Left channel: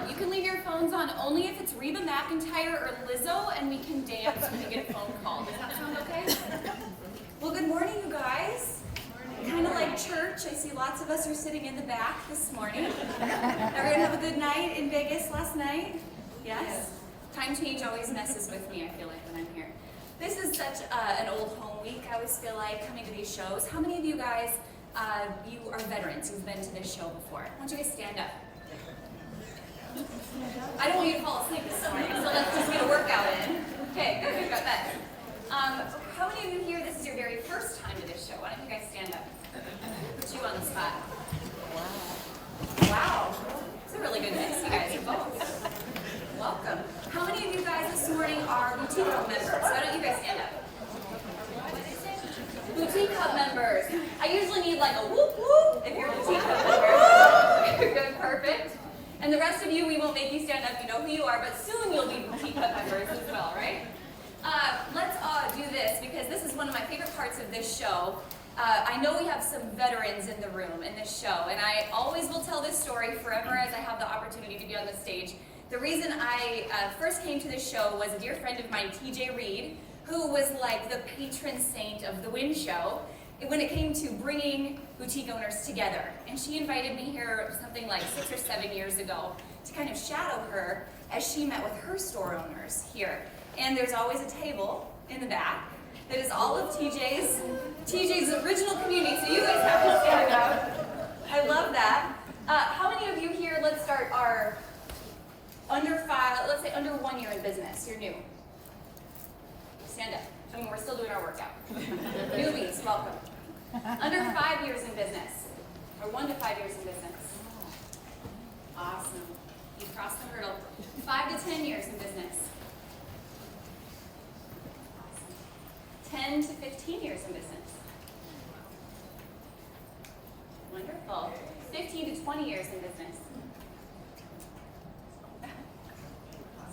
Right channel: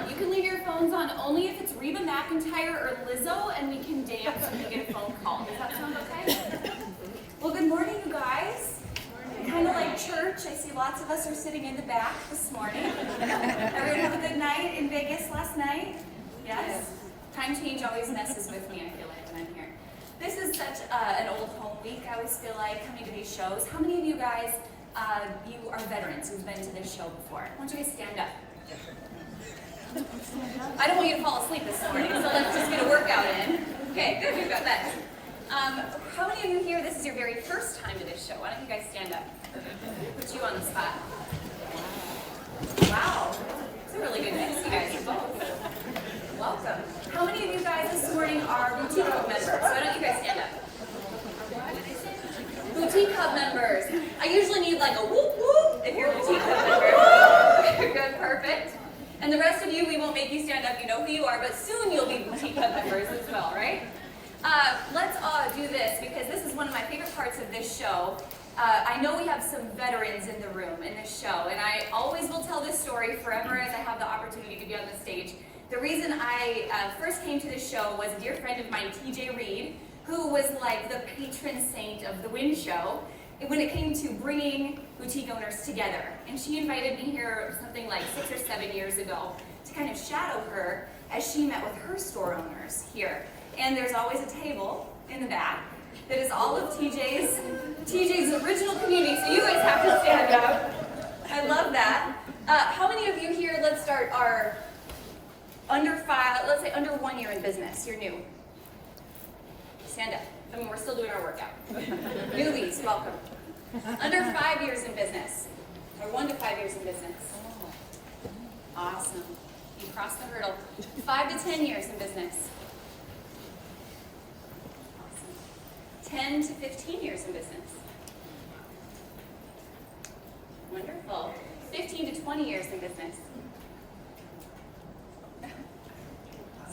You can leave your phones on only if it's Reba McEntire or Lizzo, and we can dance when you get a phone call. Does that sound okay? Well, good morning, you guys. Kind of like church. I see lots of us are sitting in the back this morning. Everyone have a good night in Vegas last night? Yes? Time change always messes with me, I feel like, when I'm here. This is such an old home week, I always feel like, coming to these shows. How many of you guys, you are veterans who've been to this show before? Why don't you guys stand up? I don't want you to fall asleep this morning, so let's just get a workout in. Okay, good, we've got that. How many of you here, this is your very first time to this show? Why don't you guys stand up? Put you on the spot. Wow, it's a really good mix, you guys are both. Welcome. How many of you guys this morning are Boutique Hub members? Why don't you guys stand up? Boutique Hub members. I usually need like a whoop whoop if you're a Boutique Hub member. Good, perfect. And the rest of you, we won't make you stand up, you know who you are, but soon you'll be Boutique Hub members as well, right? Let's do this because this is one of my favorite parts of this show. I know we have some veterans in the room in this show, and I always will tell this story forever as I have the opportunity to be on the stage. The reason I first came to this show was a dear friend of mine, TJ Reed, who was like the patron saint of the WWIN show when it came to bringing boutique owners together. And she invited me here something like 6 or 7 years ago to kind of shadow her as she met with her store owners here. And there's always a table in the back that is all of TJ's original community, so you guys have to stand up. I love that. How many of you here, let's start, are let's say under 1 year in business? You're new. Stand up. I mean, we're still doing our workout. Newbies, welcome. Under 5 years in business, or 1 to 5 years in business. Awesome. You crossed the hurdle. 5 to 10 years in business. Awesome. 10 to 15 years in business. Wonderful. 15 to 20 years in business.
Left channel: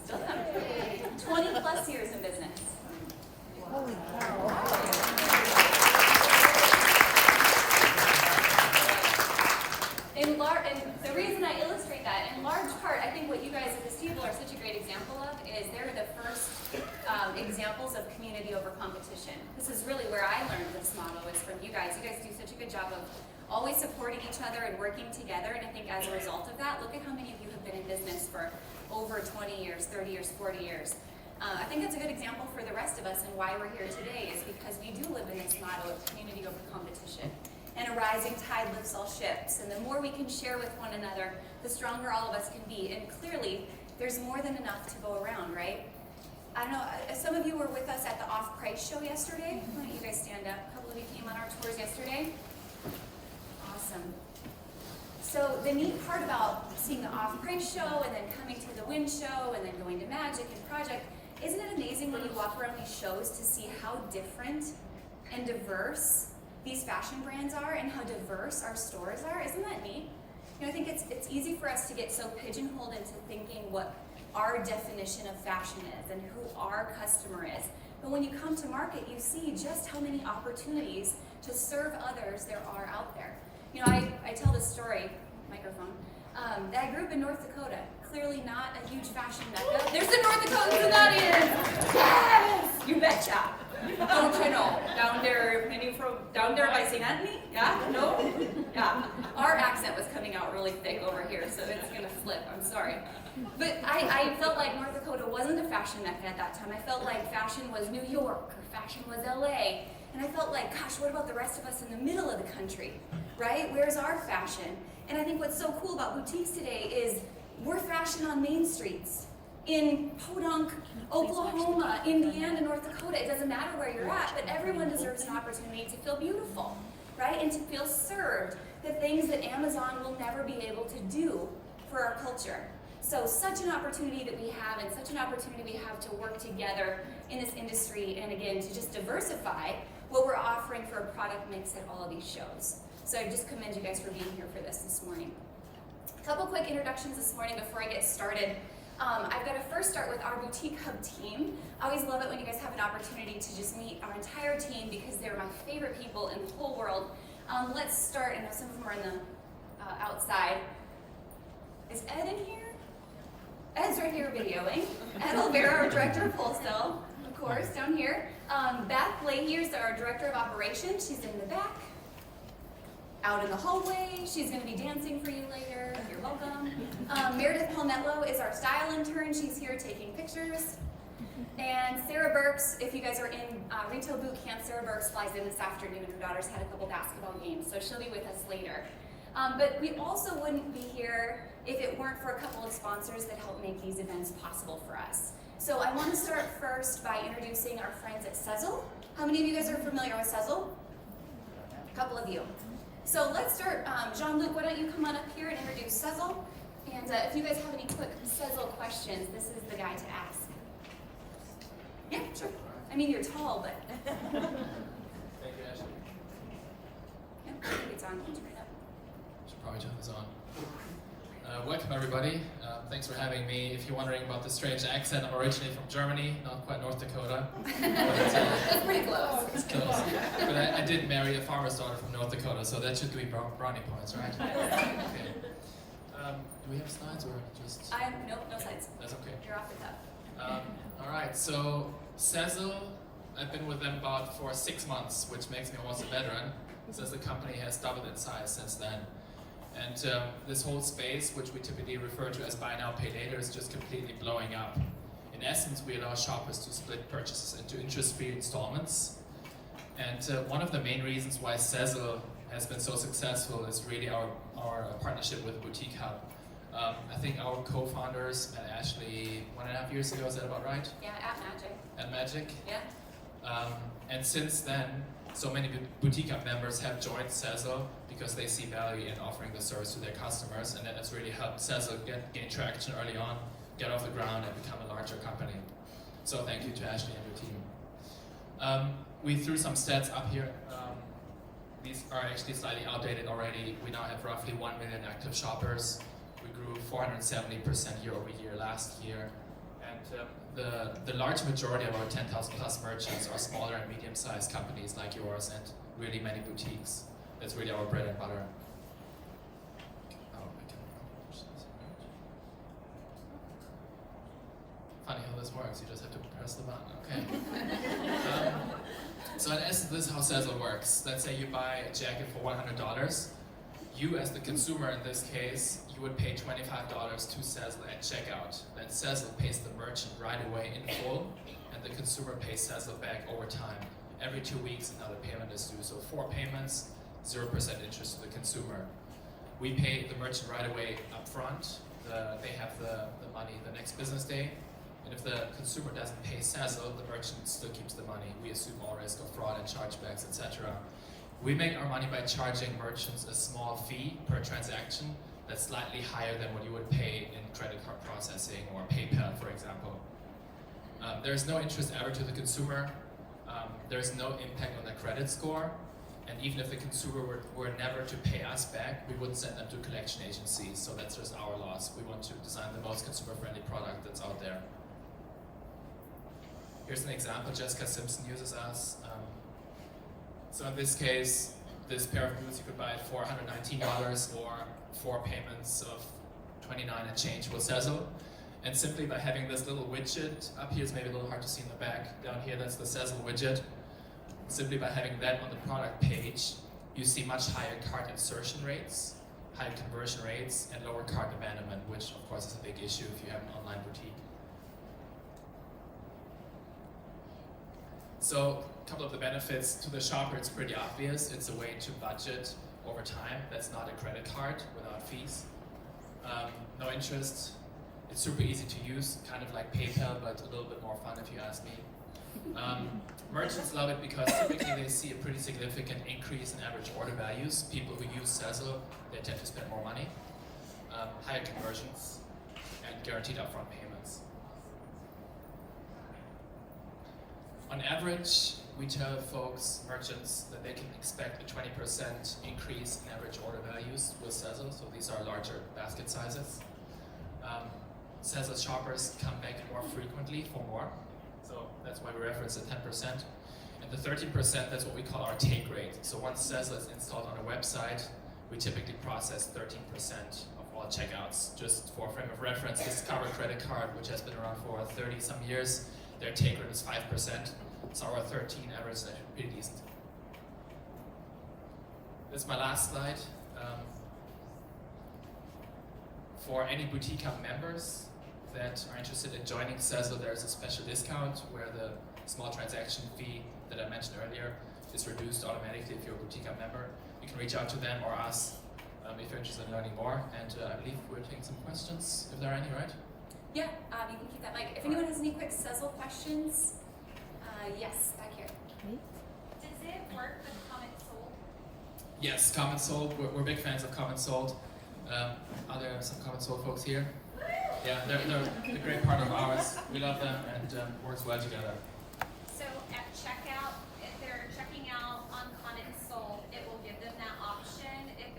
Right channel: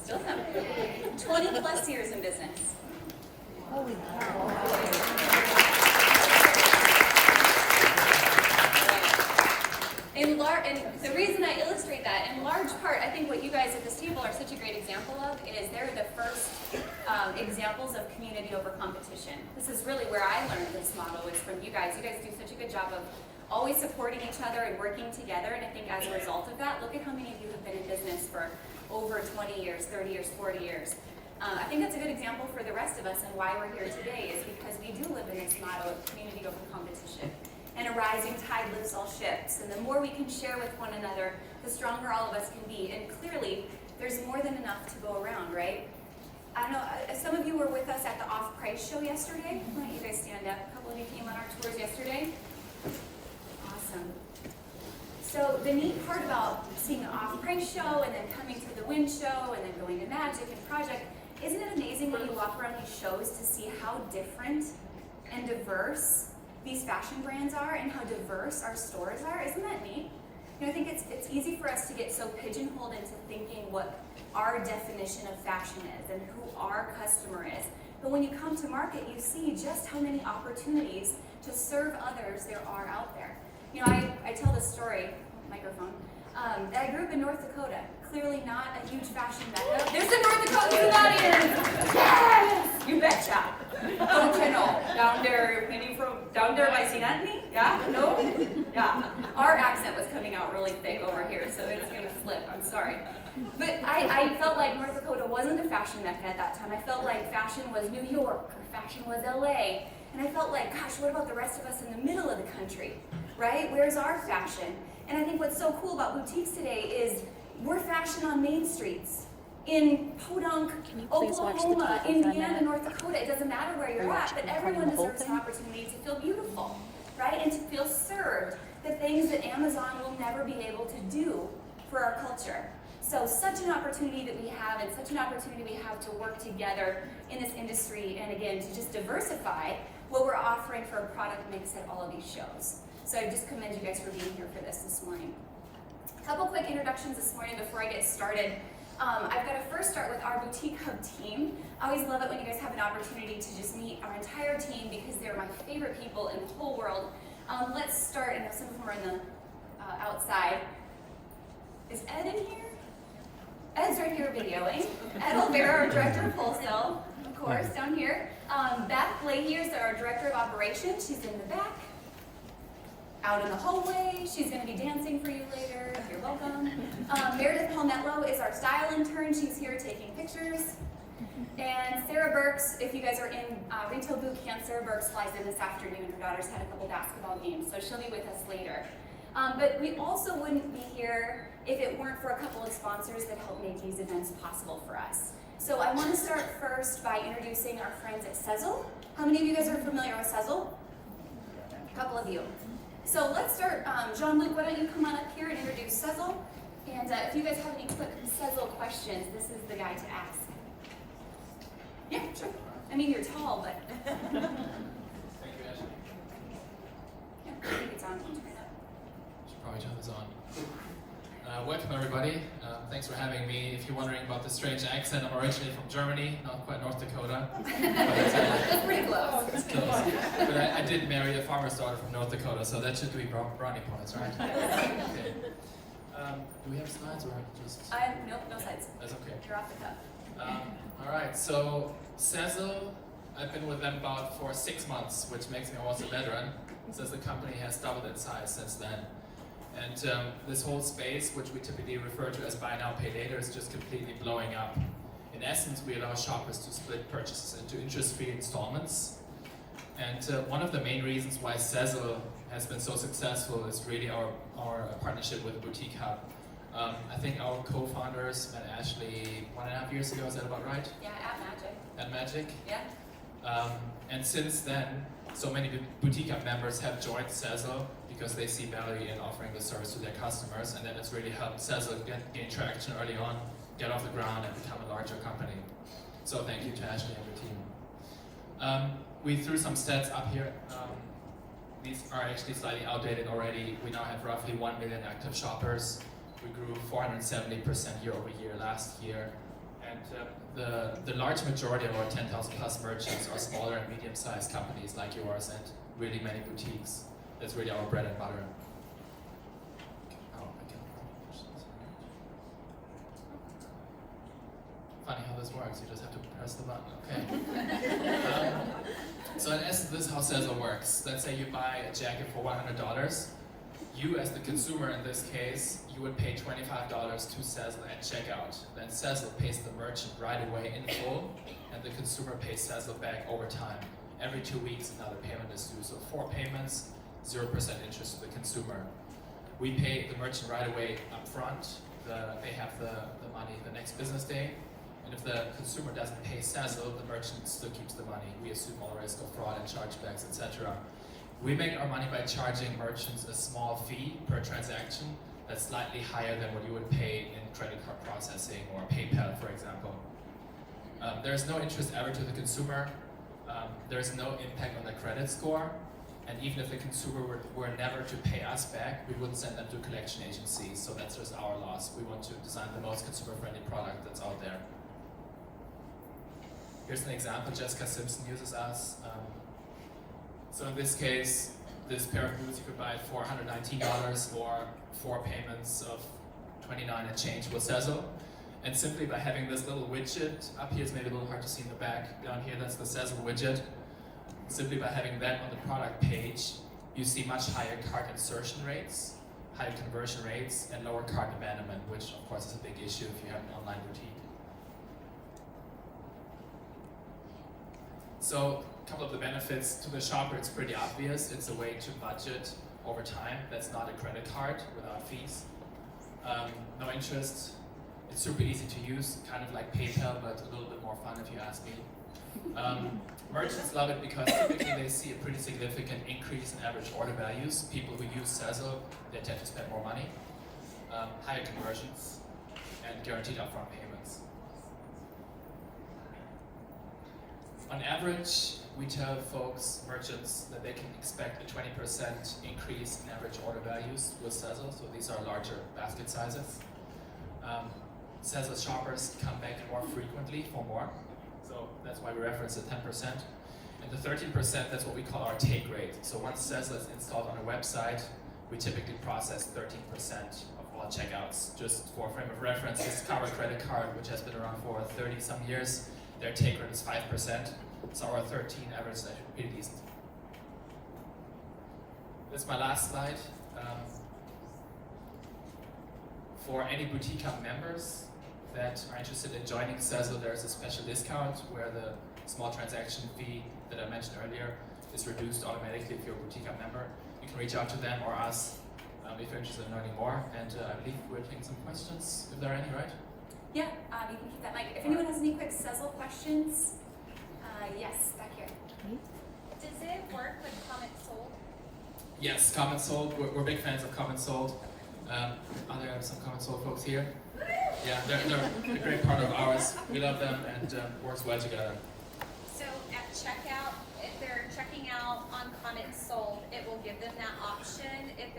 Still some. 20 plus years in business. And the reason I illustrate that, in large part, I think what you guys at this table are such a great example of is they're the first examples of community over competition. This is really where I learned this motto, is from you guys. You guys do such a good job of always supporting each other and working together, and I think as a result of that, look at how many of you have been in business for over 20 years, 30 years, 40 years. I think that's a good example for the rest of us, and why we're here today is because we do live in this motto of community over competition. And a rising tide lifts all ships. And the more we can share with one another, the stronger all of us can be. And clearly, there's more than enough to go around, right? I know some of you were with us at the off-price show yesterday. Why don't you guys stand up? A couple of you came on our tours yesterday. Awesome. So the neat part about seeing the off-price show and then coming to the WWIN show and then going to Magic and Project, isn't it amazing when you walk around these shows to see how different and diverse these fashion brands are and how diverse our stores are? Isn't that neat? You know, I think it's easy for us to get so pigeonholed into thinking what our definition of fashion is and who our customer is. But when you come to market, you see just how many opportunities to serve others there are out there. You know, I tell this story, microphone, that I grew up in North Dakota. Clearly not a huge fashion mecca. There's the North Dakotans in the audience! Yes! You betcha! Don't you know? Down there, maybe from down there by St. Anthony? Yeah? No? Yeah. Our accent was coming out really thick over here, so it's gonna flip. I'm sorry. But I felt like North Dakota wasn't a fashion mecca at that time. I felt like fashion was New York, or fashion was LA. And I felt like, gosh, what about the rest of us in the middle of the country? Right? Where's our fashion? And I think what's so cool about boutiques today is we're fashion on main streets. In Podunk, Oklahoma, Indiana, North Dakota, it doesn't matter where you're at, but everyone deserves an opportunity to feel beautiful, right? And to feel served, the things that Amazon will never be able to do for our culture. So such an opportunity that we have, and such an opportunity we have to work together in this industry, and again, to just diversify what we're offering for a product mix at all of these shows. So I just commend you guys for being here for this morning. A couple quick introductions this morning before I get started. I've got to first start with our Boutique Hub team. I always love it when you guys have an opportunity to just meet our entire team because they're my favorite people in the whole world. Let's start, I know some of them are on the outside. Is Ed in here? right here videoing. Ed Olvera, our Director of Wholesale, of course, down here. Beth Leahy is our Director of Operations. She's in the back. Out in the hallway, she's going to be dancing for you later. You're welcome. Meredith Palmetto is our style intern. She's here taking pictures. And Sarah Burks, if you guys are in retail boot camp, Sarah Burks flies in this afternoon. Her daughter's had a couple basketball games, so she'll be with us later. But we also wouldn't be here if it weren't for a couple of sponsors that help make these events possible for us. So I want to start first by introducing our friends at SEZZLE. How many of you guys are familiar with SEZZLE? A couple of you. So let's start, Jean-Luc, why don't you come on up here and introduce SEZZLE? And if you guys have any quick SEZZLE questions, this is the guy to ask. Yeah, sure. I mean, you're tall, but... Thank you, Ashley. Yeah, I think it's on. Should probably turn this on. Welcome, everybody. Thanks for having me. If you're wondering about the strange accent, I'm originally from Germany, not quite North Dakota. That's pretty close. It's close. But I did marry a farmer's daughter from North Dakota, so that should be brownie points, right? Okay. Do we have slides or just... Nope, no slides. That's okay. You're off the cuff. All right, so SEZZLE, I've been with them about for 6 months, which makes me almost a veteran, since the company has doubled in size since then. And this whole space, which we typically refer to as buy now, pay later, is just completely blowing up. In essence, we allow shoppers to split purchases into interest-free installments. And one of the main reasons why SEZZLE has been so successful is really our partnership with Boutique Hub. I think our co-founders met Ashley 1.5 years ago, is that about right? Yeah, at Magic. At Magic? Yeah. And since then, so many Boutique Hub members have joined SEZZLE because they see value in offering the service to their customers, and then it's really helped SEZZLE gain traction early on, get off the ground, and become a larger company. So thank you to Ashley and her team. We threw some stats up here. These are actually slightly outdated already. We now have roughly 1 million active shoppers. We grew 470% year over year last year. And the large majority of our 10,000 plus merchants are smaller and medium-sized companies like yours and really many boutiques. That's really our bread and butter. Oh, I can't push this. Funny how this works, you just have to press the button, okay. So in essence, this is how SEZZLE works. Let's say you buy a jacket for $100. You, as the consumer in this case, you would pay $25 to SEZZLE at checkout. Then SEZZLE pays the merchant right away in full, and the consumer pays SEZZLE back over time. Every 2 weeks, another payment is due. So 4 payments, 0% interest to the consumer. We pay the merchant right away up front. They have the money the next business day. And if the consumer doesn't pay SEZZLE, the merchant still keeps the money. We assume all risk of fraud and chargebacks, etc. We make our money by charging merchants a small fee per transaction that's slightly higher than what you would pay in credit card processing or PayPal, for example. There's no interest ever to the consumer. There's no impact on the credit score. And even if the consumer were never to pay us back, we wouldn't send them to collection agencies. So that's just our loss. We want to design the most consumer-friendly product that's out there. Here's an example. Jessica Simpson uses us. So in this case, this pair of boots you could buy it for $119 or 4 payments of $29 and change with SEZZLE. And simply by having this little widget, up here is maybe a little hard to see in the back, down here that's the SEZZLE widget. Simply by having that on the product page, you see much higher cart insertion rates, higher conversion rates, and lower cart abandonment, which of course is a big issue if you have an online boutique. So a couple of the benefits to the shopper, it's pretty obvious. It's a way to budget over time. That's not a credit card without fees. No interest. It's super easy to use, kind of like PayPal, but a little bit more fun if you ask me. Merchants love it because typically they see a pretty significant increase in average order values. People who use SEZZLE, they tend to spend more money, higher conversions, and guaranteed upfront payments. On average, we tell folks, merchants, that they can expect a 20% increase in average order values with SEZZLE, so these are larger basket sizes. SEZZLE shoppers come back more frequently for more, so that's why we reference the 10%. And the 13%, that's what we call our take rate. So once SEZZLE is installed on a website, we typically process 13% of all checkouts. Just for a frame of reference, Discover credit card, which has been around for 30 some years, their take rate is 5%. So our 13 average is actually pretty decent. That's my last slide. For any Boutique Hub members that are interested in joining SEZZLE, there's a special discount where the small transaction fee that I mentioned earlier is reduced automatically if you're a Boutique Hub member. You can reach out to them or us if you're interested in learning more. And I believe we're taking some questions, if there are any, right? Yeah, you can keep that mic. If anyone has any quick SEZZLE questions, yes, back here. Does it work with CommentSold? Yes, CommentSold. We're big fans of CommentSold. Are there some CommentSold folks here? Yeah, they're a great partner of ours. We love them and works well together. So at checkout, if they're checking out on CommentSold, it will give them that option if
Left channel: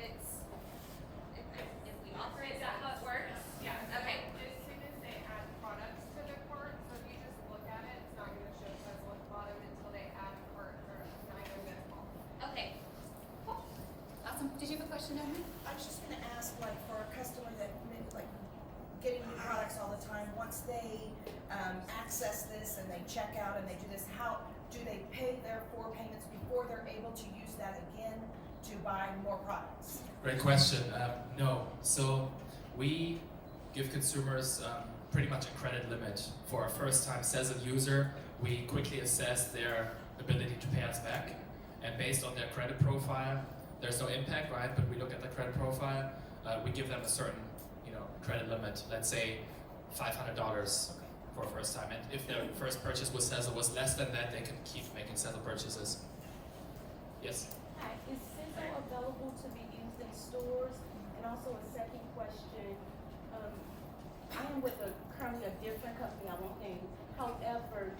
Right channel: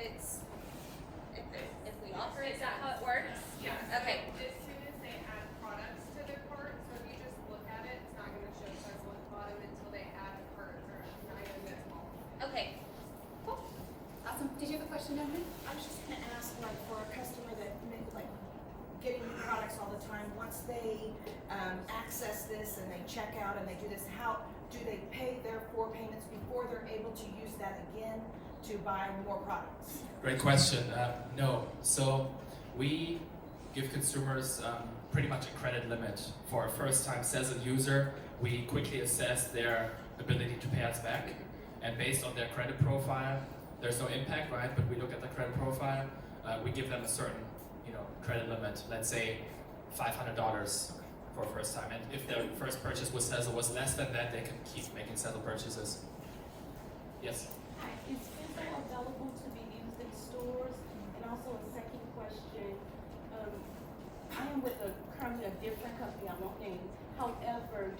we offer it. Is that how it works? Yeah. Okay. So as soon as they add products to their cart, so if you just look at it, it's not going to show SEZZLE at the bottom until they add a cart or an item that's all. Okay. Cool. Awesome. Did you have a question, Emily? I was just gonna ask, like, for a customer that, like, getting products all the time, once they access this and they check out and they do this, how do they pay their 4 payments before they're able to use that again to buy more products? Great question. No. So we give consumers pretty much a credit limit. For a first-time SEZZLE user, we quickly assess their ability to pay us back. And based on their credit profile, there's no impact, right? But we look at the credit profile. We give them a certain, credit limit. Let's say $500 for a first time. And if their first purchase with SEZZLE was less than that, they can keep making SEZZLE purchases. Yes? Hi, is SEZZLE available to be used in stores? And also a second question, I am with currently a different company, I won't name. However,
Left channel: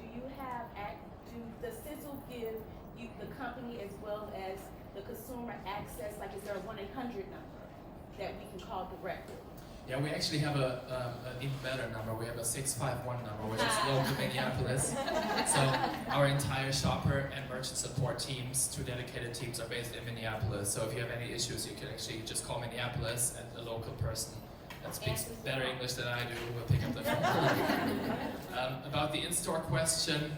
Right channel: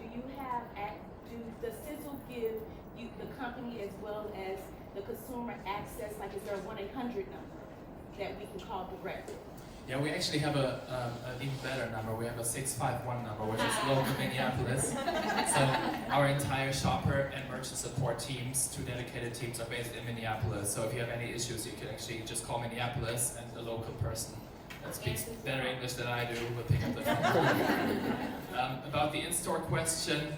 does SEZZLE give you, the company, as well as the consumer access, like is there a 1-800 number that we can call directly? Yeah, we actually have an even better number. We have a 651 number, which is local Minneapolis. So our entire shopper and merchant support teams, 2 dedicated teams, are based in Minneapolis. So if you have any issues, you can actually just call Minneapolis, and the local person that speaks better English than I do will pick up the phone. About the in-store question,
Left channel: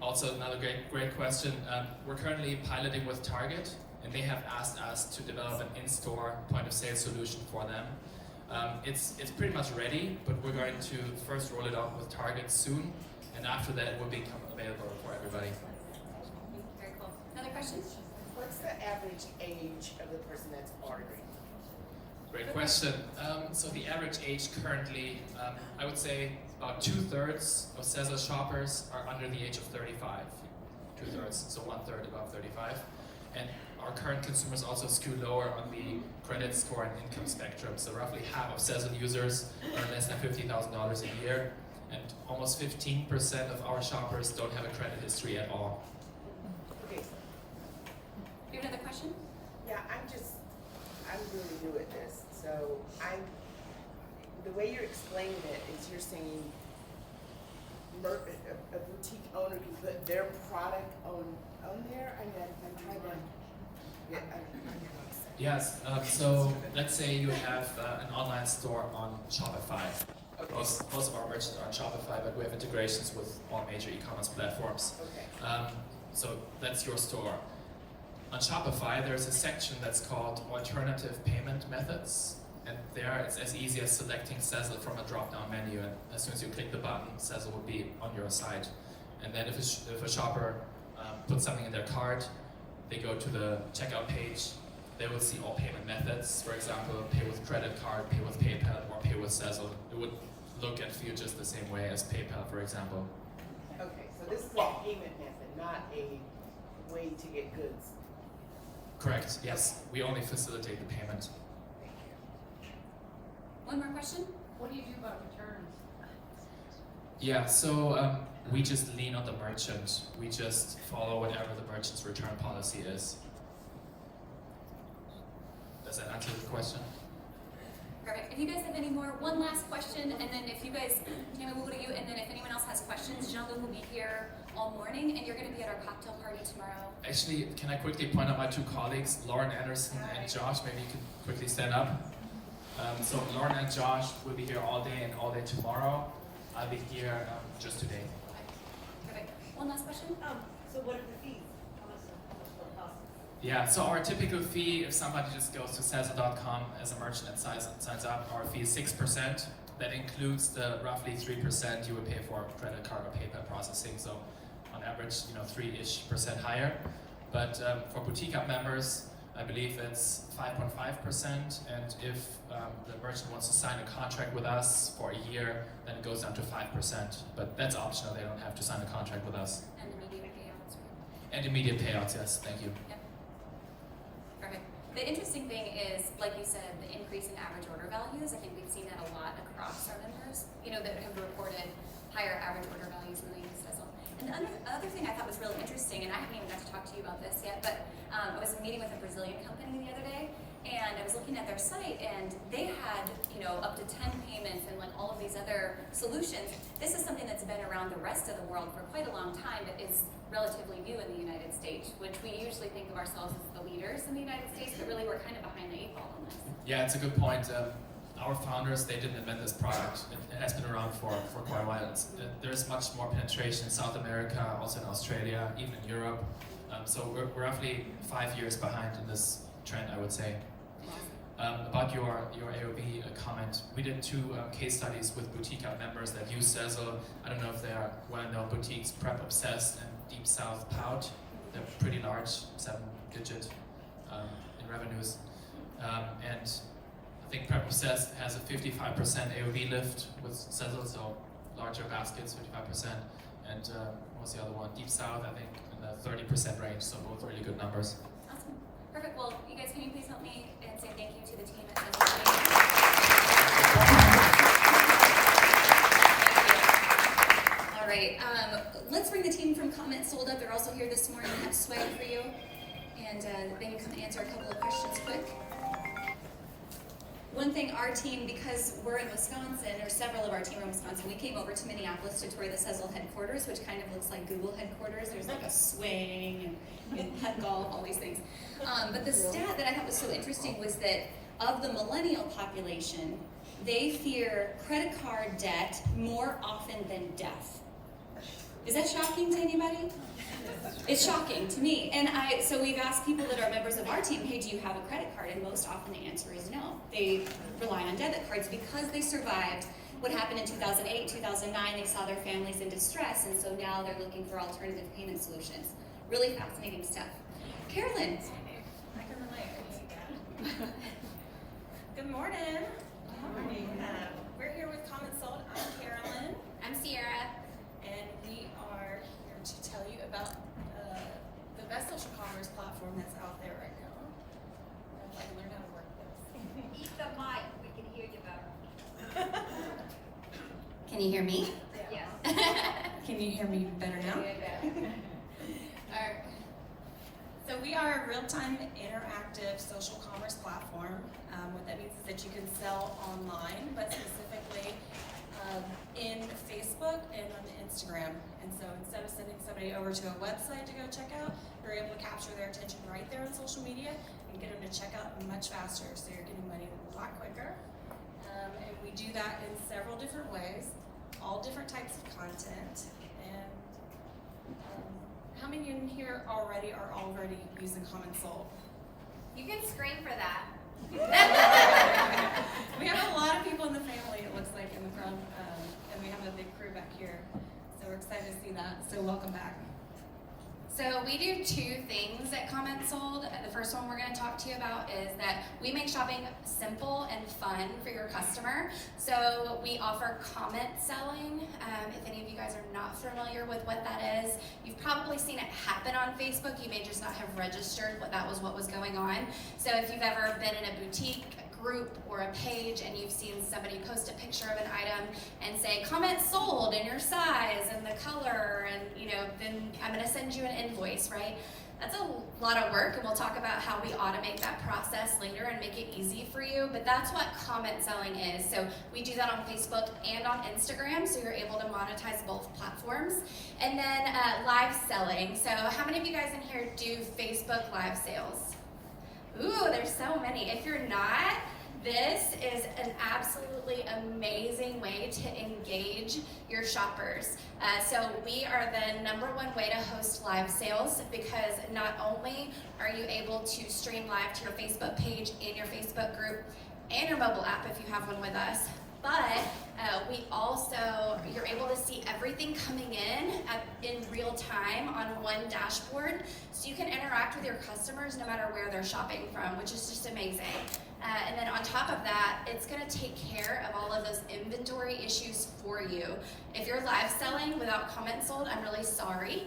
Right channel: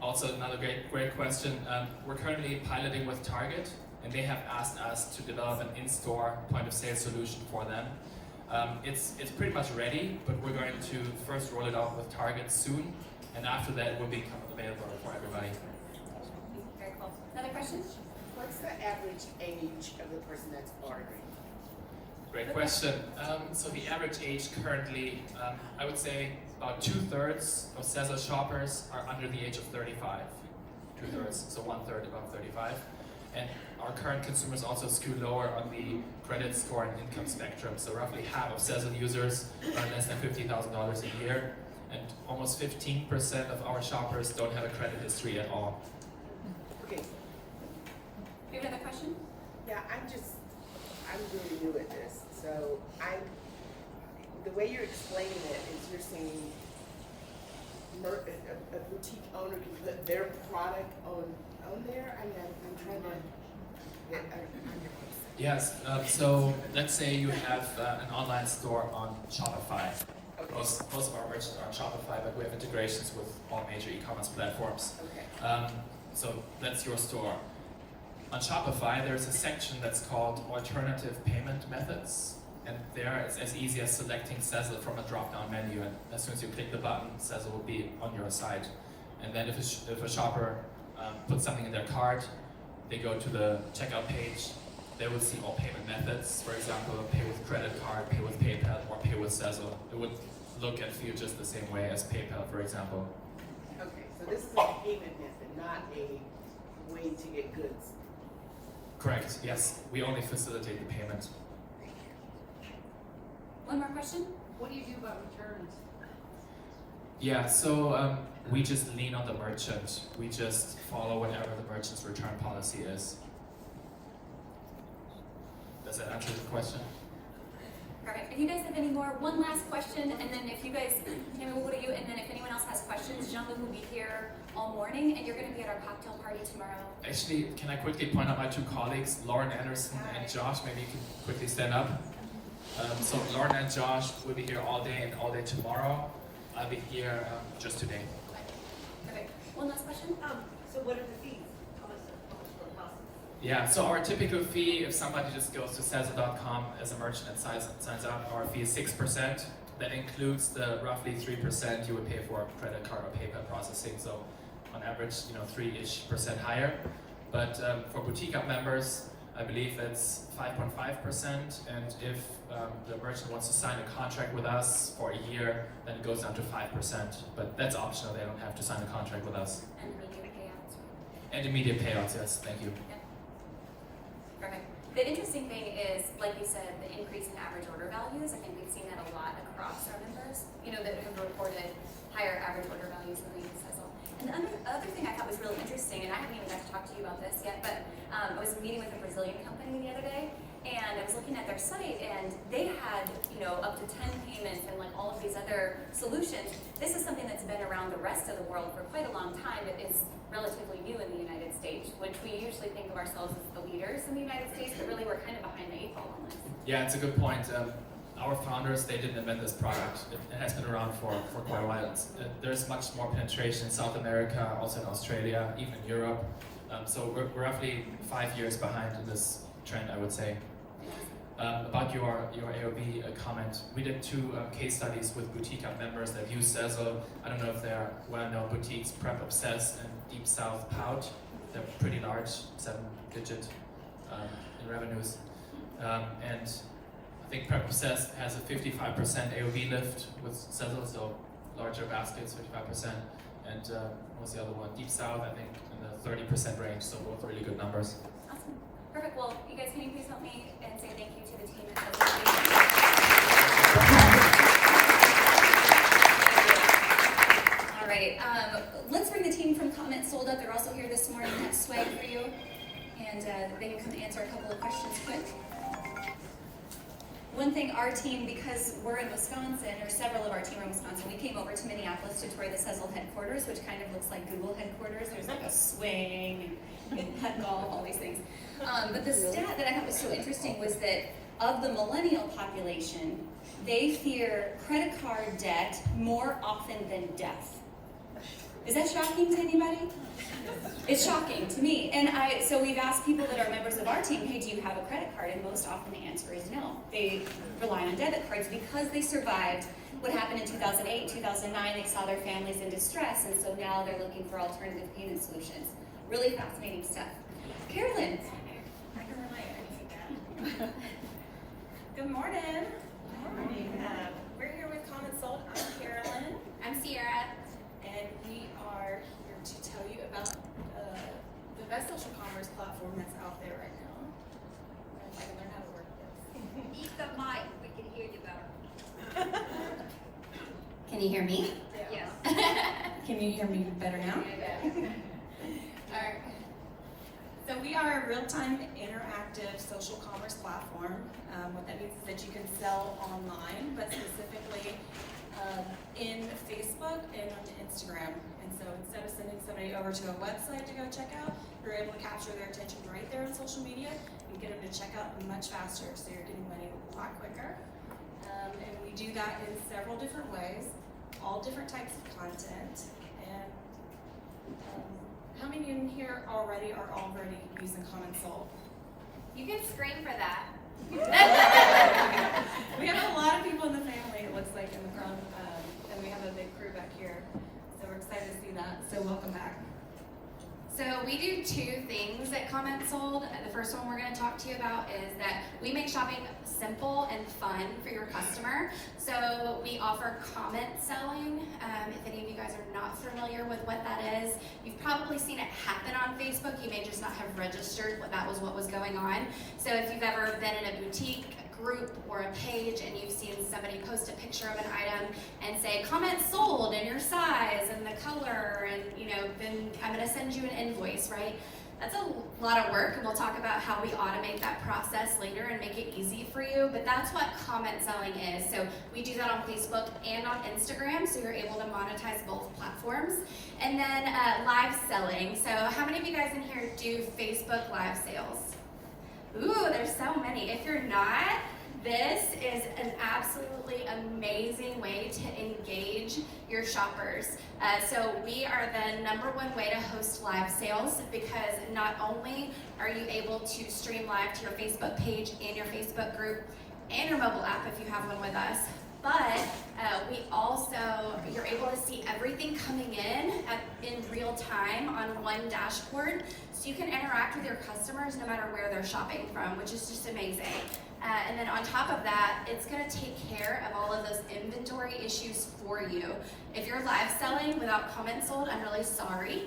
also another great question. We're currently piloting with Target, and they have asked us to develop an in-store point-of-sale solution for them. It's pretty much ready, but we're going to first roll it out with Target soon, and after that it will become available for everybody. Very cool. Another question? What's the average age of the person that's ordering? Great question. So the average age currently, I would say about 2/3 of SEZZLE shoppers are under the age of 35. 2/3, so 1/3 above 35. And our current consumers also skew lower on the credit score and income spectrum. So roughly half of SEZZLE users earn less than $50,000 a year, and almost 15% of our shoppers don't have a credit history at all. Okay, You have another question? yeah, I'm really new at this, so the way you're explaining it is you're saying a boutique owner can put their product on there? I mean, I'm trying to get Yes, so let's say you have an online store on Shopify. Most of our merchants are on Shopify, but we have integrations with all major e-commerce platforms. Okay. So that's your store. On Shopify, there's a section that's called Alternative Payment Methods. And there it's as easy as selecting SEZZLE from a drop-down menu. And as soon as you click the button, SEZZLE will be on your site. And then if a shopper puts something in their cart, they go to the checkout page, they will see all payment methods. For example, pay with credit card, pay with PayPal, or pay with SEZZLE. It would look and feel just the same way as PayPal, for example. Okay, so this is a payment method, not a way to get goods. Correct, yes. We only facilitate the payment. One more question? What do you do about returns? Yeah, so we just lean on the merchant. We just follow whatever the merchant's return policy is. Does that answer the question? Perfect. If you guys have any more, one last question, and then if you guys, we'll go to you, and then if anyone else has questions, Jean-Luc will be here all morning, and you're going to be at our cocktail party tomorrow. Actually, can I quickly point out my 2 colleagues, Lauren Anderson and Josh? Maybe you can quickly stand up. So Lauren and Josh will be here all day and all day tomorrow. I'll be here just today. Perfect. One last question. So what are the fees? How much will it cost? Yeah, so our typical fee, if somebody just goes to SEZZLE.com as a merchant and signs up, our fee is 6%. That includes the roughly 3% you would pay for credit card or PayPal processing. So on average, 3-ish% higher. But for Boutique Up members, I believe it's 5.5%. And if the merchant wants to sign a contract with us for a year, then it goes down to 5%. But that's optional, they don't have to sign a contract with us. And immediate payouts. And immediate payouts, yes, thank you. Yep. Perfect. The interesting thing is, like you said, the increase in average order values. I think we've seen that a lot across our members, that have reported higher average order values when they use SEZZLE. And the other thing I thought was really interesting, and I haven't even got to talk to you about this yet, but I was meeting with a Brazilian company the other day, and I was looking at their site, and they had, up to 10 payments and like all of these other solutions. This is something that's been around the rest of the world for quite a long time, but is relatively new in the United States, which we usually think of ourselves as the leaders in the United States, but really we're kind of behind the 8 ball on this. Yeah, it's a good point. Our founders, they didn't invent this product. It has been around for quite a while. There's much more penetration in South America, also in Australia, even in Europe. So we're roughly 5 years behind in this trend, I would say. About your AOV comment, we did 2 case studies with Boutique Up members that use SEZZLE. I don't know if they're well-known boutiques, Prep Obsessed and Deep South Pout. They're pretty large, 7-digit in revenues. And I think Prep Obsessed has a 55% AOV lift with SEZZLE, so larger baskets, 55%. And what was the other one? Deep South, I think, in the 30% range, so both really good numbers. Awesome. Perfect. Well, you guys, can you please help me and say thank you to the team at SEZZLE? All right. Let's bring the team from CommentSold up. They're also here this morning. Have swag for you, and they can come and answer a couple of questions quick. One thing, our team, because we're in Wisconsin, or several of our team are in Wisconsin, we came over to Minneapolis to tour the SEZZLE headquarters, which kind of looks like Google headquarters. There's like a swing and putt golf, all these things. But the stat that I thought was so interesting was that of the millennial population, they fear credit card debt more often than death. Is that shocking to anybody? It's shocking to me. And so we've asked people that are members of our team, hey, do you have a credit card? And most often the answer is no. They rely on debit cards because they survived what happened in 2008, 2009. They saw their families in distress, and so now they're looking for alternative payment solutions. Really fascinating stuff. Carolyn. Good morning. We're here with CommentSold. I'm Carolyn. I'm Sierra. And we are here to tell you about the best social commerce platform that's out there right now. I'd like to learn how to work this. Eat the mic, we can hear you better. Can you hear me? Yes. Can you hear me better now? All right. So we are a real-time interactive social commerce platform. What that means is that you can sell online, but specifically in Facebook and on Instagram. And so instead of sending somebody over to a website to go check out, you're able to capture their attention right there on social media and get them to check out much faster. So you're getting money a lot quicker. And we do that in several different ways, all different types of content. And how many in here are already using CommentSold? You can scream for that. We have a lot of people in the family, it looks like, in the front, and we have a big crew back here. So we're excited to see that. So welcome back. So we do 2 things at CommentSold. The first one we're going to talk to you about is that we make shopping simple and fun for your customer. So we offer comment selling. If any of you guys are not familiar with what that is, you've probably seen it happen on Facebook. You may just not have registered what was going on. So if you've ever been in a boutique, group, or a page and you've seen somebody post a picture of an item and say comment sold in your size and the color, and then I'm going to send you an invoice, right? That's a lot of work, and we'll talk about how we automate that process later and make it easy for you, but that's what comment selling is. So we do that on Facebook and on Instagram, so you're able to monetize both platforms. And then live selling. So how many of you guys in here do Facebook live sales? Ooh, there's so many. If you're not, This is an absolutely amazing way to engage your shoppers. So we are the #1 way to host live sales, because not only are you able to stream live to your Facebook page and your Facebook group and your mobile app if you have one with us, but we also, you're able to see everything coming in real time on one dashboard, so you can interact with your customers no matter where they're shopping from, which is just amazing. And then on top of that, it's gonna take care of all of those inventory issues for you. If you're live selling without CommentSold, I'm really sorry,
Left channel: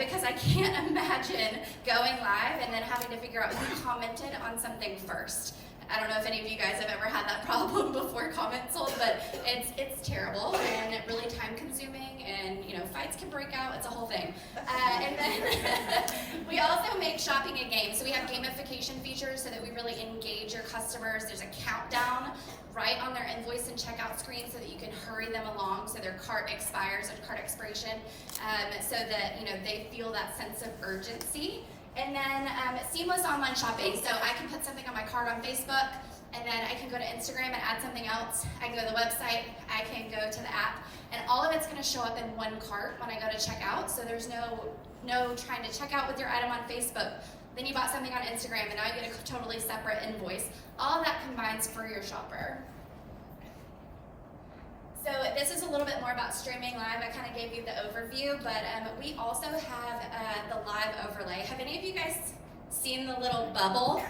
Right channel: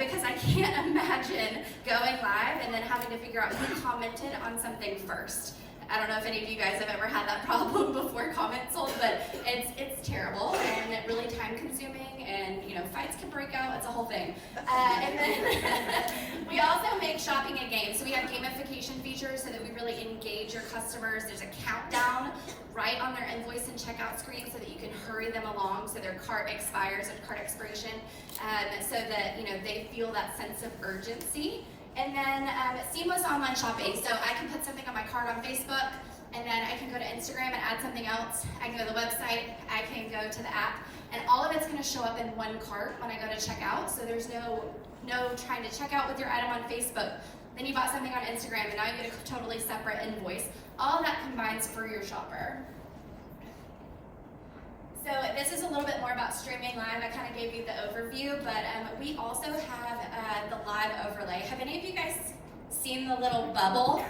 because I can't imagine going live and then having to figure out who commented on something first. I don't know if any of you guys have ever had that problem before CommentSold, but it's terrible and really time consuming, and fights can break out. It's a whole thing. And then we also make shopping a game. So we have gamification features so that we really engage your customers. There's a countdown right on their invoice and checkout screen so that you can hurry them along so their cart expires at cart expiration, so that they feel that sense of urgency. And then seamless online shopping. So I can put something on my cart on Facebook, and then I can go to Instagram and add something else. I can go to the website, I can go to the app, and all of it's gonna show up in one cart when I go to check out. So there's no trying to check out with your item on Facebook. Then you bought something on Instagram, and now you get a totally separate invoice. All of that combines for your shopper. So this is a little bit more about streaming live. I kind of gave you the overview, but we also have the live overlay. Have any of you guys seen the little bubble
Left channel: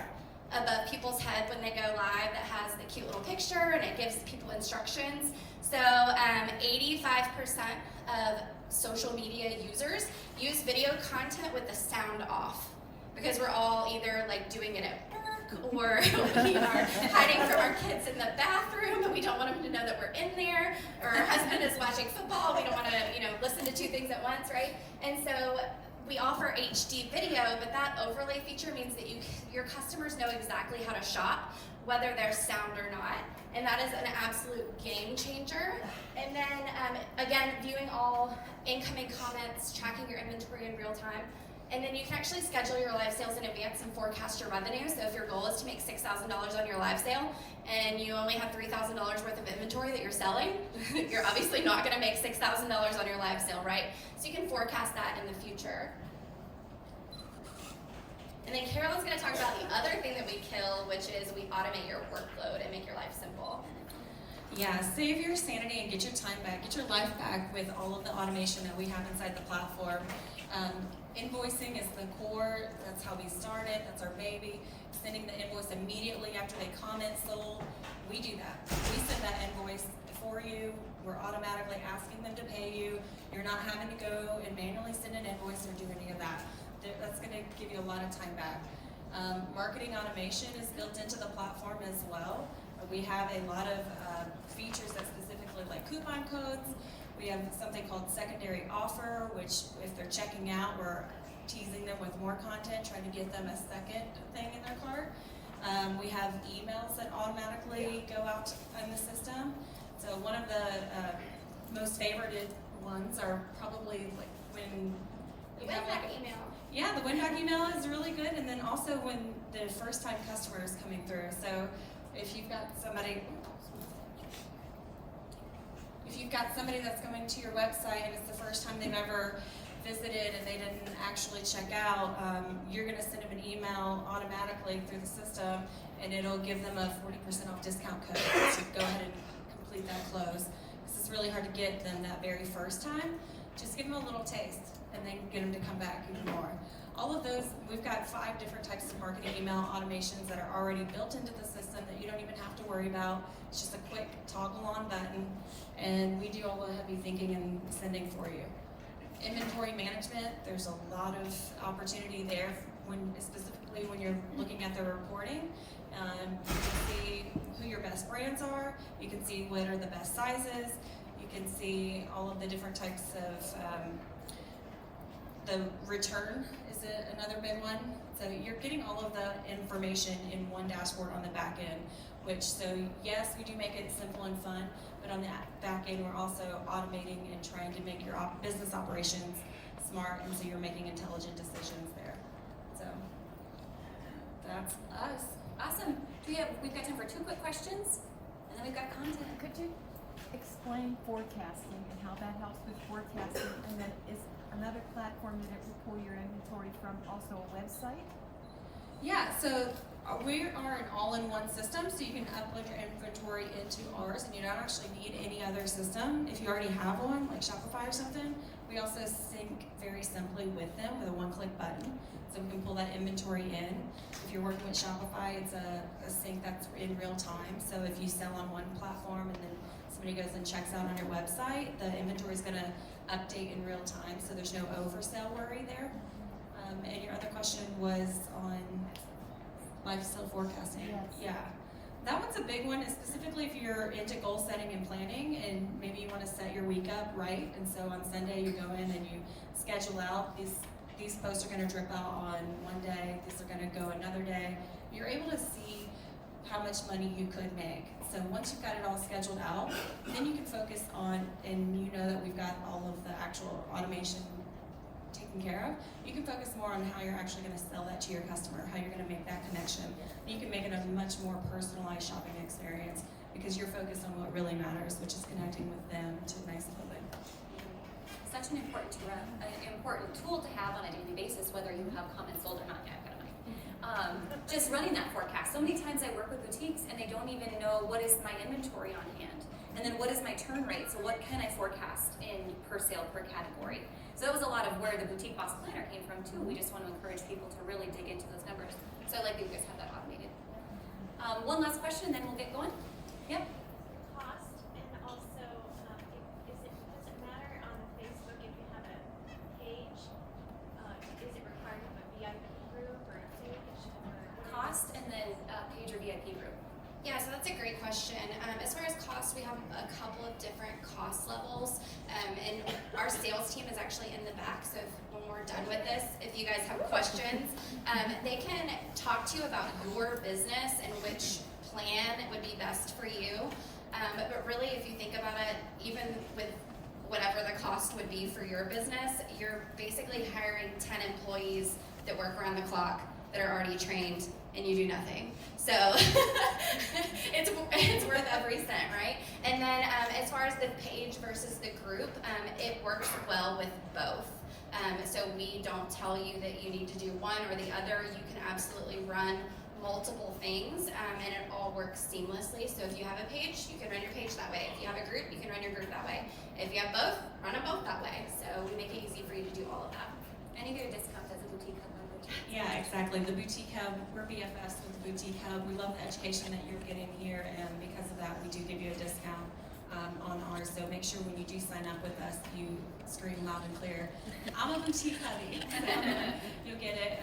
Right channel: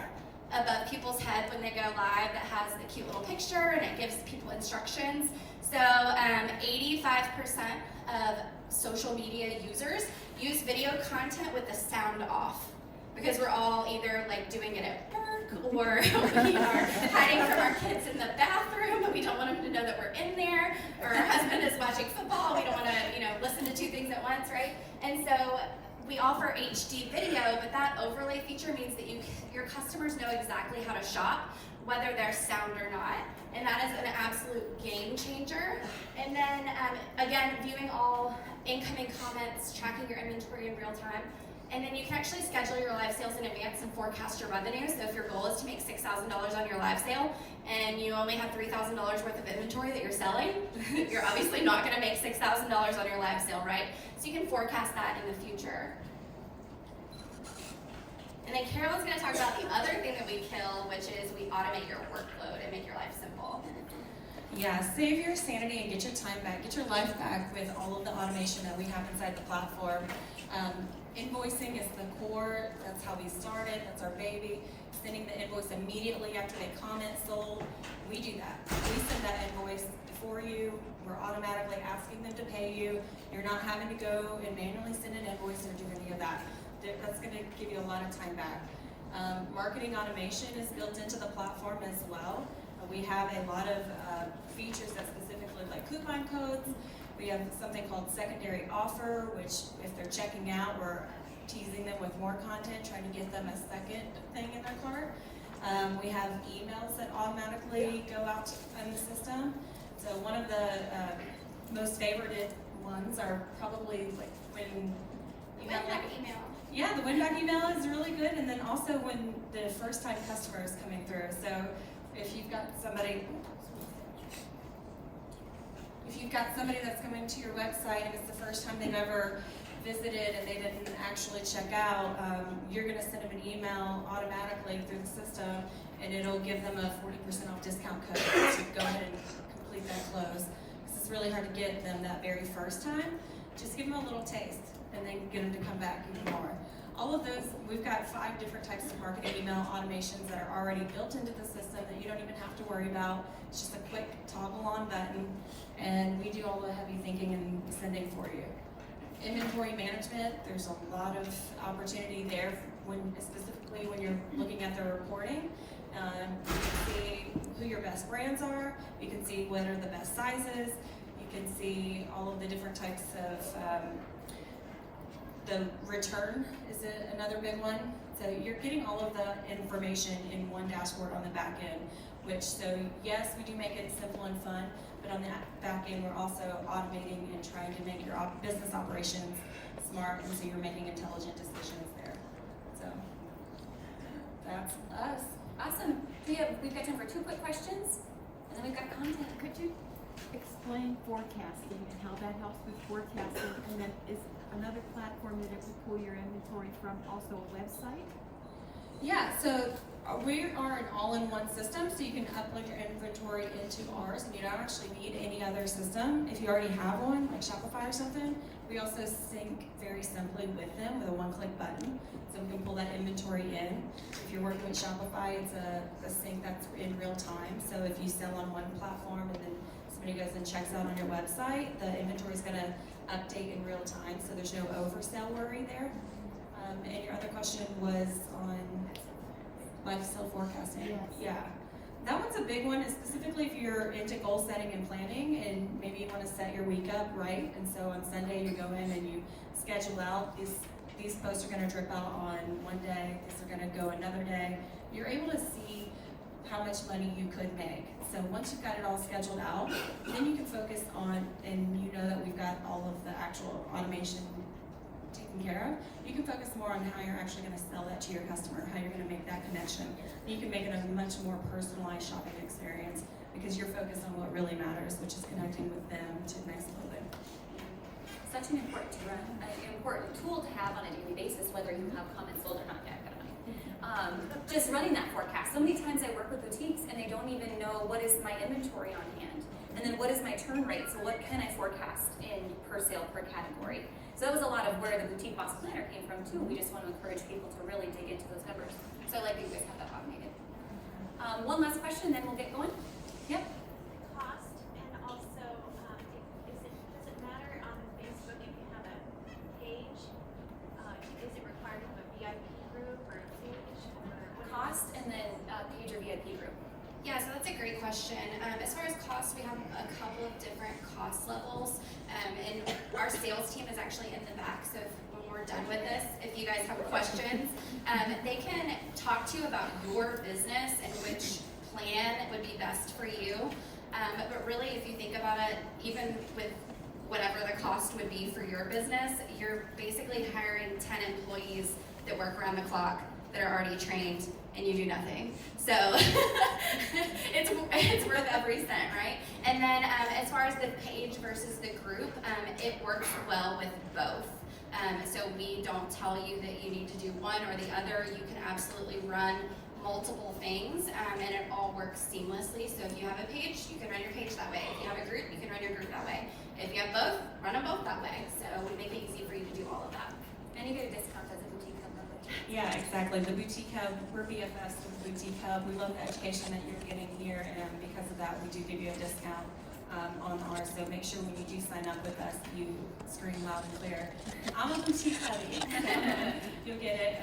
above people's head when they go live that has the cute little picture and it gives people instructions? So 85% of social media users use video content with the sound off, because we're all either doing it at work, or we are hiding from our kids in the bathroom and we don't want them to know that we're in there, or our husband is watching football, we don't want to listen to two things at once, right? And so we offer HD video, but that overlay feature means that your customers know exactly how to shop, whether there's sound or not, and that is an absolute game changer. And then again, viewing all incoming comments, tracking your inventory in real time. And then you can actually schedule your live sales in advance and forecast your revenue. So if your goal is to make $6,000 on your live sale and you only have $3,000 worth of inventory that you're selling, you're obviously not gonna make $6,000 on your live sale, right? So you can forecast that in the future. And then Carolyn's gonna talk about the other thing that we kill, which is we automate your workload and make your life simple. Yeah, save your sanity and get your time back, get your life back with all of the automation that we have inside the platform. Invoicing is the core. That's how we started. That's our baby. Sending the invoice immediately after they comment sold. We do that. We send that invoice for you. We're automatically asking them to pay you. You're not having to go and manually send an invoice or do any of that. That's going to give you a lot of time back. Marketing automation is built into the platform as well. We have a lot of features that specifically like coupon codes. We have something called secondary offer, which if they're checking out, we're teasing them with more content, trying to get them a second thing in their cart. We have emails that automatically go out in the system. So one of the most favorited ones are probably when you have email. Yeah, the win-back email is really good, and then also when the first-time customer is coming through. So if you've got somebody that's coming to your website and it's the first time they've ever visited and they didn't actually check out, you're going to send them an email automatically through the system, and it'll give them a 40% off discount code to go ahead and complete that close. This is really hard to get them that very first time. Just give them a little taste and then get them to come back even more. All of those, we've got 5 different types of marketing email automations that are already built into the system that you don't even have to worry about. It's just a quick toggle on button, and we do all the heavy thinking and sending for you. Inventory management, there's a lot of opportunity there, specifically when you're looking at the reporting. You can see who your best brands are, you can see what are the best sizes, you can see all of the different types of, the return is another big one. So you're getting all of the information in one dashboard on the back end, so yes, we do make it simple and fun, but on the back end, we're also automating and trying to make your business operations smart, and so you're making intelligent decisions there. So that's us. Awesome. We've got time for 2 quick questions, and then we've got content. Could you explain forecasting and how that helps with forecasting? And then is another platform that it will pull your inventory from also a website? Yeah, so we are an all-in-one system, so you can upload your inventory into ours, and you don't actually need any other system. If you already have one, like Shopify or something, we also sync very simply with them with a one-click button, so we can pull that inventory in. If you're working with Shopify, it's a sync that's in real time, so if you sell on one platform and then somebody goes and checks out on your website, the inventory is gonna update in real time, so there's no oversell worry there. And your other question was on lifestyle forecasting. Yes. Yeah. That one's a big one, specifically if you're into goal setting and planning, and maybe you want to set your week up right. And so on Sunday you go in and you schedule out these posts are going to drip out on one day, these are going to go another day. You're able to see how much money you could make. So once you've got it all scheduled out, then you can focus on, and you know that we've got all of the actual automation taken care of, you can focus more on how you're actually going to sell that to your customer, how you're going to make that connection. And you can make it a much more personalized shopping experience because you're focused on what really matters, which is connecting with them to nice clothing. Such an important tool to have on a daily basis, whether you have CommentSold or not. Yeah, I've got money. Just running that forecast. So many times I work with boutiques and they don't even know what is my inventory on hand, and then what is my turn rate. So what can I forecast in per sale per category? So that was a lot of where the Boutique Boss Planner came from too. We just want to encourage people to really dig into those numbers. So I like that you guys have that automated. One last question, then we'll get going. Yep. Cost, and also, does it matter on Facebook if you have a page? Is it required to have a VIP group or a page? Cost, and then page or VIP group. Yeah, so that's a great question. As far as cost, we have a couple of different cost levels, and our sales team is actually in the back, so when we're done with this, if you guys have questions, they can talk to you about your business and which plan would be best for you. But really, if you think about it, even with whatever the cost would be for your business, you're basically hiring 10 employees that work around the clock, that are already trained, and you do nothing. So it's worth every cent, right? And then as far as the page versus the group, it works well with both. So we don't tell you that you need to do one or the other. You can absolutely run multiple things, and it all works seamlessly. So if you have a page, you can run your page that way. If you have a group, you can run your group that way. If you have both, run them both that way. So we make it easy for you to do all of that. And you get a discount as a boutique hub member. Yeah, exactly. The Boutique Hub, we're BFS with the Boutique Hub. We love the education that you're getting here, and because of that, we do give you a discount on ours. So make sure when you do sign up with us, you scream loud and clear, I'm a Boutique Hubby. You'll get it.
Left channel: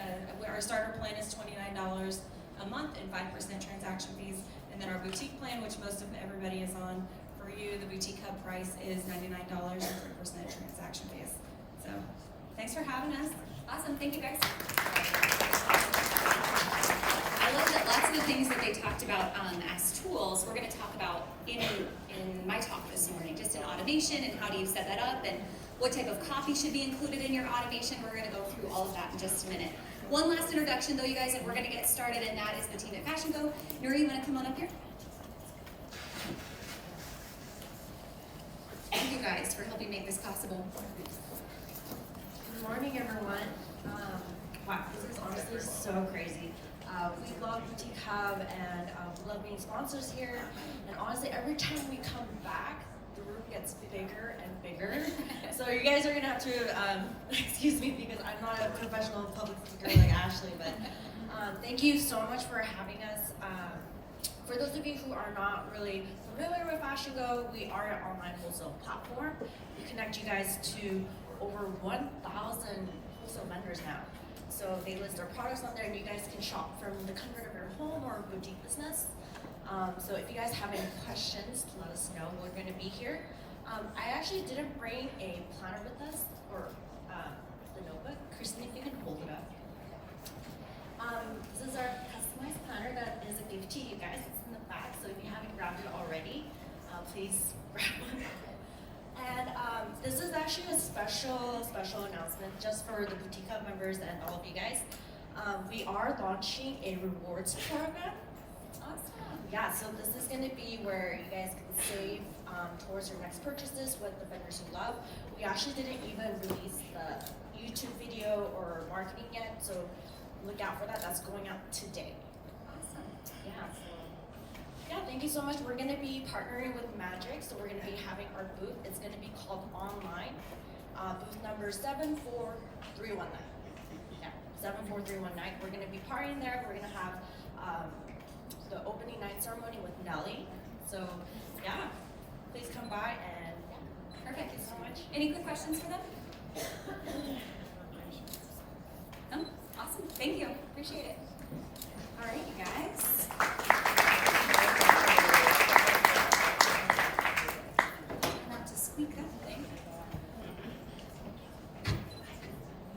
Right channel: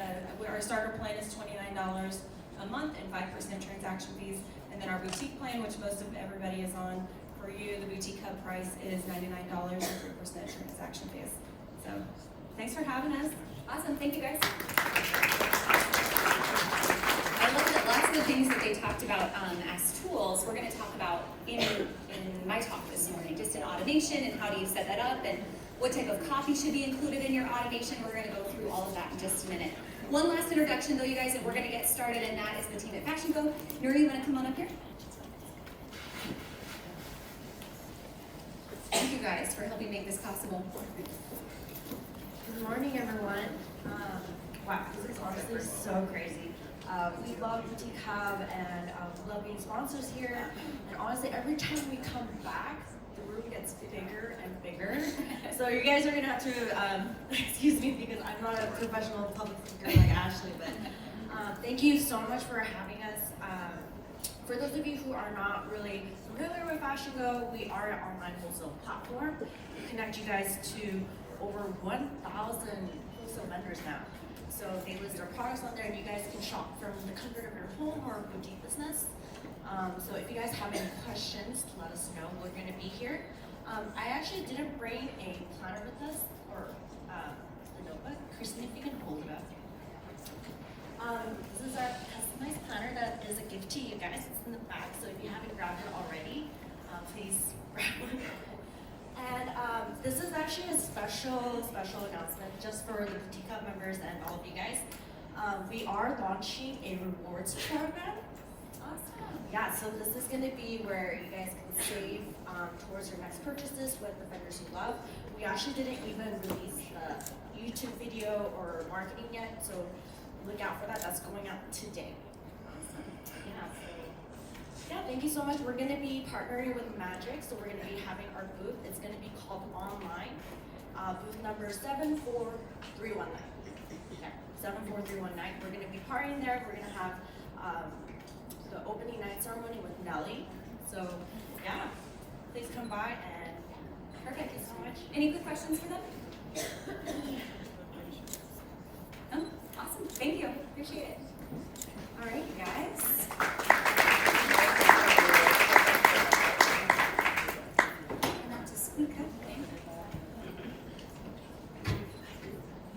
Our starter plan is $29 a month and 5% transaction fees. And then our boutique plan, which most of everybody is on, for you, the Boutique Hub price is $99 and 3% transaction fees. So thanks for having us. Awesome, thank you guys. I love that lots of the things that they talked about as tools, we're going to talk about in my talk this morning, just in automation and how do you set that up and what type of copy should be included in your automation. We're going to go through all of that in just a minute. One last introduction though, you guys, and we're going to get started, and that is the team at FashionGo. Nuri, you want to come on up here? Thank you guys for helping make this possible. Good morning, everyone. Wow, this is honestly so crazy. We love Boutique Hub and we love being sponsors here. And honestly, every time we come back, the room gets bigger and bigger. So you guys are gonna have to excuse me because I'm not a professional public speaker like Ashley, but thank you so much for having us. For those of you who are not really familiar with FashionGo, we are an online wholesale platform. We connect you guys to over 1,000 wholesale vendors now. So they list their products on there and you guys can shop from the comfort of your home or boutique business. So if you guys have any questions, let us know. We're gonna be here. I actually didn't bring a planner with us or the notebook. Christine, if you can hold it up. This is our customized planner that is a gift to you guys. It's in the back, so if you haven't grabbed it already, please grab one. And this is actually a special announcement just for the Boutique Hub members and all of you guys. We are launching a rewards program. Awesome. Yeah, so this is gonna be where you guys can save towards your next purchases with the vendors you love. We actually didn't even release the YouTube video or marketing yet, so look out for that. That's going out today. Yeah, thank you so much. We're gonna be partnering with Magic, so we're gonna be having our booth. It's gonna be called Online. Booth number 74319. Yeah, 74319. We're gonna be partying there. We're gonna have the opening night ceremony with Nelly. So yeah, please come by and Perfect. thank you so much. Any quick questions for them? No? Awesome. Thank you. Appreciate it. All right, you guys. Not to squeak up thing.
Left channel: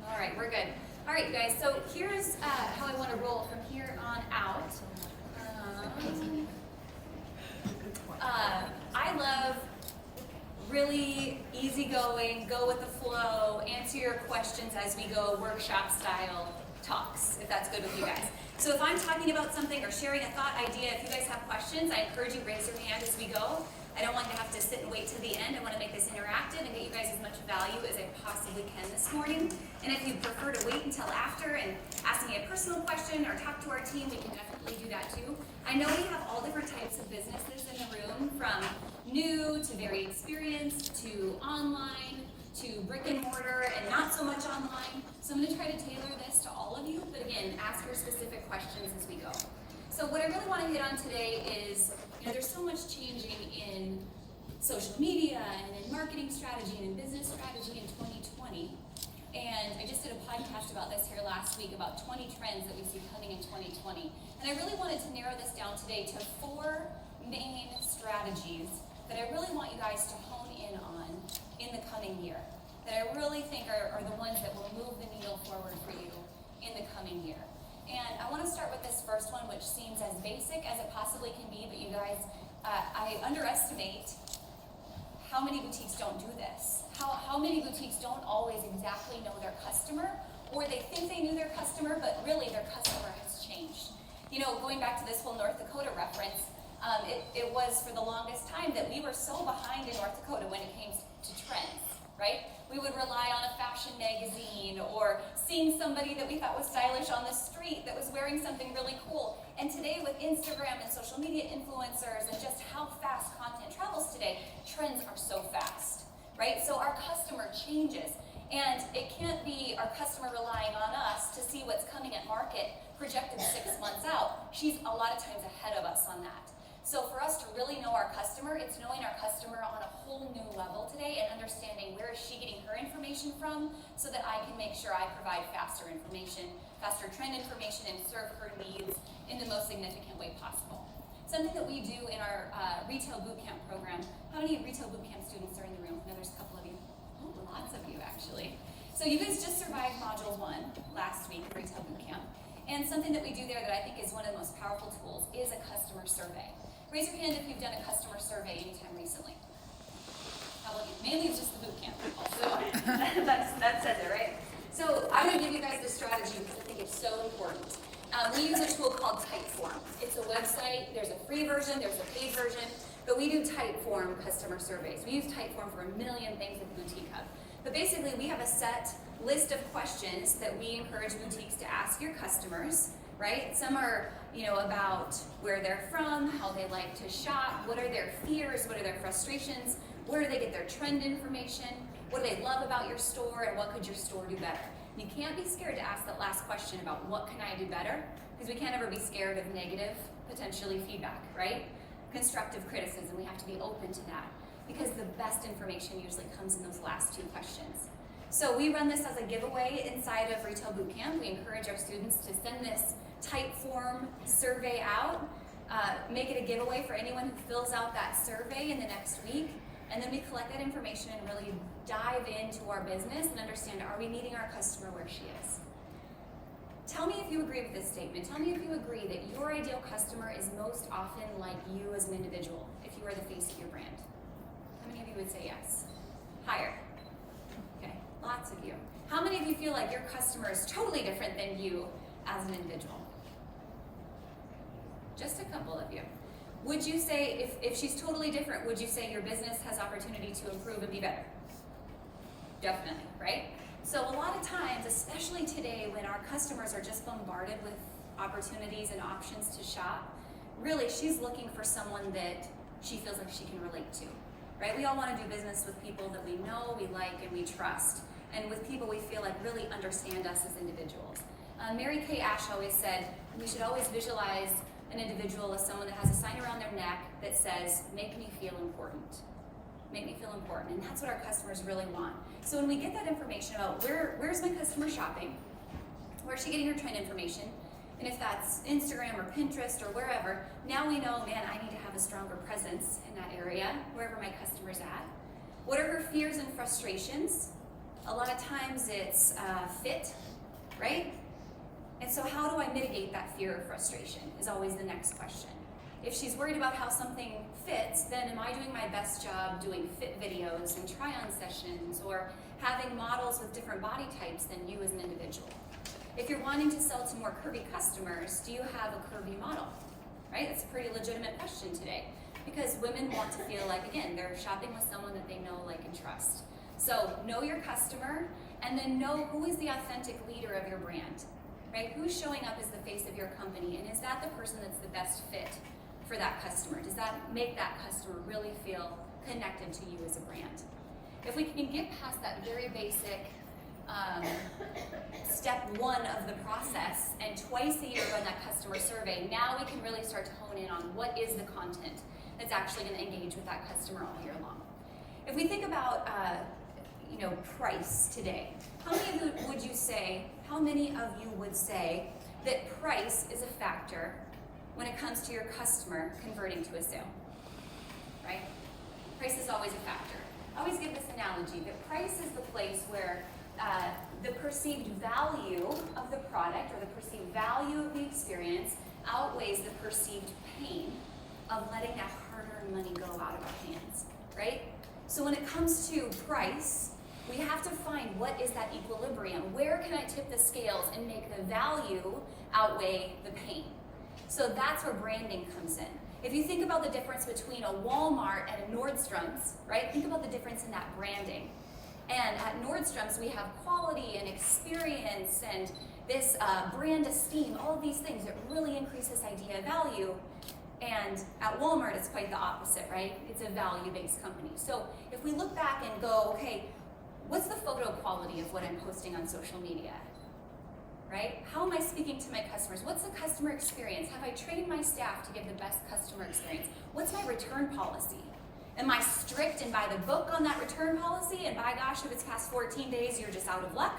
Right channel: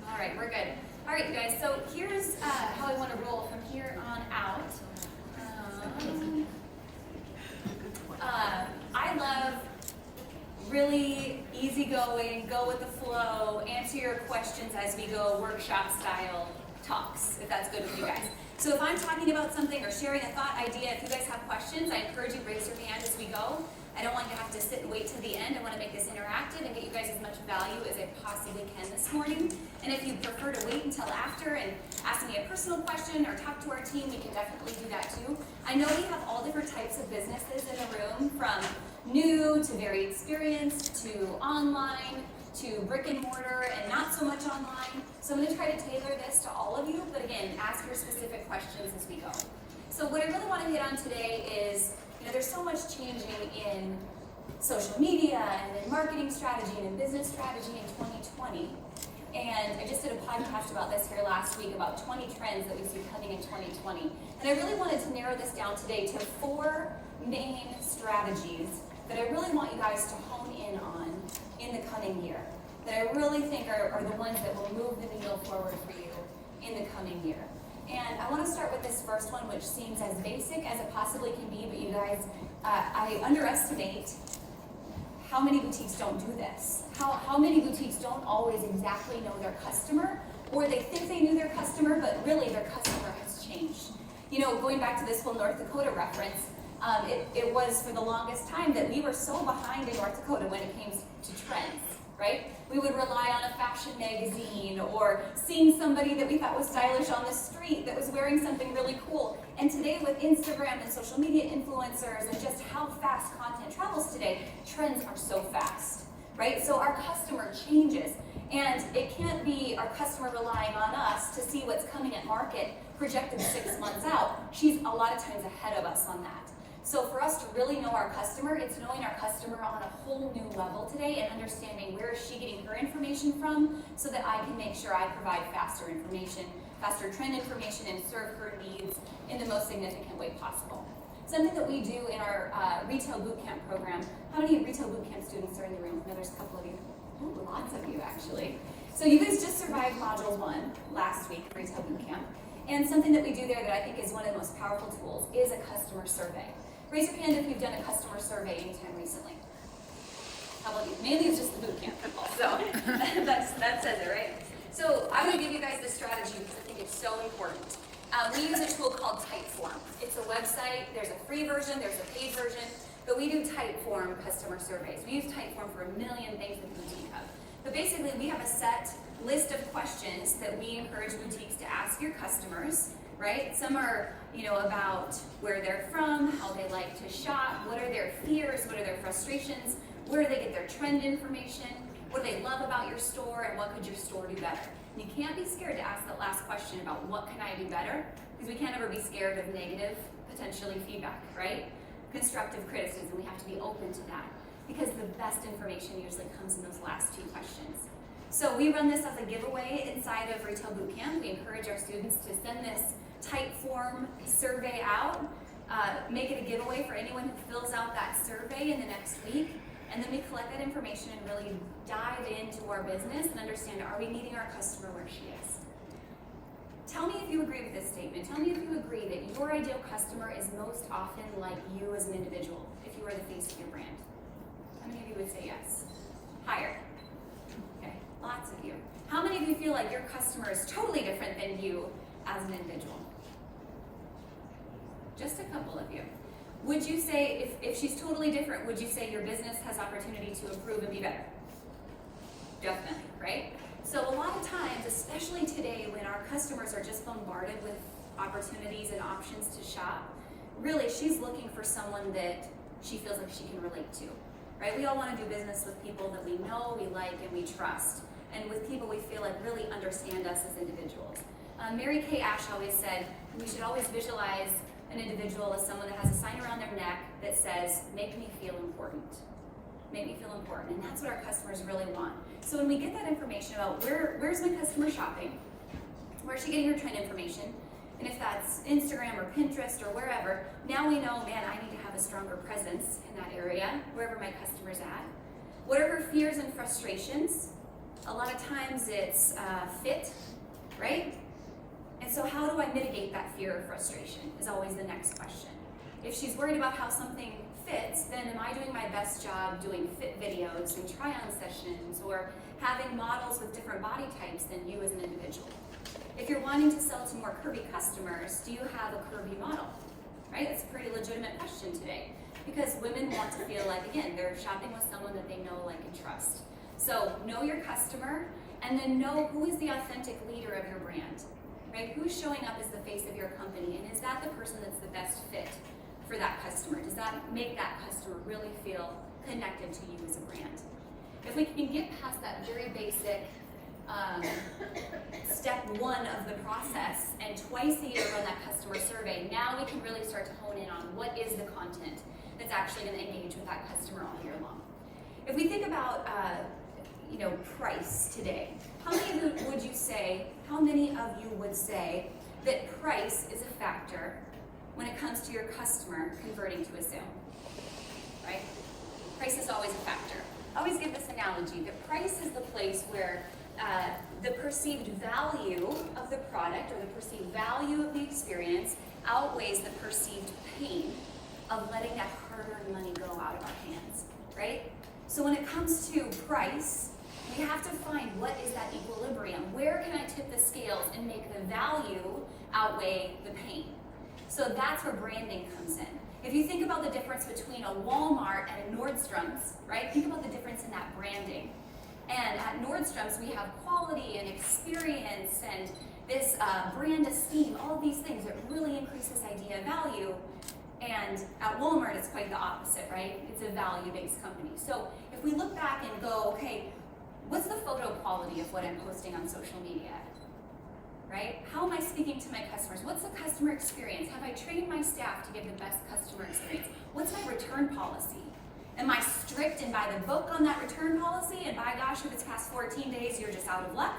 All right, we're good. All right, you guys. So here's how I want to roll from here on out. I love really easygoing, go with the flow, answer your questions as we go, workshop style talks, if that's good with you guys. So if I'm talking about something or sharing a thought, idea, if you guys have questions, I encourage you to raise your hand as we go. I don't want you to have to sit and wait till the end. I want to make this interactive and get you guys as much value as I possibly can this morning. And if you prefer to wait until after and ask me a personal question or talk to our team, we can definitely do that too. I know we have all different types of businesses in the room, from new to very experienced to online to brick and mortar and not so much online. So I'm going to try to tailor this to all of you, but again, ask your specific questions as we go. So what I really want to hit on today is, there's so much changing in social media and in marketing strategy and in business strategy in 2020. And I just did a podcast about this here last week about 20 trends that we see coming in 2020. And I really wanted to narrow this down today to 4 main strategies that I really want you guys to hone in on in the coming year. That I really think are the ones that will move the needle forward for you in the coming year. And I want to start with this first one, which seems as basic as it possibly can be, but you guys, I underestimate how many boutiques don't do this. How many boutiques don't always exactly know their customer, or they think they knew their customer, but really their customer has changed. Going back to this whole North Dakota reference, it was for the longest time that we were so behind in North Dakota when it came to trends, right? We would rely on a fashion magazine or seeing somebody that we thought was stylish on the street that was wearing something really cool. And today with Instagram and social media influencers and just how fast content travels today, trends are so fast, right? So our customer changes. And it can't be our customer relying on us to see what's coming at market projected 6 months out. She's a lot of times ahead of us on that. So for us to really know our customer, it's knowing our customer on a whole new level today and understanding where is she getting her information from so that I can make sure I provide faster information, faster trend information, and serve her needs in the most significant way possible. Something that we do in our retail bootcamp program. How many retail bootcamp students are in the room? No, there's a couple of you. Oh, lots of you actually. So you guys just survived Module 1 last week, retail bootcamp. And something that we do there that I think is one of the most powerful tools is a customer survey. Raise your hand if you've done a customer survey anytime recently. How about you? Mainly it's just the bootcamp people, so that says it, right? So I'm going to give you guys this strategy because I think it's so important. We use a tool called Typeform. It's a website. There's a free version, there's a paid version, but we do Typeform customer surveys. We use Typeform for a million things at the Boutique Hub. But basically, we have a set list of questions that we encourage boutiques to ask your customers, right? Some are, about where they're from, how they like to shop, what are their fears, what are their frustrations, where do they get their trend information, what do they love about your store, and what could your store do better? And you can't be scared to ask that last question about what can I do better, because we can't ever be scared of negative, potentially feedback, right? Constructive criticism, we have to be open to that, because the best information usually comes in those last 2 questions. So we run this as a giveaway inside of Retail Bootcamp. We encourage our students to send this Typeform survey out, make it a giveaway for anyone who fills out that survey in the next week, and then we collect that information and really dive into our business and understand, are we meeting our customer where she is? Tell me if you agree with this statement. Tell me if you agree that your ideal customer is most often like you as an individual, if you are the face of your brand. How many of you would say yes? Higher. Okay, lots of you. How many of you feel like your customer is totally different than you as an individual? just a couple of you. Would you say, if she's totally different, would you say your business has opportunity to improve and be better? Definitely, right? So a lot of times, especially today when our customers are just bombarded with opportunities and options to shop, really she's looking for someone that she feels like she can relate to, right? We all want to do business with people that we know, we like, and we trust, and with people we feel like really understand us as individuals. Mary Kay Ash always said, we should always visualize an individual as someone that has a sign around their neck that says, make me feel important. Make me feel important, and that's what our customers really want. So when we get that information about where's my customer shopping, where's she getting her trend information, and if that's Instagram or Pinterest or wherever, now we know, man, I need to have a stronger presence in that area, wherever my customer's at. What are her fears and frustrations? A lot of times it's fit, right? And so how do I mitigate that fear or frustration is always the next question. If she's worried about how something fits, then am I doing my best job doing fit videos and try-on sessions or having models with different body types than you as an individual? If you're wanting to sell to more curvy customers, do you have a curvy model? Right? It's a pretty legitimate question today because women want to feel like, again, they're shopping with someone that they know, like, and trust. So know your customer and then know who is the authentic leader of your brand, right? Who's showing up as the face of your company, and is that the person that's the best fit for that customer? Does that make that customer really feel connected to you as a brand? If we can get past that very basic step one of the process and twice a year run that customer survey, now we can really start to hone in on what is the content that's actually going to engage with that customer all year long. If we think about price today, how many of you would say that price is a factor when it comes to your customer converting to a sale, right? Price is always a factor. I always give this analogy that price is the place where the perceived value of the product or the perceived value of the experience outweighs the perceived pain of letting that hard-earned money go out of our hands, right? So when it comes to price, we have to find what is that equilibrium. Where can I tip the scales and make the value outweigh the pain? So that's where branding comes in. If you think about the difference between a Walmart and a Nordstrom's, right? Think about the difference in that branding. And at Nordstrom's, we have quality and experience and this brand esteem, all of these things that really increase this idea of value. And at Walmart, it's quite the opposite, right? It's a value-based company. So if we look back and go, okay, what's the photo quality of what I'm posting on social media? Right? How am I speaking to my customers? What's the customer experience? Have I trained my staff to give the best customer experience? What's my return policy? Am I strict and by the book on that return policy? And by gosh, if it's past 14 days, you're just out of luck,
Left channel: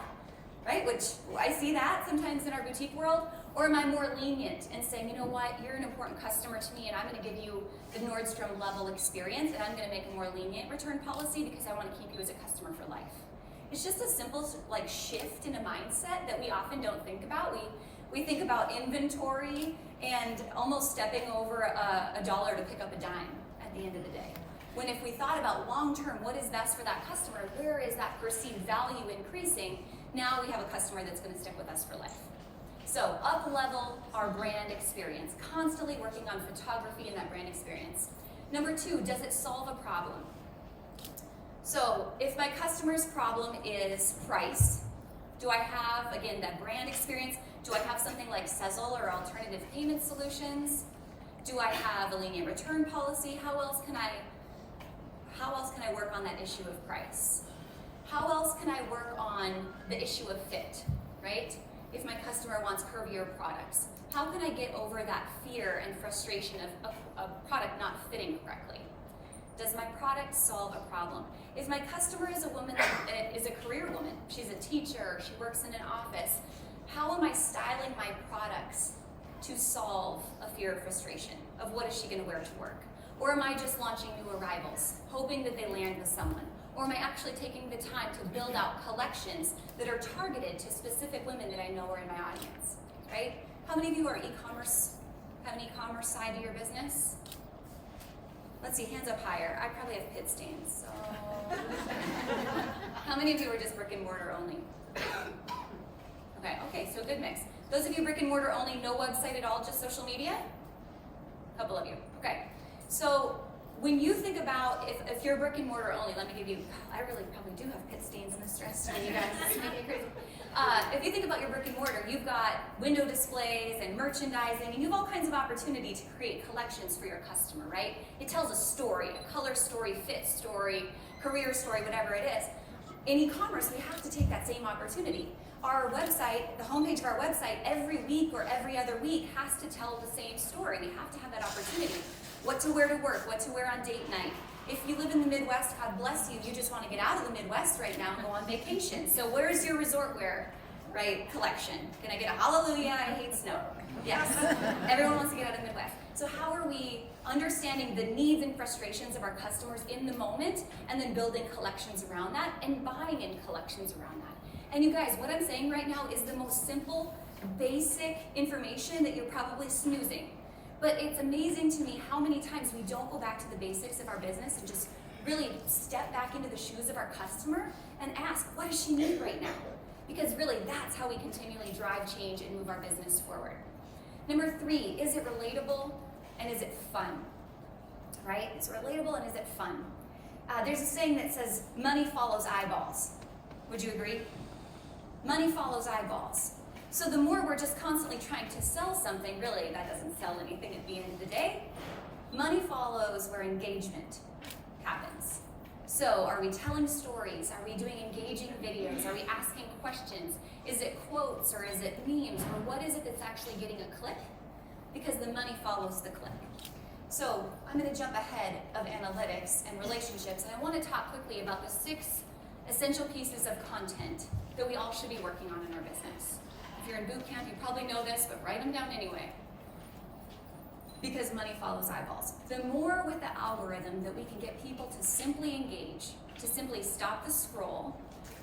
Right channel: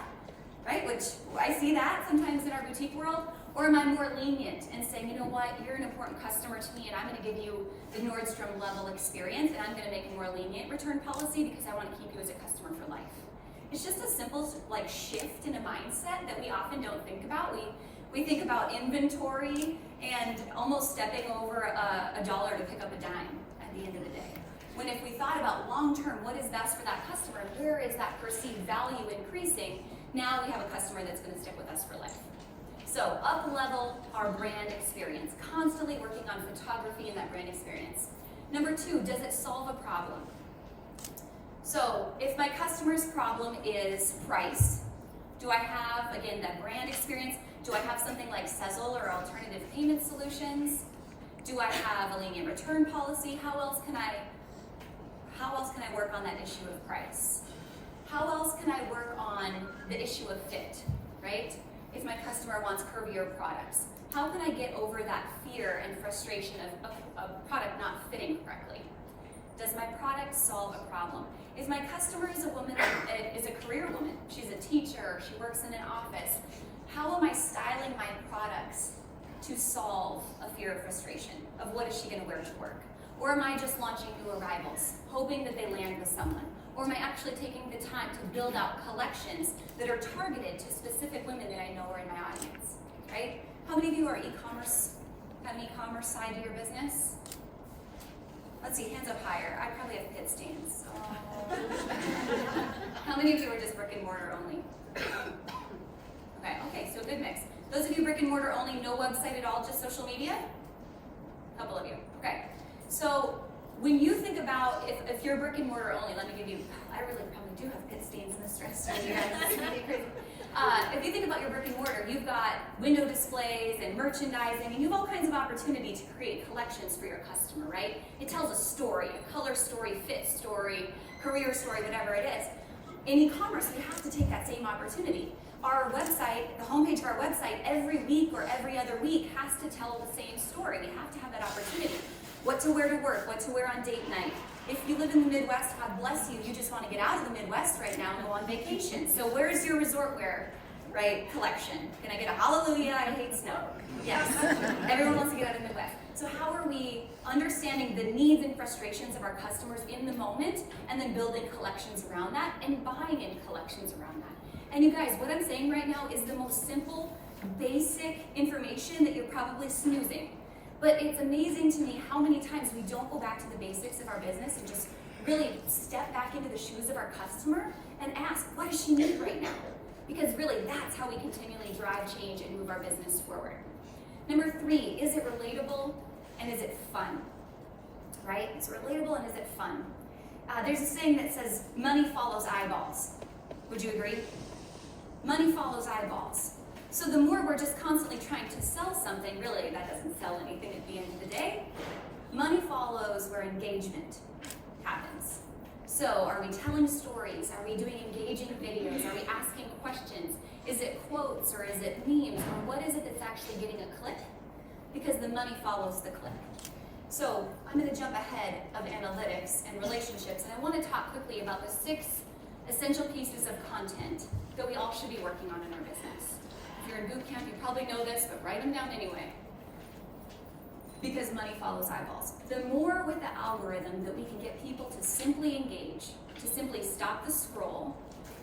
right? Which I see that sometimes in our boutique world. Or am I more lenient and saying, you know what, you're an important customer to me and I'm gonna give you the Nordstrom level experience and I'm gonna make a more lenient return policy because I wanna keep you as a customer for life. It's just a simple shift in a mindset that we often don't think about. We think about inventory and almost stepping over a dollar to pick up a dime at the end of the day. When if we thought about long-term, what is best for that customer, where is that perceived value increasing, now we have a customer that's gonna stick with us for life. So up-level our brand experience, constantly working on photography and that brand experience. Number two, does it solve a problem? So if my customer's problem is price, do I have, again, that brand experience? Do I have something like SEZZLE or alternative payment solutions? Do I have a lenient return policy? How else can I work on that issue of price? How else can I work on the issue of fit, right? If my customer wants curvier products, how can I get over that fear and frustration of a product not fitting correctly? Does my product solve a problem? If my customer is a woman that is a career woman, she's a teacher, she works in an office, how am I styling my products to solve a fear of frustration of what is she gonna wear to work? Or am I just launching new arrivals, hoping that they land with someone? Or am I actually taking the time to build out collections that are targeted to specific women that I know are in my audience, right? How many of you are e-commerce, have an e-commerce side to your business? Let's see, hands up higher. I probably have pit stains, so. How many of you are just brick and mortar only? Okay, so good mix. Those of you brick and mortar only, no website at all, just social media? couple of you. Okay. So when you think about if you're brick and mortar only, let me give you, I really probably do have pit stains in this dress, you guys. This is gonna be crazy. If you think about your brick and mortar, you've got window displays and merchandising, and you have all kinds of opportunity to create collections for your customer, right? It tells a story, a color story, fit story, career story, whatever it is. In e-commerce, we have to take that same opportunity. Our website, the homepage of our website, every week or every other week has to tell the same story. We have to have that opportunity. What to wear to work, what to wear on date night. If you live in the Midwest, God bless you, you just want to get out of the Midwest right now and go on vacation. So where's your resort wear, right, collection? Can I get a hallelujah, I hate snow? Yes, everyone wants to get out of the Midwest. So how are we understanding the needs and frustrations of our customers in the moment and then building collections around that and buying in collections around that? And you guys, what I'm saying right now is the most simple, basic information that you're probably snoozing. But it's amazing to me how many times we don't go back to the basics of our business and just really step back into the shoes of our customer and ask, what does she need right now? Because really, that's how we continually drive change and move our business forward. Number 3, is it relatable and is it fun? Right? Is it relatable and is it fun? There's a saying that says, money follows eyeballs. Would you agree? Money follows eyeballs. So the more we're just constantly trying to sell something, really, that doesn't sell anything at the end of the day. Money follows where engagement happens. So are we telling stories? Are we doing engaging videos? Are we asking questions? Is it quotes or is it memes? Or what is it that's actually getting a click? Because the money follows the click. So I'm going to jump ahead of analytics and relationships, and I want to talk quickly about the 6 essential pieces of content that we all should be working on in our business. If you're in boot camp, you probably know this, but write them down anyway. Because money follows eyeballs. The more with the algorithm that we can get people to simply engage, to simply stop the scroll,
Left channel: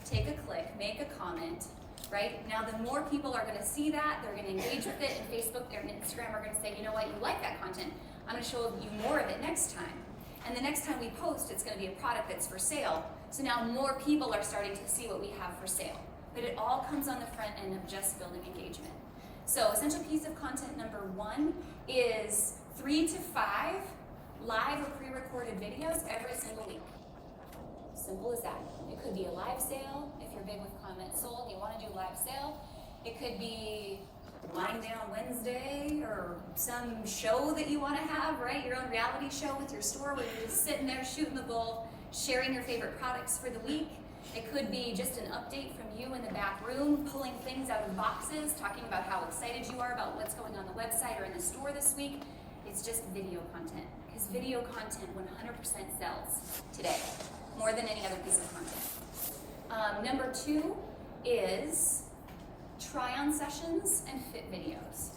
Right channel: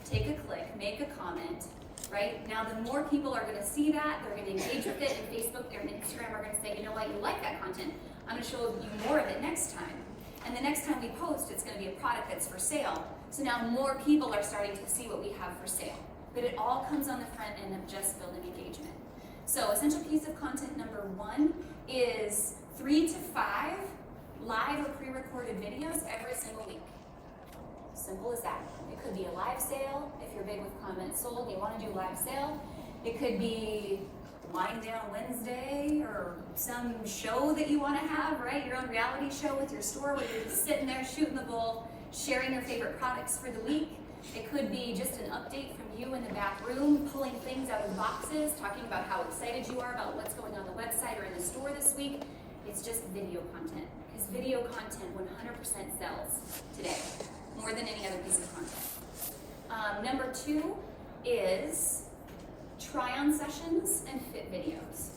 take a click, make a comment, right? Now the more people are going to see that, they're going to engage with it, and Facebook and Instagram are going to say, you know what, you like that content, I'm going to show you more of it next time. And the next time we post, it's going to be a product that's for sale. So now more people are starting to see what we have for sale. But it all comes on the front end of just building engagement. So essential piece of content number 1 is 3 to 5 live or pre-recorded videos every single week. Simple as that. It could be a live sale, if you're big with CommentSold, you want to do live sale. It could be Wind Down Wednesday or some show that you want to have, right? Your own reality show with your store where you're just sitting there shooting the bull, sharing your favorite products for the week. It could be just an update from you in the back room, pulling things out of boxes, talking about how excited you are about what's going on the website or in the store this week. It's just video content, because video content 100% sells today, more than any other piece of content. Number 2 is try-on sessions and fit videos.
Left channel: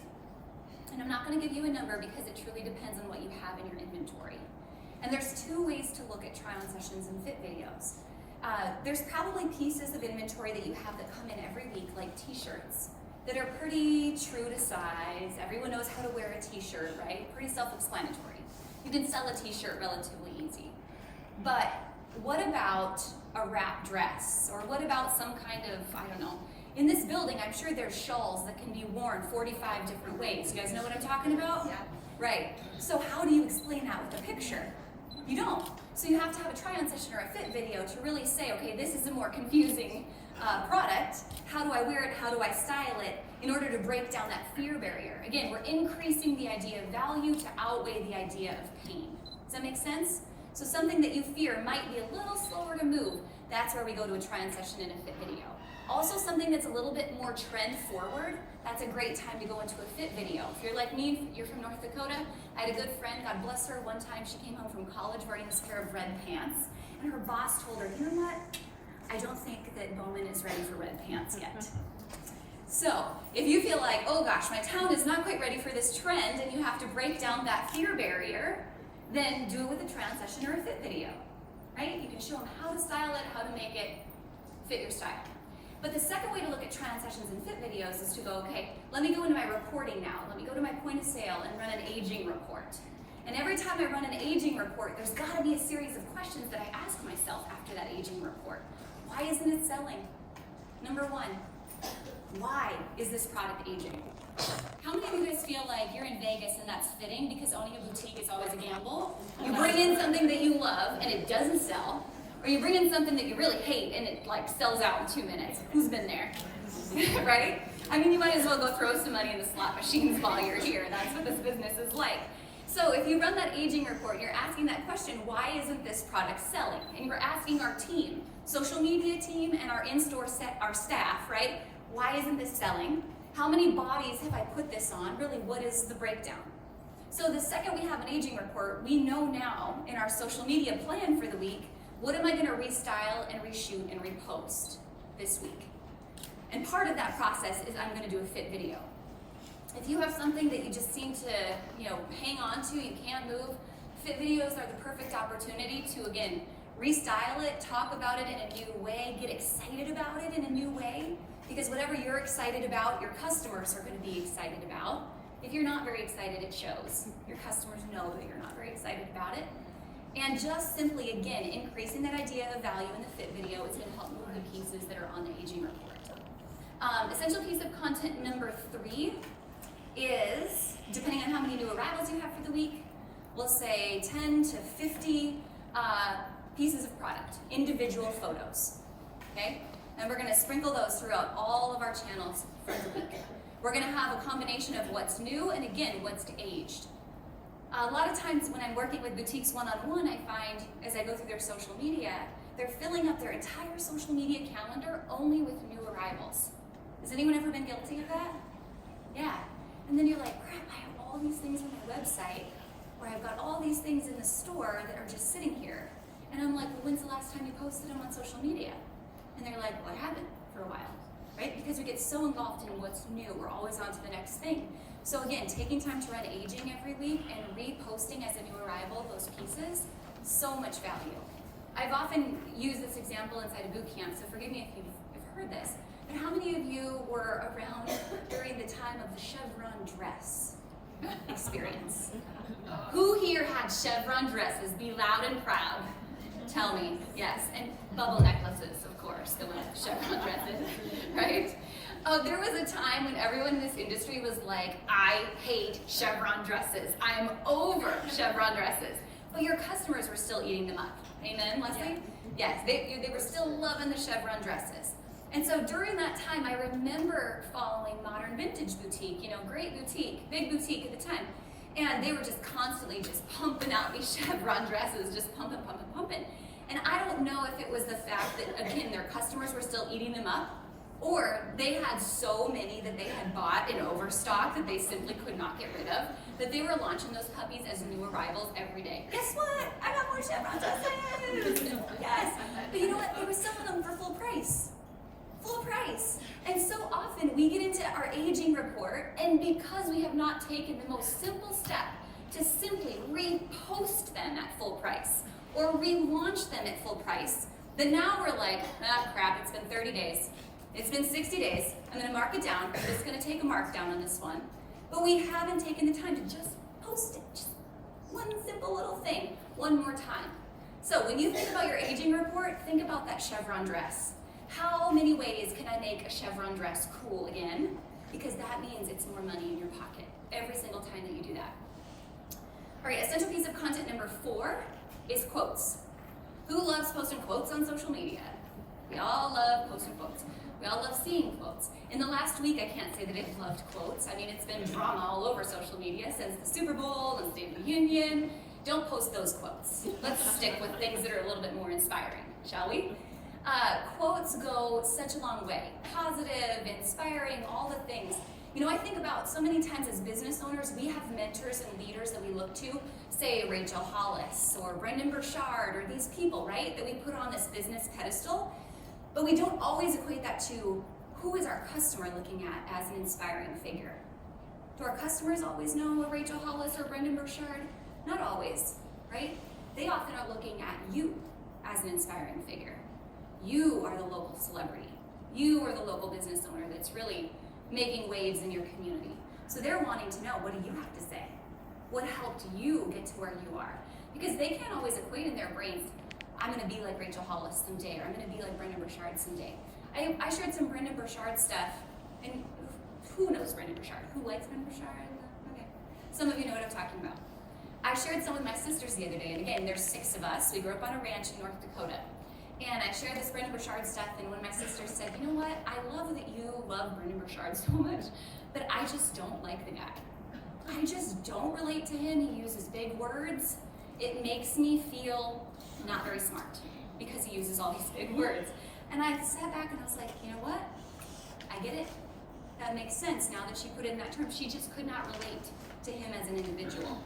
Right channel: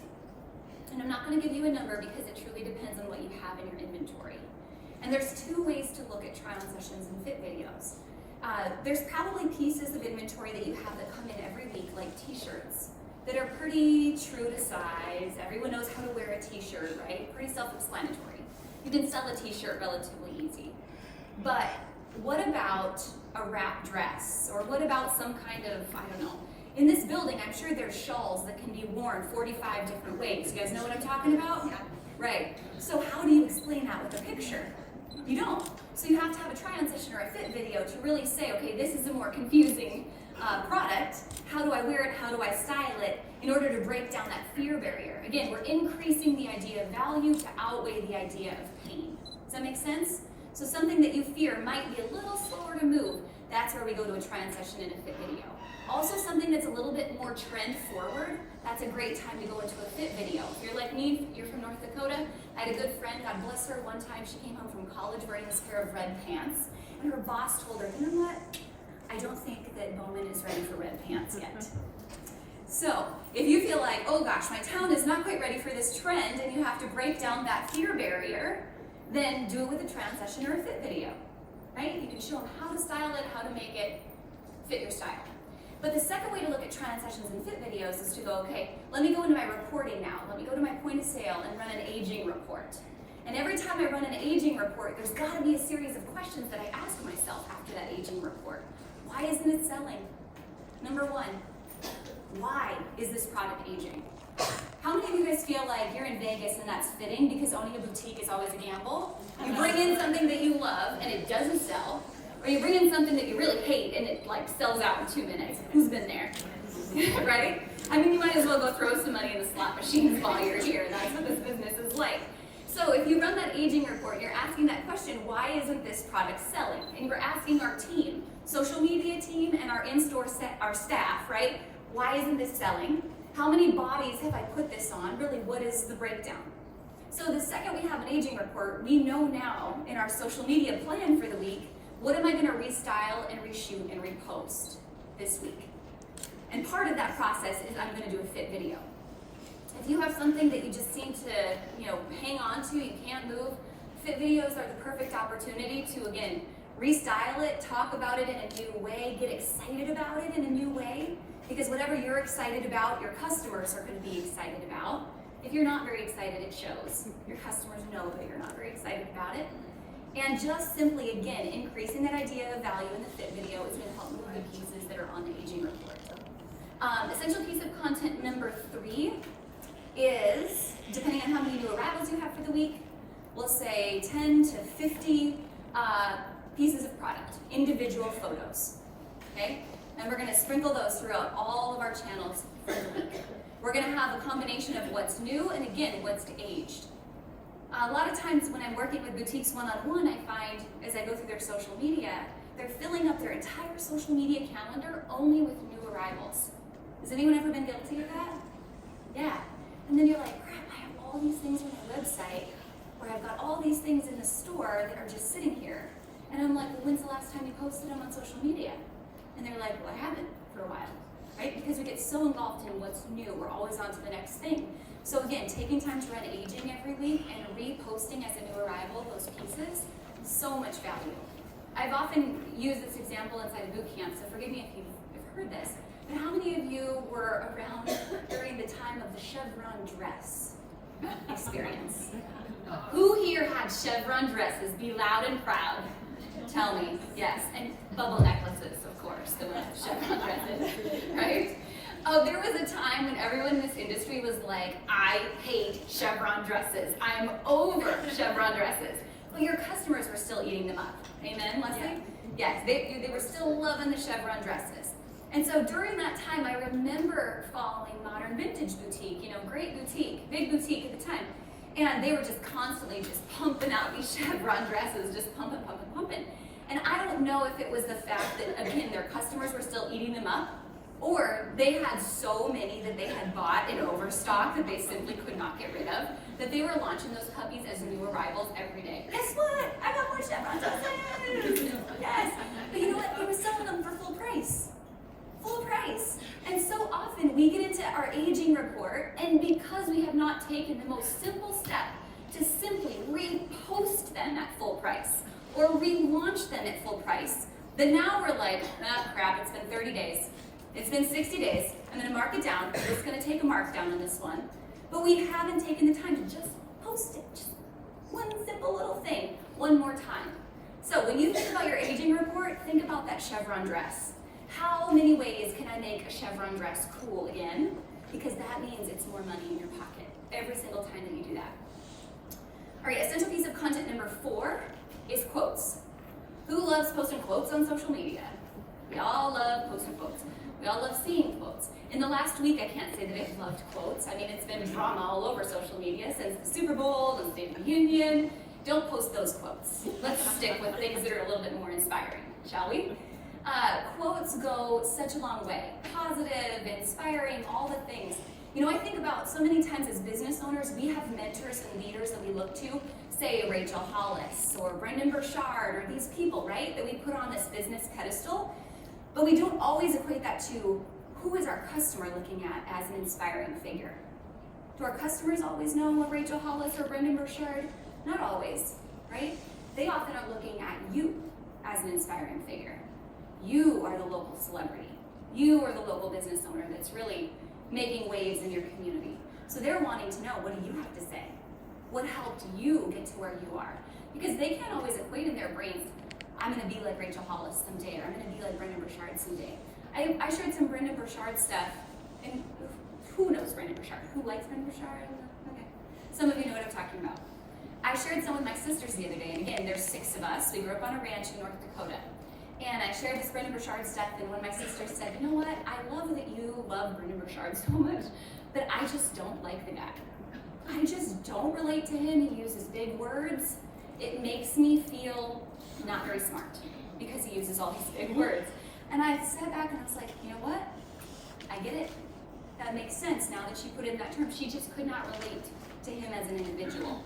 And I'm not going to give you a number because it truly depends on what you have in your inventory. And there's 2 ways to look at try-on sessions and fit videos. There's probably pieces of inventory that you have that come in every week, like t-shirts, that are pretty true to size. Everyone knows how to wear a t-shirt, right? Pretty self-explanatory. You can sell a t-shirt relatively easy. But what about a wrap dress? Or what about some kind of, I don't know, in this building, I'm sure there's shawls that can be worn 45 different ways. You guys know what I'm talking about? Yeah. Right. So how do you explain that with a picture? You don't. So you have to have a try-on session or a fit video to really say, okay, this is a more confusing product. How do I wear it? How do I style it? In order to break down that fear barrier. Again, we're increasing the idea of value to outweigh the idea of pain. Does that make sense? So something that you fear might be a little slower to move. That's where we go to a try-on session and a fit video. Also something that's a little bit more trend forward, that's a great time to go into a fit video. If you're like me, you're from North Dakota, I had a good friend, God bless her, one time she came home from college wearing this pair of red pants, and her boss told her, you know what, I don't think that Bowman is ready for red pants yet. So, if you feel like, oh gosh, my town is not quite ready for this trend, and you have to break down that fear barrier, then do it with a try-on session or a fit video, right? You can show them how to style it, how to make it fit your style. But the second way to look at try-on sessions and fit videos is to go, okay, let me go into my reporting now. Let me go to my point of sale and run an aging report. And every time I run an aging report, there's got to be a series of questions that I ask myself after that aging report. Why isn't it selling? Number 1, why is this product aging? How many of you guys feel like you're in Vegas and that's fitting because owning a boutique is always a gamble? You bring in something that you love and it doesn't sell, or you bring in something that you really hate and it like sells out in 2 minutes. Who's been there? Right? I mean, you might as well go throw some money in the slot machines while you're here, and that's what this business is like. So if you run that aging report, you're asking that question, why isn't this product selling? And you're asking our team, social media team and our in-store our staff, right? Why isn't this selling? How many bodies have I put this on? Really, what is the breakdown? So the second we have an aging report, we know now in our social media plan for the week, what am I gonna restyle and reshoot and repost this week? And part of that process is I'm gonna do a fit video. If you have something that you just seem to, hang on to, you can't move, fit videos are the perfect opportunity to, again, restyle it, talk about it in a new way, get excited about it in a new way, because whatever you're excited about, your customers are gonna be excited about. If you're not very excited, it shows. Your customers know that you're not very excited about it. And just simply, again, increasing that idea of value in the fit video is gonna help move the pieces that are on the aging report. Essential piece of content number 3 is, depending on how many new arrivals you have for the week, we'll say 10 to 50 pieces of product, individual photos, okay? And we're gonna sprinkle those throughout all of our channels for the week. We're gonna have a combination of what's new and again, what's aged. A lot of times when I'm working with boutiques one-on-one, I find as I go through their social media, they're filling up their entire social media calendar only with new arrivals. Has anyone ever been guilty of that? Yeah. And then you're like, crap, I have all these things on my website, or I've got all these things in the store that are just sitting here. And I'm like, well, when's the last time you posted them on social media? And they're like, well, I haven't for a while, right? Because we get so engulfed in what's new, we're always on to the next thing. So again, taking time to run aging every week and reposting as a new arrival those pieces, so much value. I've often used this example inside a boot camp, so forgive me if you've heard this, but how many of you were around during the time of the chevron dress experience? Who here had chevron dresses? Be loud and proud. Tell me, yes, and bubble necklaces, of course, the chevron dresses, right? There was a time when everyone in this industry was like, I hate chevron dresses. I'm over chevron dresses. But your customers were still eating them up. Amen, Leslie? Yes, they were still loving the chevron dresses. And so during that time, I remember following Modern Vintage Boutique, great boutique, big boutique at the time. And they were just constantly just pumping out these chevron dresses, just pumping. And I don't know if it was the fact that, again, their customers were still eating them up, or they had so many that they had bought in overstock that they simply could not get rid of, that they were launching those puppies as new arrivals every day. Guess what? I got more chevron dresses! Yes! But you know what? They were selling them for full price. Full price. And so often we get into our aging report, and because we have not taken the most simple step to simply repost them at full price, or relaunch them at full price, then now we're like, crap, it's been 30 days. It's been 60 days. I'm gonna mark it down. I'm just gonna take a markdown on this one. But we haven't taken the time to just post it. Just one simple little thing, one more time. So when you think about your aging report, think about that chevron dress. How many ways can I make a chevron dress cool again? Because that means it's more money in your pocket every single time that you do that. All right, essential piece of content number 4 is quotes. Who loves posting quotes on social media? We all love posting quotes. We all love seeing quotes. In the last week, I can't say that I've loved quotes. I mean, it's been drama all over social media since the Super Bowl and State of the Union. Don't post those quotes. Let's stick with things that are a little bit more inspiring, shall we? Quotes go such a long way. Positive, inspiring, all the things. I think about so many times as business owners, we have mentors and leaders that we look to, say Rachel Hollis or Brendan Burchard or these people, right, that we put on this business pedestal. But we don't always equate that to who is our customer looking at as an inspiring figure. Do our customers always know a Rachel Hollis or Brendan Burchard? Not always, right? They often are looking at you as an inspiring figure. You are the local celebrity. You are the local business owner that's really making waves in your community. So they're wanting to know, what do you have to say? What helped you get to where you are? Because they can't always equate in their brains, I'm gonna be like Rachel Hollis someday, or I'm gonna be like Brendan Burchard someday. I shared some Brendan Burchard stuff Who knows Brandon Burchard? Who likes Brandon Burchard? Okay. Some of you know what I'm talking about. I shared some with my sisters the other day, and again, there's 6 of us. We grew up on a ranch in North Dakota. And I shared this Brandon Burchard stuff, and one of my sisters said, you know what, I love that you love Brandon Burchard so much, but I just don't like the guy. I just don't relate to him. He uses big words. It makes me feel not very smart because he uses all these big words. And I sat back and I was like, you know what? I get it. That makes sense now that she put it in that term. She just could not relate to him as an individual,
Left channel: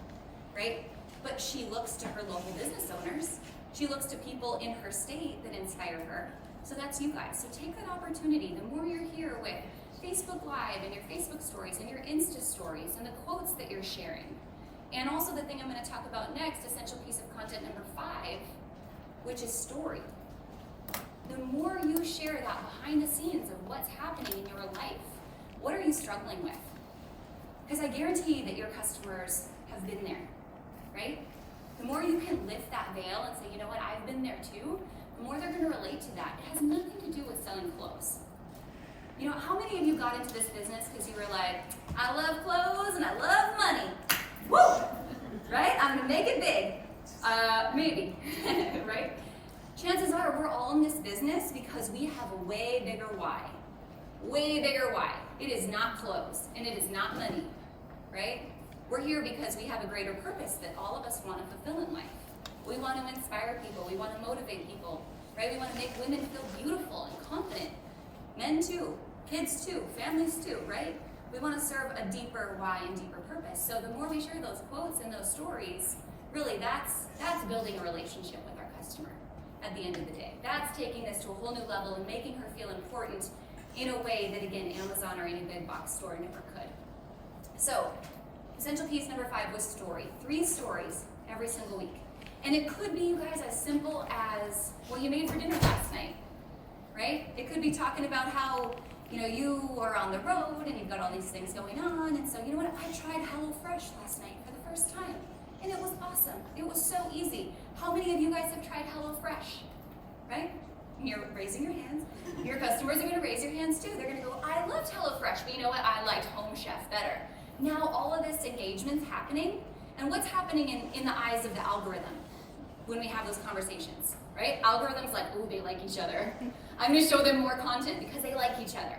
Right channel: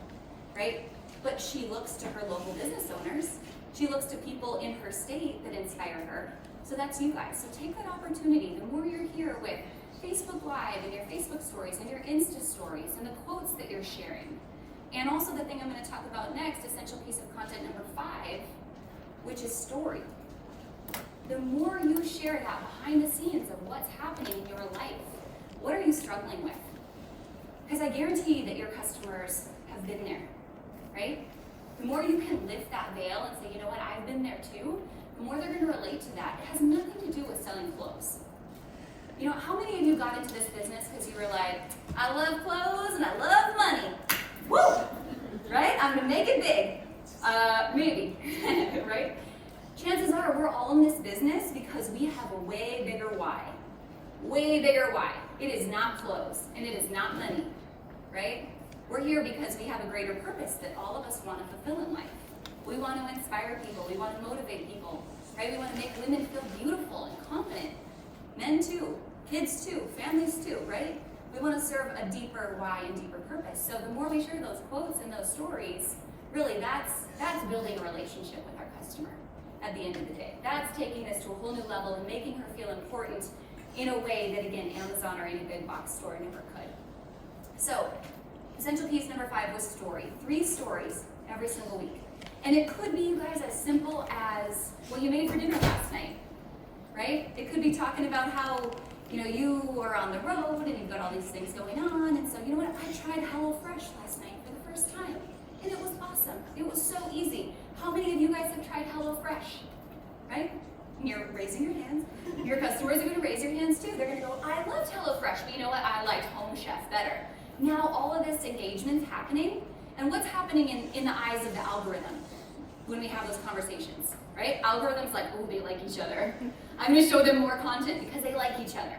right? But she looks to her local business owners. She looks to people in her state that inspire her. So that's you guys. So take that opportunity. The more you're here with Facebook Live and your Facebook stories and your Insta stories and the quotes that you're sharing. And also the thing I'm going to talk about next, essential piece of content number 5, which is story. The more you share that behind the scenes of what's happening in your life, what are you struggling with? Because I guarantee that your customers have been there, right? The more you can lift that veil and say, you know what, I've been there too, the more they're going to relate to that. It has nothing to do with selling clothes. You know, how many of you got into this business because you were like, I love clothes and I love money. Woo! Right? I'm going to make it big. Maybe, right? Chances are we're all in this business because we have a way bigger why. Way bigger why. It is not clothes and it is not money, right? We're here because we have a greater purpose that all of us want to fulfill in life. We want to inspire people. We want to motivate people, right? We want to make women feel beautiful and confident. Men too, kids too, families too, right? We want to serve a deeper why and deeper purpose. So the more we share those quotes and those stories, really that's building a relationship with our customer at the end of the day. That's taking this to a whole new level and making her feel important in a way that, again, Amazon or any big box store never could. So, essential piece number 5 was story. 3 stories every single week. And it could be, you guys, as simple as what you made for dinner last night, right? It could be talking about how, you know, you were on the road and you've got all these things going on, and so, you know what, I tried HelloFresh last night for the first time, and it was awesome. It was so easy. How many of you guys have tried HelloFresh, right? You're raising your hands. Your customers are going to raise their hands too. They're going to go, I loved HelloFresh, but you know what, I liked Home Chef better. Now all of this engagement's happening, and what's happening in the eyes of the algorithm when we have those conversations, right? Algorithm's like, oh, they like each other. I'm going to show them more content because they like each other.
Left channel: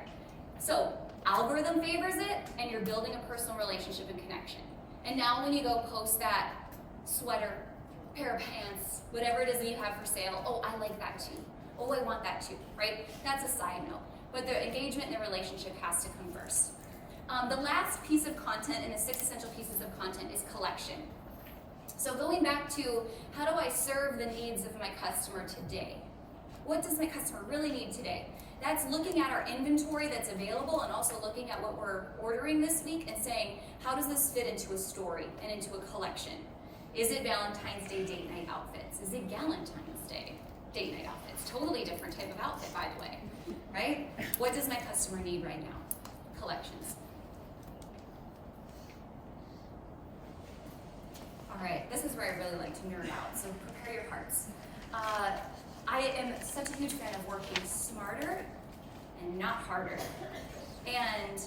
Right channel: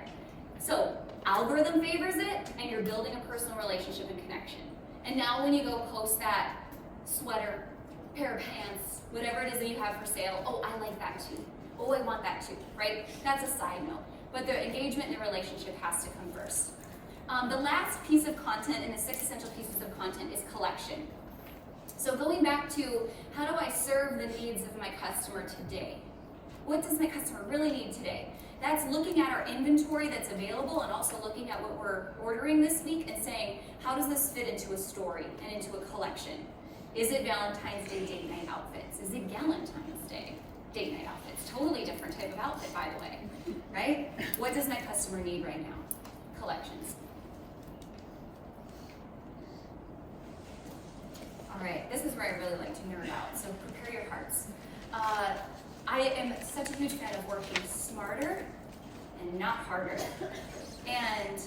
So algorithm favors it, and you're building a personal relationship and connection. And now when you go post that sweater, pair of pants, whatever it is that you have for sale, oh, I like that too. Oh, I want that too, right? That's a side note. But the engagement and the relationship has to come first. The last piece of content in the 6 essential pieces of content is collection. So going back to how do I serve the needs of my customer today? What does my customer really need today? That's looking at our inventory that's available and also looking at what we're ordering this week and saying, how does this fit into a story and into a collection? Is it Valentine's Day date night outfits? Is it Galentine's Day date night outfits? Totally different type of outfit, by the way, right? What does my customer need right now? Collections. All right, this is where I really like to nerd out, so prepare your hearts. I am such a huge fan of working smarter and not harder. And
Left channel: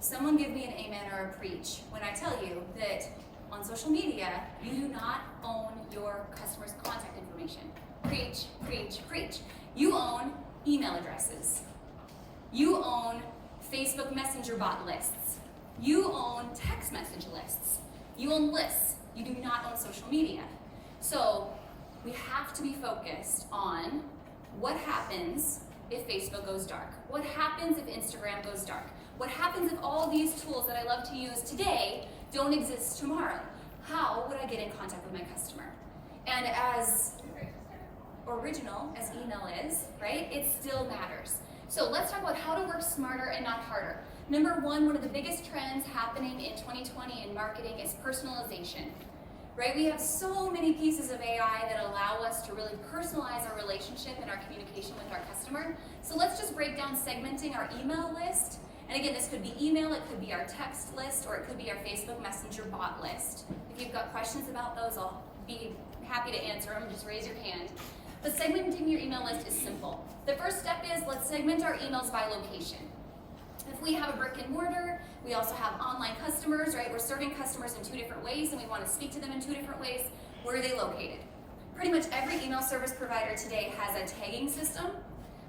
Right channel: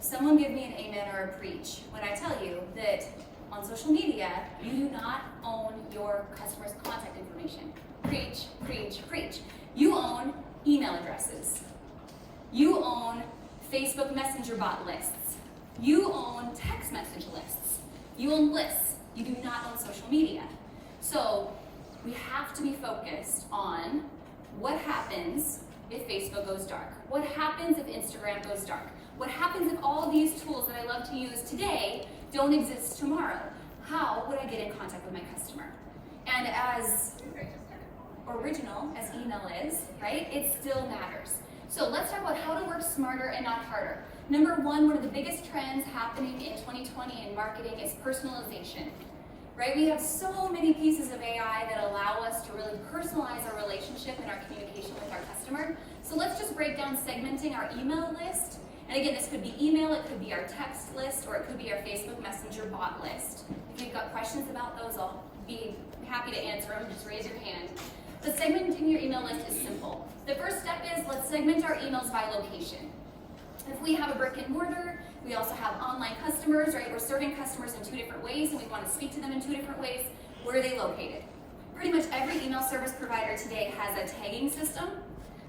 someone give me an amen or a preach when I tell you that on social media, you do not own your customer's contact information. Preach, preach, preach. You own email addresses. You own Facebook Messenger bot lists. You own text message lists. You own lists. You do not own social media. So we have to be focused on what happens if Facebook goes dark. What happens if Instagram goes dark? What happens if all of these tools that I love to use today don't exist tomorrow? How would I get in contact with my customer? And as original as email is, right, it still matters. So let's talk about how to work smarter and not harder. Number one of the biggest trends happening in 2020 in marketing is personalization, right? We have so many pieces of AI that allow us to really personalize our relationship and our communication with our customer. So let's just break down segmenting our email list. And again, this could be email, it could be our text list, or it could be our Facebook Messenger bot list. If you've got questions about those, I'll be happy to answer them. Just raise your hand. But segmenting your email list is simple. The first step is let's segment our emails by location. If we have a brick and mortar, we also have online customers, right? We're serving customers in 2 different ways and we want to speak to them in 2 different ways. Where are they located? Pretty much every email service provider today has a tagging system.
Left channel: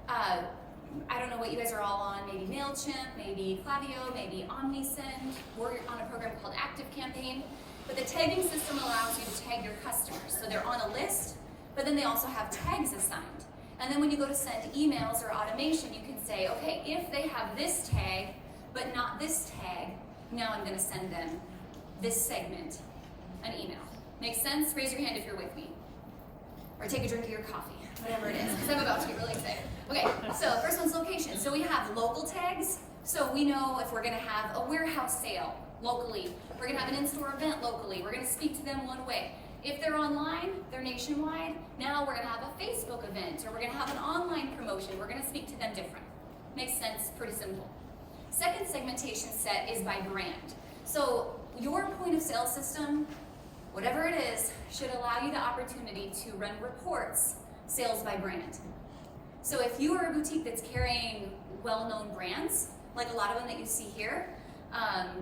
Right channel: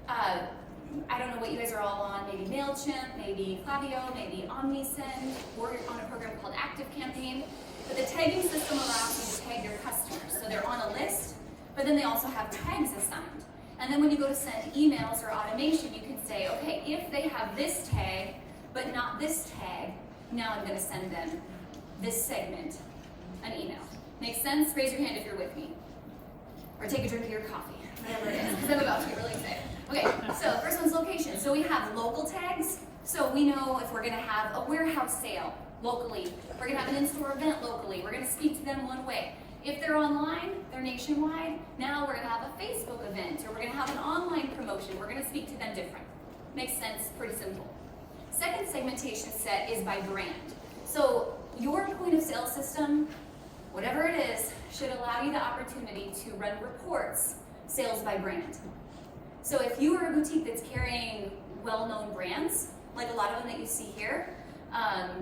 I don't know what you guys are all on, maybe MailChimp, maybe Klaviyo, maybe OmniSend, or on a program called ActiveCampaign. But the tagging system allows you to tag your customers. So they're on a list, but then they also have tags assigned. And then when you go to send emails or automation, you can say, okay, if they have this tag, but not this tag, now I'm gonna send them this segment, an email. Make sense? Raise your hand if you're with me. Or take a drink of your coffee, whatever it is, because I'm about to get really excited. Okay, so first one's location. So we have local tags. So we know if we're gonna have a warehouse sale locally, we're gonna have an in-store event locally, we're gonna speak to them one way. If they're online, they're nationwide, now we're gonna have a Facebook event, or we're gonna have an online promotion, we're gonna speak to them different. Makes sense, pretty simple. Second segmentation set is by brand. So your point of sale system, whatever it is, should allow you the opportunity to run reports, sales by brand. So if you are a boutique that's carrying well-known brands, like a lot of them that you see here,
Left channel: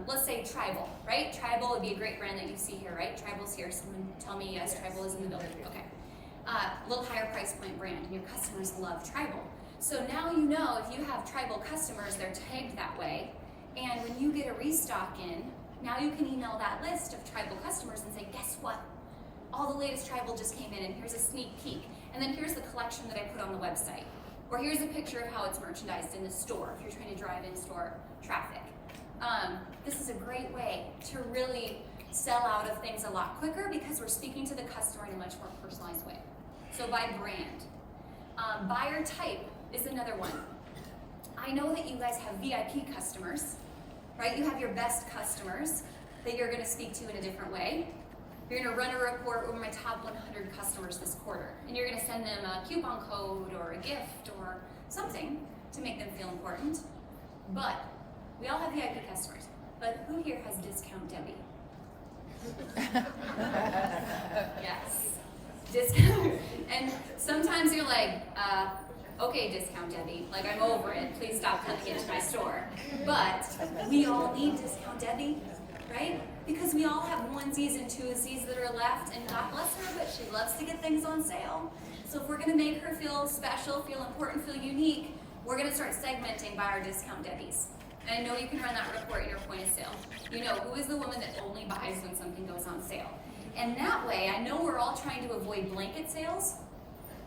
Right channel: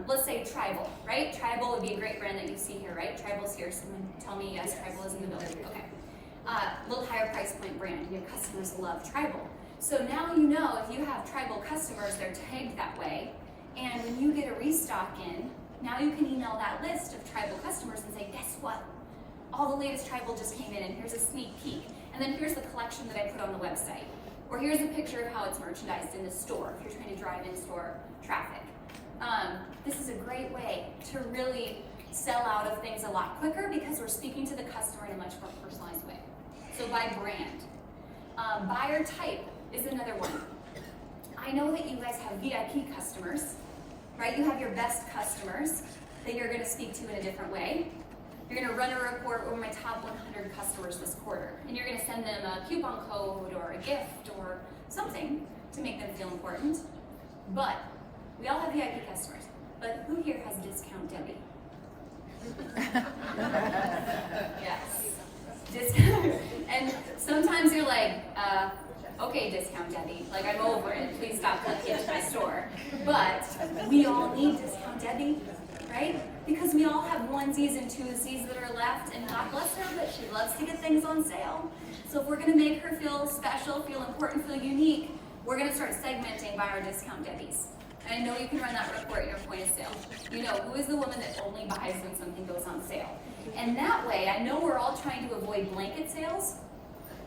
let's say Tribal, right? Tribal would be a great brand that you see here, right? Tribal's here, someone tell me yes, Tribal is in the building, okay. A little higher price point brand, and your customers love Tribal. So now you know if you have Tribal customers, they're tagged that way, and when you get a restock in, now you can email that list of Tribal customers and say, guess what? All the latest Tribal just came in, and here's a sneak peek. And then here's the collection that I put on the website. Or here's a picture of how it's merchandised in the store, if you're trying to drive in-store traffic. This is a great way to really sell out of things a lot quicker because we're speaking to the customer in a much more personalized way. So by brand. Buyer type is another one. I know that you guys have VIP customers, right? You have your best customers that you're gonna speak to in a different way. You're gonna run a report over my top 100 customers this quarter, and you're gonna send them a coupon code or a gift or something to make them feel important. But we all have VIP customers, but who here has Discount Debbie? Yes, discount. And sometimes you're like, okay, Discount Debbie, like I'm over it, please stop coming into my store. But we all need Discount Debbie, right? Because we all have onesies and twosies that are left, and God bless her, but she loves to get things on sale. So if we're gonna make her feel special, feel important, feel unique, we're gonna start segmenting by our Discount Debbies. And I know you can run that report in your point of sale. You know, who is the woman that only buys when something goes on sale? And that way, I know we're all trying to avoid blanket sales.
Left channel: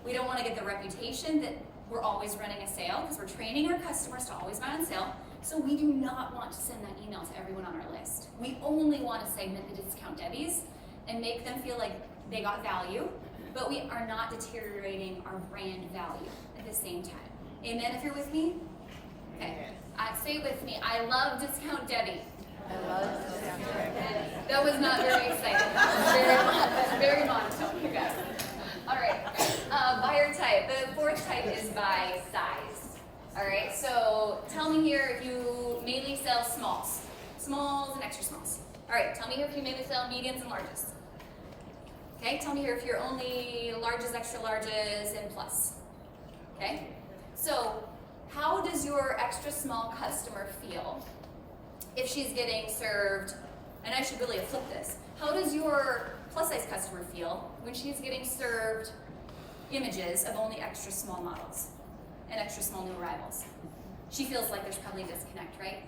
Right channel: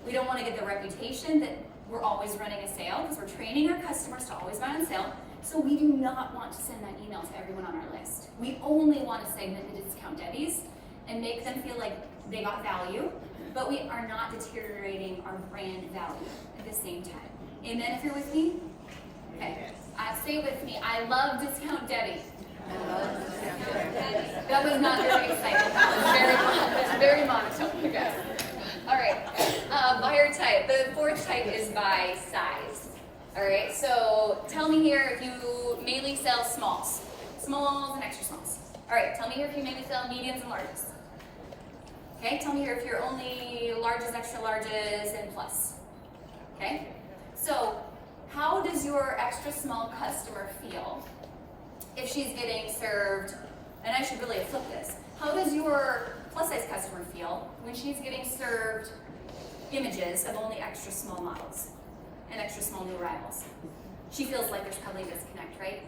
We don't wanna get the reputation that we're always running a sale, because we're training our customers to always buy on sale. So we do not want to send that email to everyone on our list. We only want to segment the Discount Debbies and make them feel like they got value, but we are not deteriorating our brand value at the same time. Amen, if you're with me? Okay, say it with me. I love Discount Debbie. I love Discount Debbie. That was not very exciting. That was very monotone, you guys. All right, buyer type. The fourth type is by size. All right, so tell me here if you mainly sell smalls and extra smalls. All right, tell me here if you mainly sell mediums and larges. Okay, tell me here if you're only larges, extra larges, and plus. Okay, so how does your extra small customer feel if she's getting served, and I should really flip this, how does your plus size customer feel when she's getting served images of only extra small models and extra small new arrivals? She feels like there's probably a disconnect, right?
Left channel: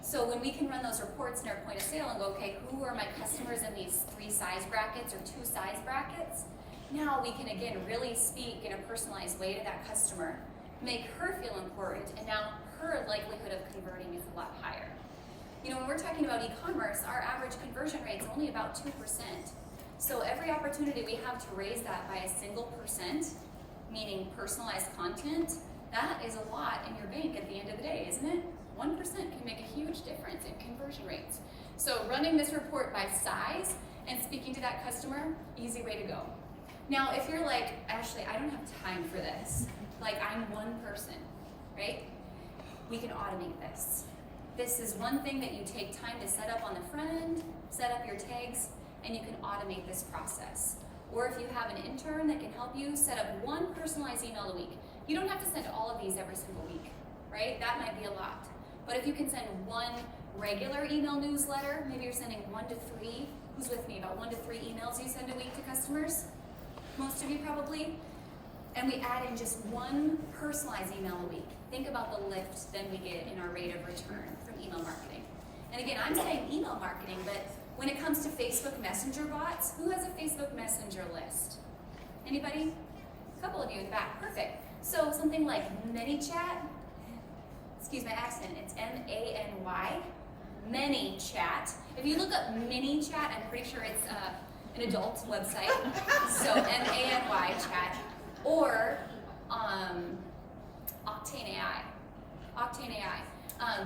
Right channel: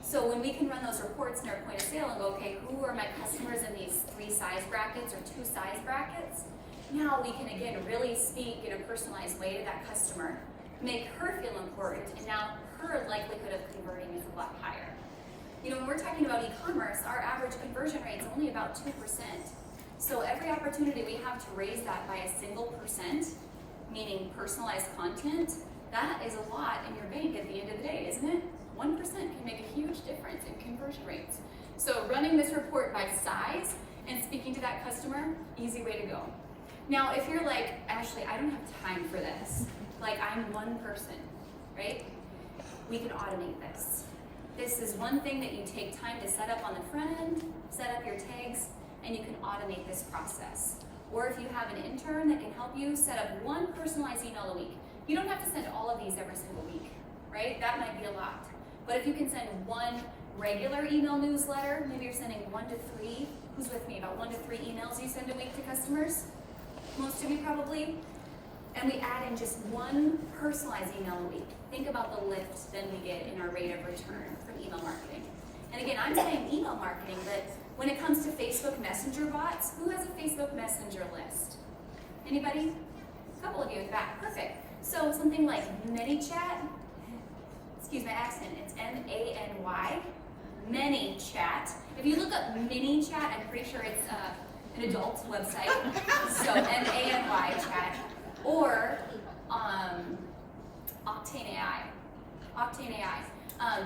So when we can run those reports in our point of sale and go, okay, who are my customers in these 3 size brackets or 2 size brackets? Now we can again really speak in a personalized way to that customer, make her feel important, and now her likelihood of converting is a lot higher. You know, when we're talking about e-commerce, our average conversion rate is only about 2%. So every opportunity we have to raise that by a single %, meaning personalized content, that is a lot in your bank at the end of the day, isn't it? 1% can make a huge difference in conversion rates. So running this report by size and speaking to that customer, easy way to go. Now, if you're like, Ashley, I don't have time for this. Like, I'm one person, right? We can automate this. This is one thing that you take time to set up on the front end, set up your tags, and you can automate this process. Or if you have an intern that can help you set up one personalized email a week. You don't have to send all of these every single week, right? That might be a lot. But if you can send one regular email newsletter, maybe you're sending 1 to 3, who's with me, about 1 to 3 emails you send a week to customers? Most of you probably. And we add in just one personalized email a week. Think about the lift then we get in our rate of return from email marketing. And again, I'm saying email marketing, but when it comes to Facebook Messenger bots, who has a Facebook Messenger list? Anybody? A couple of you in the back, perfect. So something like ManyChat, excuse my accent, it's M-A-N-Y, ManyChat. If you look up ManyChat, I'm pretty sure it's an adult website, so M-A-N-Y chat, or Octane AI. Octane AI.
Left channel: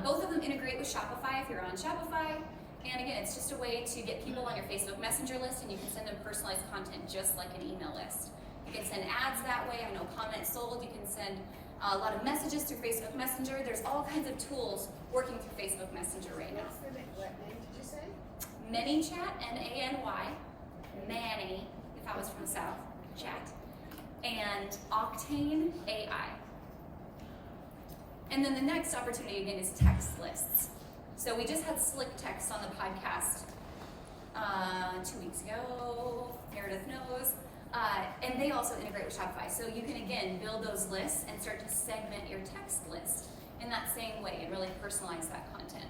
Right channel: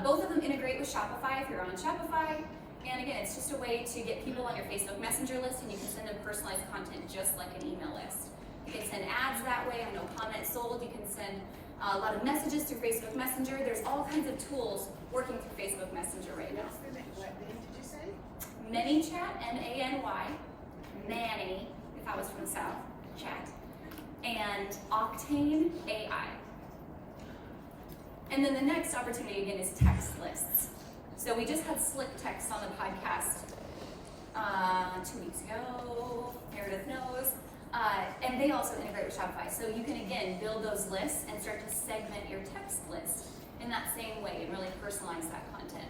Both of them integrate with Shopify if you're on Shopify. And again, it's just a way to get people on your Facebook Messenger list, and you can send them personalized content just like an email list. You can send ads that way. I know CommentSold, you can send a lot of messages through Facebook Messenger. There's all kinds of tools working through Facebook Messenger right now. What's the name? What name did you say? ManyChat, M-A-N-Y, Manny, if I was from the South, chat, and Octane AI. And then the next opportunity again is text lists. So we just had Slick Text on the podcast 2 weeks ago, Meredith knows, and they also integrate with Shopify. So you can again build those lists and start to segment your text list in that same way and really personalize that content.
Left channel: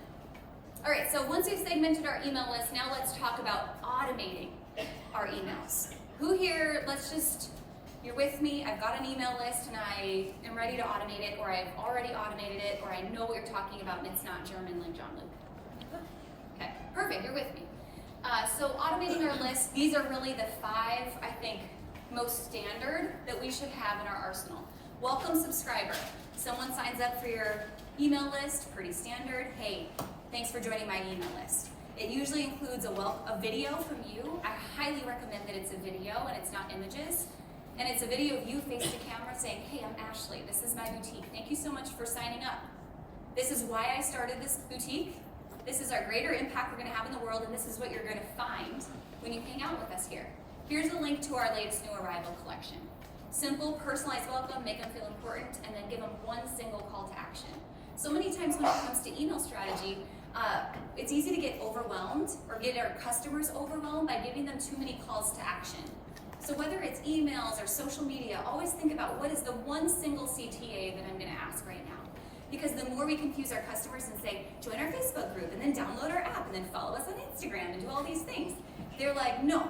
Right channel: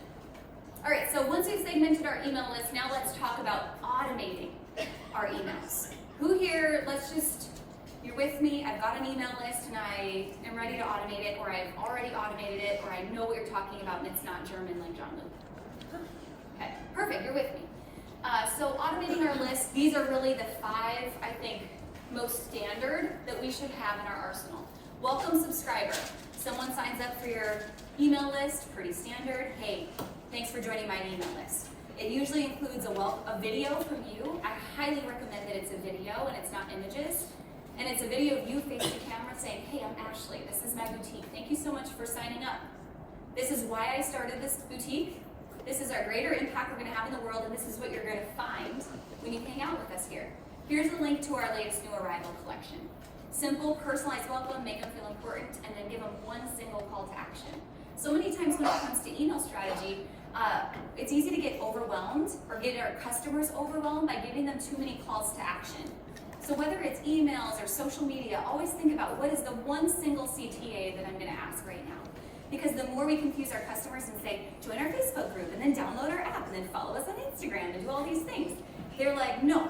All right, so once we've segmented our email list, now let's talk about automating our emails. Who here, you're with me, I've got an email list and I am ready to automate it, or I've already automated it, or I know what you're talking about and it's not German like John Luke. Okay, perfect, you're with me. So automating our list, these are really the 5, I think, most standard that we should have in our arsenal. Welcome subscriber. Someone signs up for your email list, pretty standard. Hey, thanks for joining my email list. It usually includes a video from you. I highly recommend that it's a video and it's not images. And it's a video of you facing the camera saying, hey, I'm Ashley, this is my boutique. Thank you so much for signing up. This is why I started this boutique. This is our greater impact we're gonna have in the world, and this is what you're gonna find when you hang out with us here. Here's a link to our latest new arrival collection. Simple, personalized welcome, make them feel important, and then give them one single call to action. So many times when it comes to email strategy, it's easy to get overwhelmed or get our customers overwhelmed by giving them too many calls to action. So whether it's emails or social media, always think about what is the one single CTA that I'm gonna ask right now. Because the more we confuse our customers and say, join our Facebook group and then download our app and then follow us on Instagram and do all these things, they're like, no,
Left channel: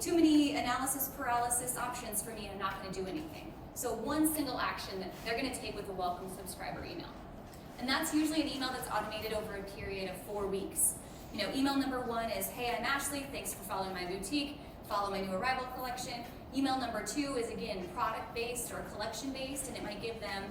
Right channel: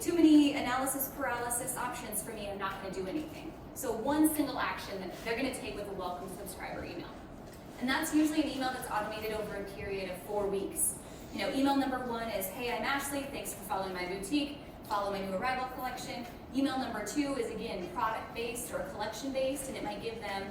too many analysis paralysis options for me, I'm not gonna do anything. So one single action that they're gonna take with a welcome subscriber email. And that's usually an email that's automated over a period of 4 weeks. You know, email number 1 is, hey, I'm Ashley, thanks for following my boutique, follow my new arrival collection. Email number 2 is again product-based or collection-based, and it might give them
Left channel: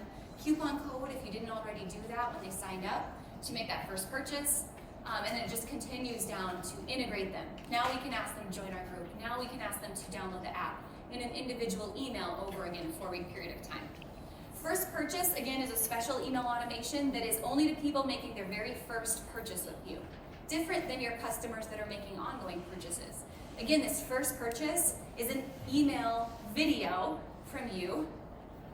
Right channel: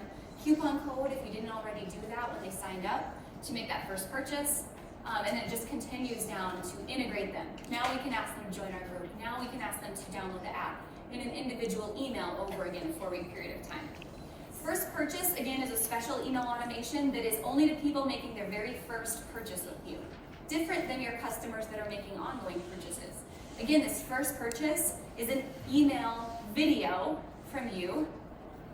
coupon code if you didn't already do that when they signed up to make that first purchase. And then it just continues down to integrate them. Now we can ask them to join our group. Now we can ask them to download the app in an individual email over again, a 4-week period of time. First purchase, again, is a special email automation that is only to people making their very first purchase with you. Different than your customers that are making ongoing purchases. Again, this first purchase is an email video from you,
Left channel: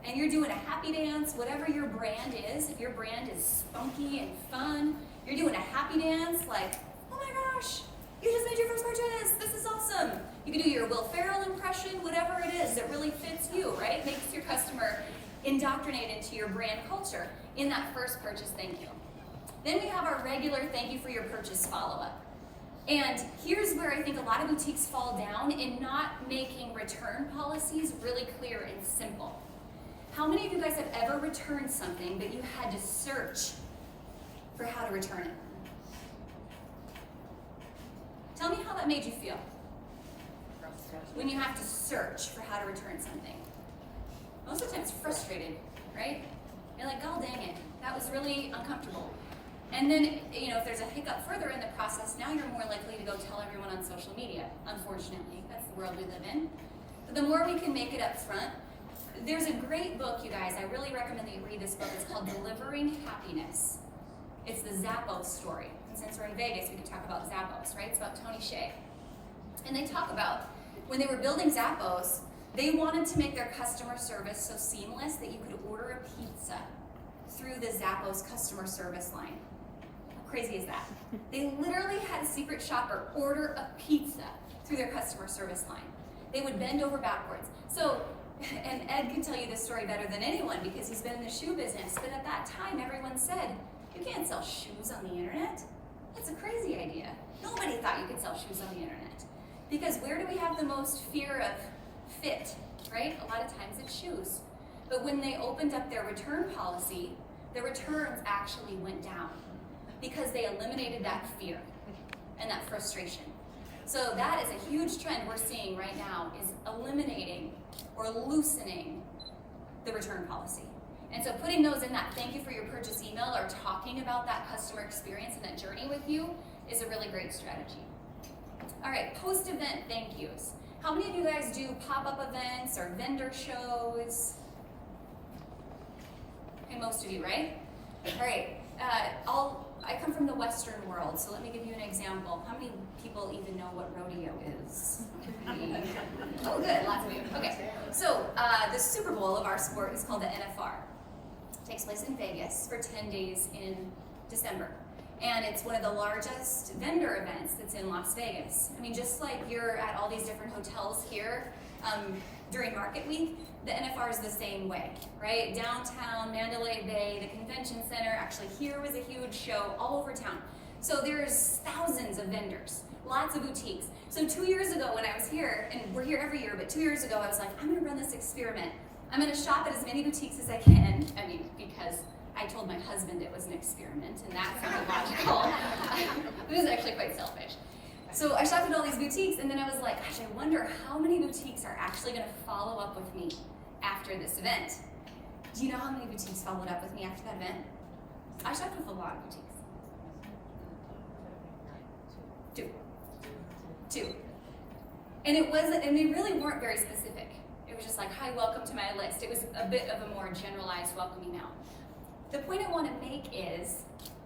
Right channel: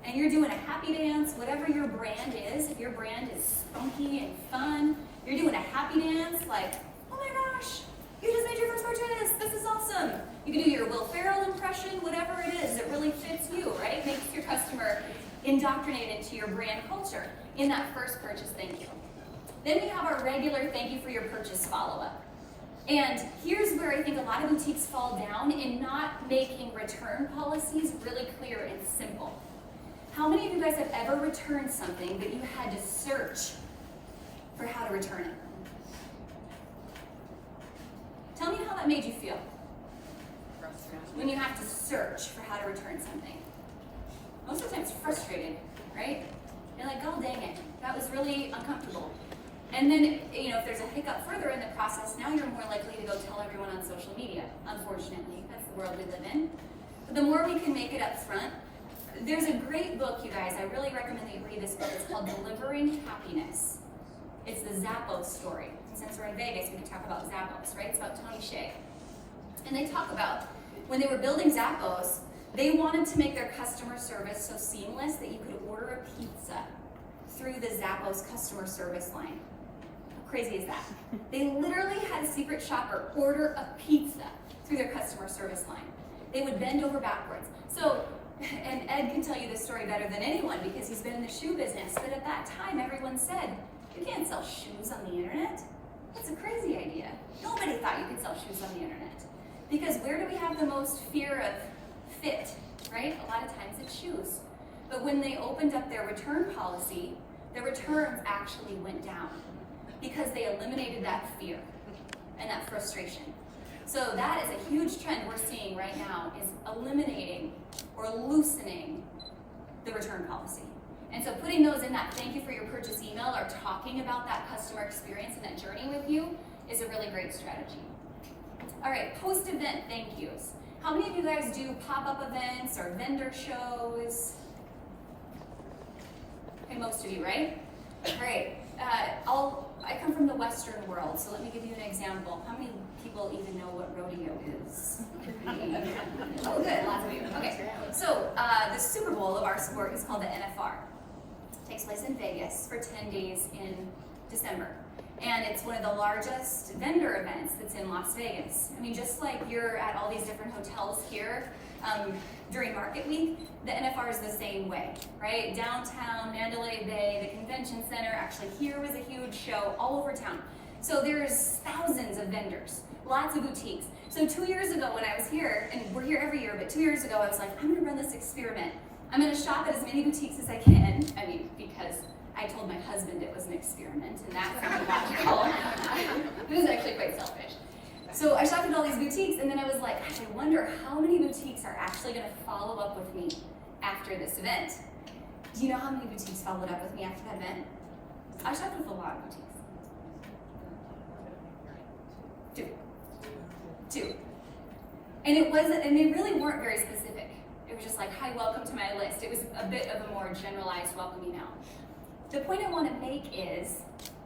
and you're doing a happy dance, whatever your brand is. If your brand is spunky and fun, you're doing a happy dance like, oh my gosh, you just made your first purchase, this is awesome. You can do your Will Ferrell impression, whatever it is that really fits you, right? Makes your customer indoctrinated into your brand culture in that first purchase thank you. Then we have our regular thank you for your purchase follow-up. And here's where I think a lot of boutiques fall down in not making return policies really clear and simple. How many of you guys have ever returned something that you had to search for how to return it? Tell me how that made you feel when you have to search for how to return something. Most of the time it's frustrated, right? You're like, oh dang it, that was really uncomfortable. And then, you know, if there's a hiccup further in the process, now you're more likely to go tell everyone on social media. Unfortunately, that's the world we live in. But the more we can make it up front, there's a great book, you guys, I really recommend that you read this book. It's called Delivering Happiness. It's the Zappos story. And since we're in Vegas, we can talk about Zappos, right? It's about Tony Hsieh. And they talk about when they were building Zappos, they wanted to make their customer service so seamless that you could order a pizza through the Zappos customer service line. How crazy is that? They literally had a secret shopper order a pizza through their customer service line. They would bend over backwards. So, and Ed can tell you this story better than anyone because he's been in the shoe business, but at that time everyone said, you can't sell shoes on the internet. That's a crazy idea. Nobody thought you could sell shoes on the internet. Because where do we have the most fear of fit, right? A lot of times it's shoes. But when they opened up their return policy, the returns actually went down because they eliminated that fear and that frustration. So that is a huge trend we're seeing right now, is eliminating or loosening the return policy. And so putting those in that thank you for your purchase email or talking about that customer experience and that journey with you is a really great strategy. All right, post-event thank yous. How many of you guys do pop-up events or vendor shows? Okay, most of you, right? All right, I come from the Western world, so let me give you an example. How many people even know what rodeo is? Oh, good, lots of you. Okay, so the Super Bowl of our sport is called the NFR. It takes place in Vegas for 10 days in December. And it's one of the largest vendor events that's in Las Vegas. I mean, just like you're at all these different hotels here during Market Week, the NFR is the same way, right? Downtown, Mandalay Bay, the convention center, actually here was a huge show all over town. So there's thousands of vendors, lots of boutiques. So 2 years ago when I was here, and we're here every year, but 2 years ago I was like, I'm gonna run this experiment. I'm gonna shop at as many boutiques as I can. I mean, because I told my husband it was an experiment, and that sounded logical. It was actually quite selfish. So I shopped at all these boutiques, and then I was like, gosh, I wonder how many boutiques are actually gonna follow up with me after this event. Do you know how many boutiques followed up with me after that event? I shopped with a lot of boutiques. Two. And they really weren't very specific. It was just like, hi, welcome to my list. It was a bit of a more generalized welcoming out. The point I want to make is,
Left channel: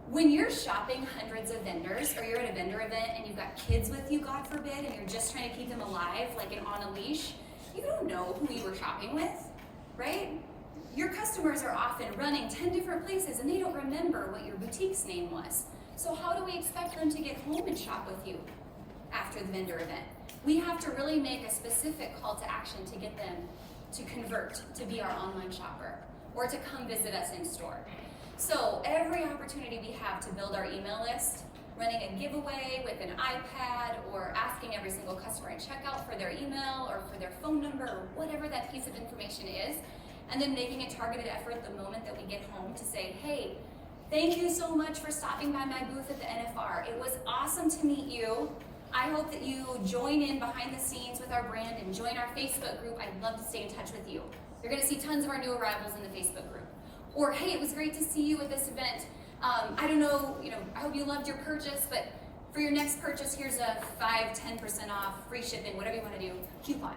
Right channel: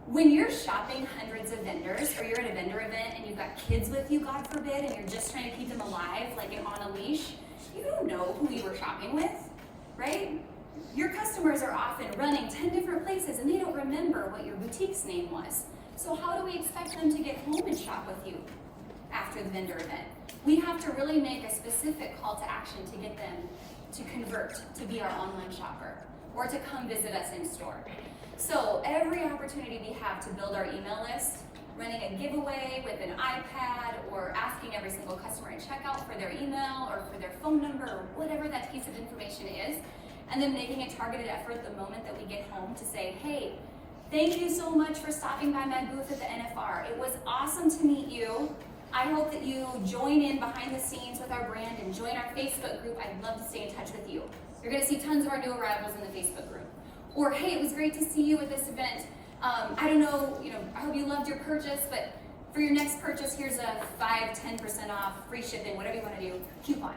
when you're shopping hundreds of vendors, or you're at a vendor event and you've got kids with you, God forbid, and you're just trying to keep them alive, like on a leash, you don't know who you were shopping with, right? Your customers are often running 10 different places and they don't remember what your boutique's name was. So how do we expect them to get home and shop with you after the vendor event? We have to really make a specific call to action to get them to convert to be our online shopper or to come visit us in store. So every opportunity we have to build our email list, running a giveaway with an iPad or asking every single customer at checkout for their email or for their phone number or whatever that piece of information is, and then making a targeted effort the moment that we get home to say, hey, thank you so much for stopping by my booth at the NFR. It was awesome to meet you. I hope that you join in behind the scenes with our brand and join our Facebook group. I'd love to stay in touch with you. You're gonna see tons of our new arrivals in the Facebook group. Or, hey, it was great to see you at this event. I don't know, I hope you loved your purchase, but for your next purchase, here's a 5-10% off, free shipping, whatever you wanna do, coupon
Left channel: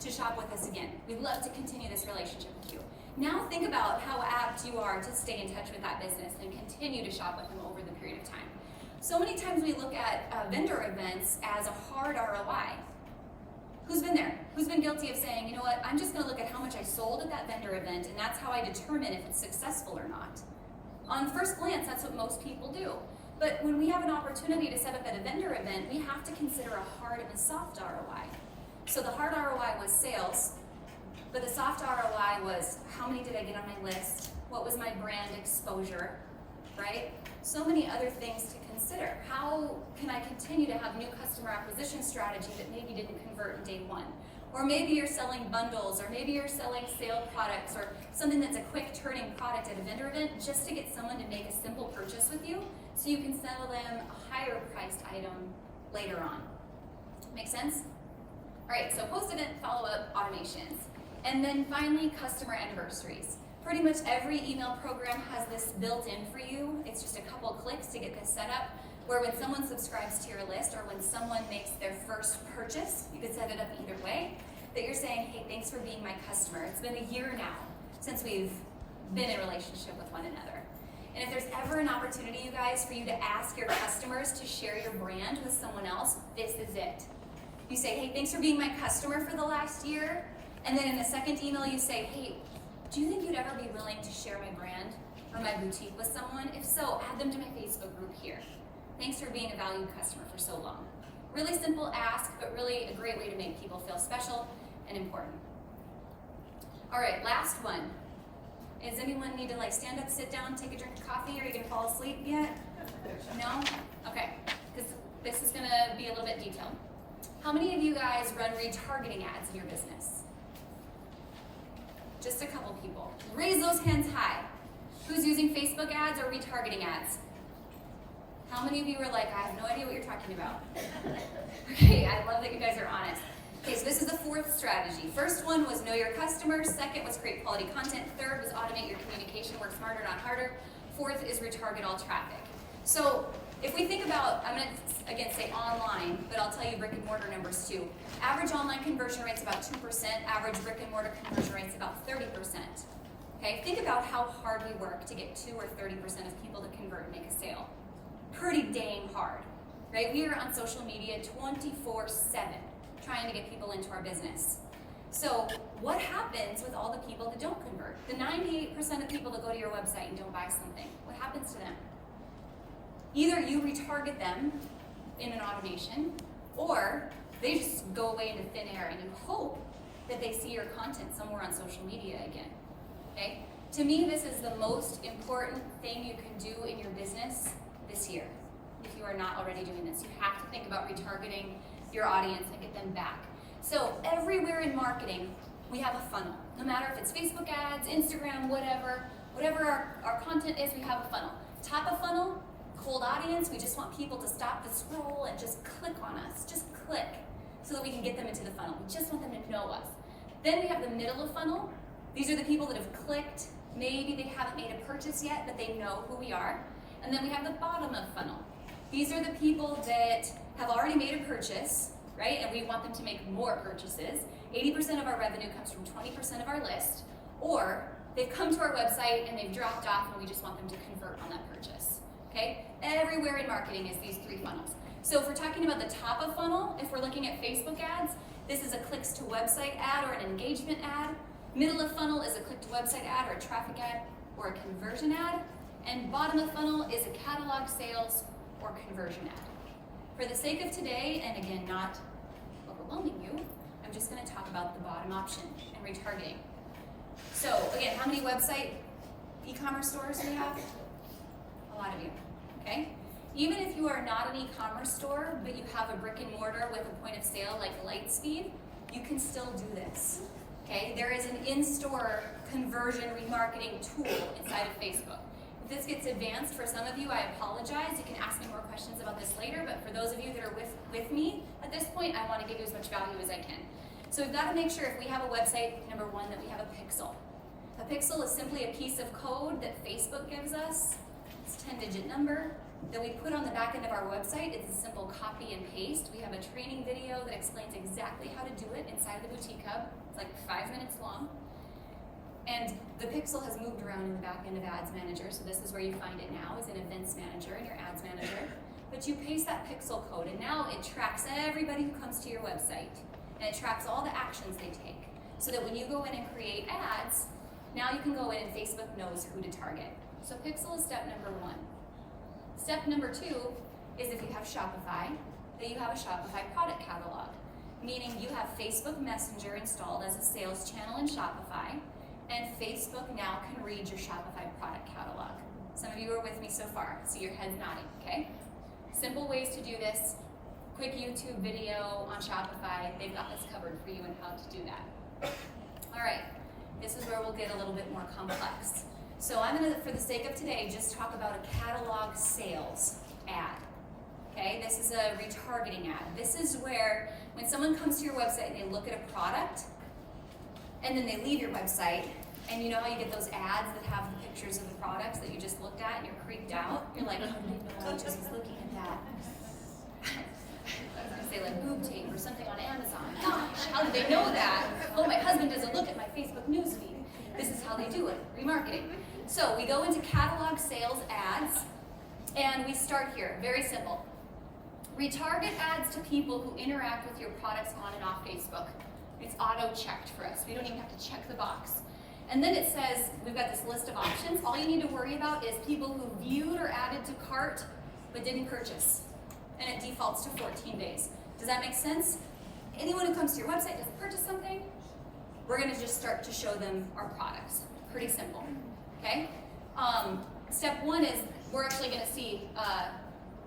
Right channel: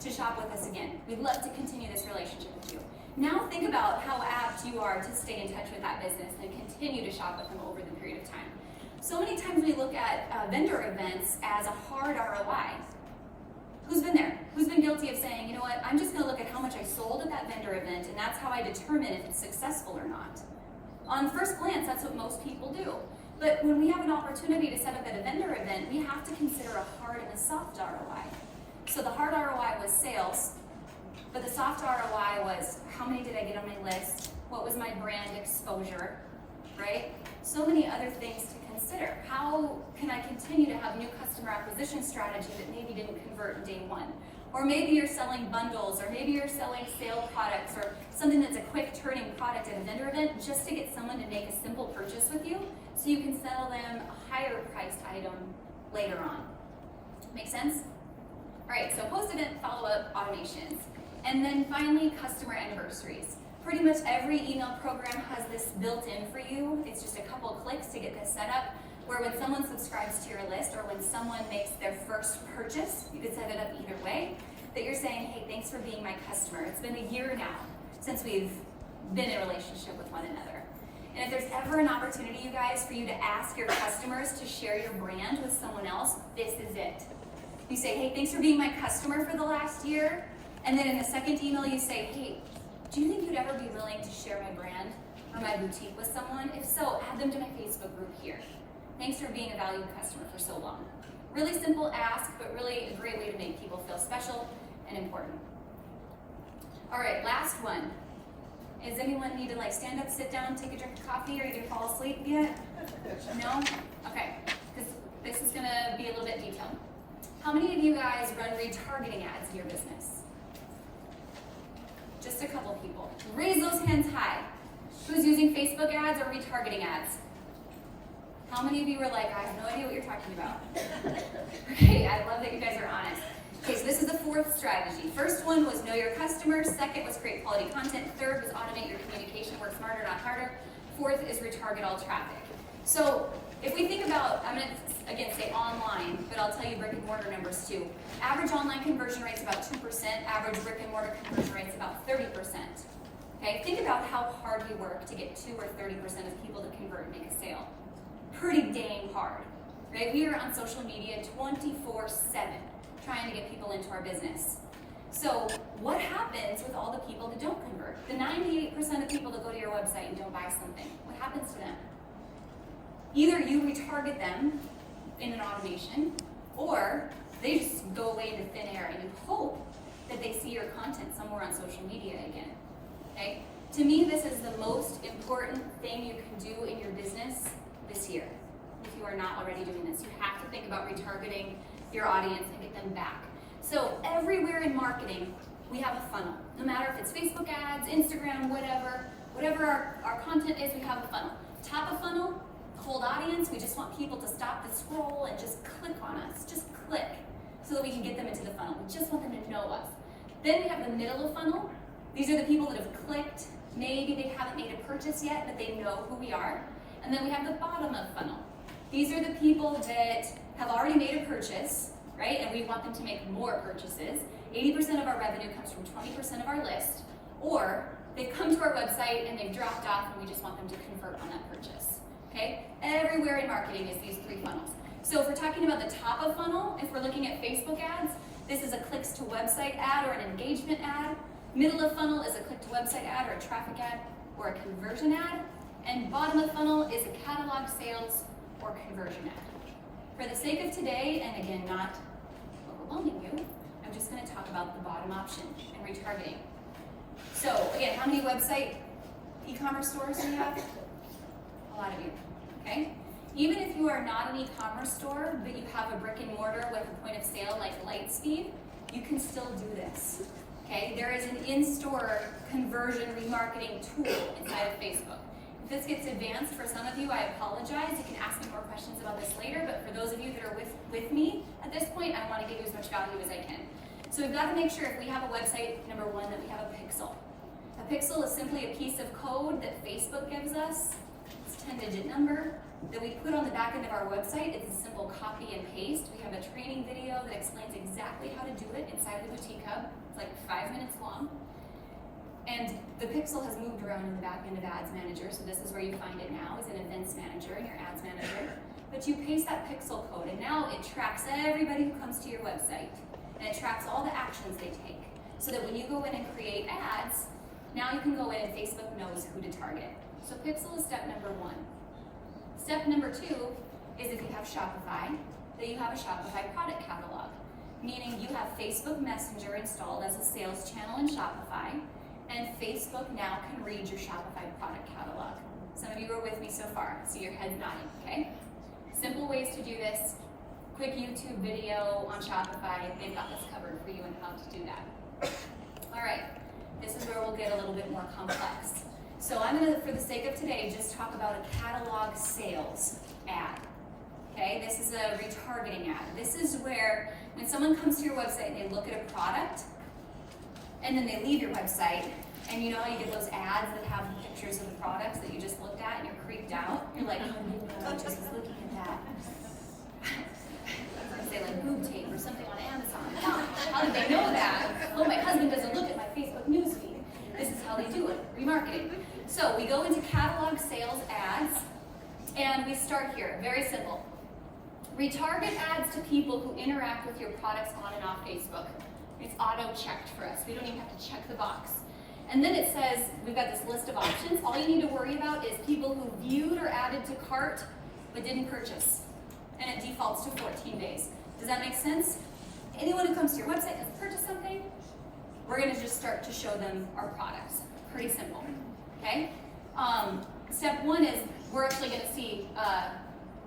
to shop with us again. We'd love to continue this relationship with you. Now think about how apt you are to stay in touch with that business and continue to shop with them over the period of time. So many times we look at vendor events as a hard ROI. Who's been there? Who's been guilty of saying, you know what, I'm just gonna look at how much I sold at that vendor event and that's how I determine if it's successful or not. On first glance, that's what most people do. But when we have an opportunity to set up at a vendor event, we have to consider a hard and a soft ROI. So the hard ROI was sales, but the soft ROI was how many did I get on my list? What was my brand exposure, right? So many other things to consider. How can I continue to have new customer acquisition strategy that maybe didn't convert in day one? Or maybe you're selling bundles, or maybe you're selling sale products, or something that's a quick turning product at a vendor event just to get someone to make a simple purchase with you so you can sell them a higher priced item later on. Make sense? All right, so post-event follow-up automations. And then finally, customer anniversaries. Pretty much every email program has this built in for you. It's just a couple clicks to get this set up, where when someone subscribes to your list or when someone makes their first purchase, you could set it up either way, that you're saying, hey, thanks for being my customer. It's been a year now since we've been in a relationship with one another. And if there's ever an opportunity, you guys, for you to ask your customers to share your brand with someone else, this is it. You say, hey, thanks for being my customer for the last year. And then in the second email, you say, hey, do you think you'd ever be willing to share my brand or my boutique with someone? If so, add them to my Facebook group here. Thanks for being a valued customer for so long. Really simple ask, but really a great way to make people feel special and important. All right, last one. Does anyone need to like stand up, sit down, take a drink of coffee, or are you gonna fall asleep yet? No? Okay, this is gonna be a little bit detailed. How many of you guys run retargeting ads in your business? Just a couple people. Raise those hands high. Who's using Facebook ads or retargeting ads? How many of you are like, I have no idea what you're talking about? Okay, I love that you guys are honest. Okay, so this is the fourth strategy. First one was know your customer. Second was create quality content. Third was automate your communication, work smarter, not harder. Fourth is retarget all traffic. So if we think about, I'm gonna again say online, but I'll tell you brick and mortar numbers too. Average online conversion rate's about 2%, average brick and mortar conversion rate's about 30%. Okay, think about how hard we work to get 2 or 30% of people to convert and make a sale. Pretty dang hard, right? We are on social media 24/7 trying to get people into our business. So what happens with all the people that don't convert? The 98% of people that go to your website and don't buy something, what happens to them? Either you retarget them in an automation, or they just go away into thin air and you hope that they see your content somewhere on social media again, okay? To me, this is the most important thing you can do in your business this year. If you are not already doing this, you have to think about retargeting your audience and get them back. So everywhere in marketing, we have a funnel. No matter if it's Facebook ads, Instagram, whatever our content is, we have a funnel. Top of funnel, cold audience, we just want people to stop the scroll and just click on us, just click, so that we can get them into the funnel. We just want them to know us. Then we have the middle of funnel. These are the people that have clicked, maybe they haven't made a purchase yet, but they know who we are. And then we have the bottom of funnel. These are the people that have already made a purchase, right? And we want them to make more purchases. 80% of our revenue comes from 20% of our list, or they've come to our website and they've dropped off and we just want them to convert on that purchase, okay? Everywhere in marketing is these three funnels. So if we're talking about the top of funnel, if we're looking at Facebook ads, this is a clicks to website ad or an engagement ad. Middle of funnel is a click to website ad or a traffic ad or a conversion ad. And bottom of funnel is a catalog sales or conversion ad. For the sake of today, and again, not overwhelming you, I'm just gonna talk about the bottom option and retargeting. So again, how many website e-commerce stores do you have? A lot of you, okay? Even if you are not an e-commerce store, but you have a brick and mortar with a point of sale like Lightspeed, you can still do this, okay? There is an in-store conversion remarketing tool inside of Facebook. If this gets advanced for some of you, I apologize. You can ask me more questions about this later, but for those of you that are with me at this point, I want to give you as much value as I can. So we've got to make sure if we have a website, number one, that we have a pixel. A pixel is simply a piece of code that Facebook gives us. It's a 10-digit number that we put on the back end of our website. It's a simple copy and paste. We have a training video that explains exactly how to do it inside of the Boutique Hub. It's like 5 minutes long. And the pixel has moved around in the back end of Ads Manager, so this is where you find it now, is in Events Manager in your Ads Manager. But you paste that pixel code, and now it tracks everybody who comes to your website. And it tracks all the actions they take. So that when you go in and create ads, now you can go in and Facebook knows who to target. So pixel is step number one. Step number two is if you have Shopify, that you have a Shopify product catalog. Meaning you have Facebook Messenger installed as a sales channel in Shopify, and Facebook now can read your Shopify product catalog. Some of you are with me so far. I see your heads nodding, okay? Simple ways to do this. Quick YouTube video on Shopify. They've got this covered for you on how to do that. All right, this is where we'll get a little bit more complex. So I'm gonna, for the sake of today, just talk about a catalog sales ad. Okay, this is a retargeting ad. This is where when someone comes to your website and they look at a product, and then they leave your website, and you know how you get those ads that have pictures of the products that you just looked at and you're creeped out? You're like, oh, I just was looking at that. Say like boob tape or something on Amazon. How did they know that? Oh, my husband doesn't look at my Facebook newsfeed. This is how they do it, remarketing. So we go into catalog sales ads, and we start here, very simple. Retarget ads to people who interact with your products on and off Facebook. It's auto-checked for us. We don't even have to check the box. And then it says, we've got this list of options. All you need to worry about is people who viewed or added to cart but didn't purchase. And it defaults to 14 days. Does that make sense? Anyone who comes to your website doesn't purchase something, we're gonna just start to show them our products. Pretty simple, okay? Step one is we're actually gonna see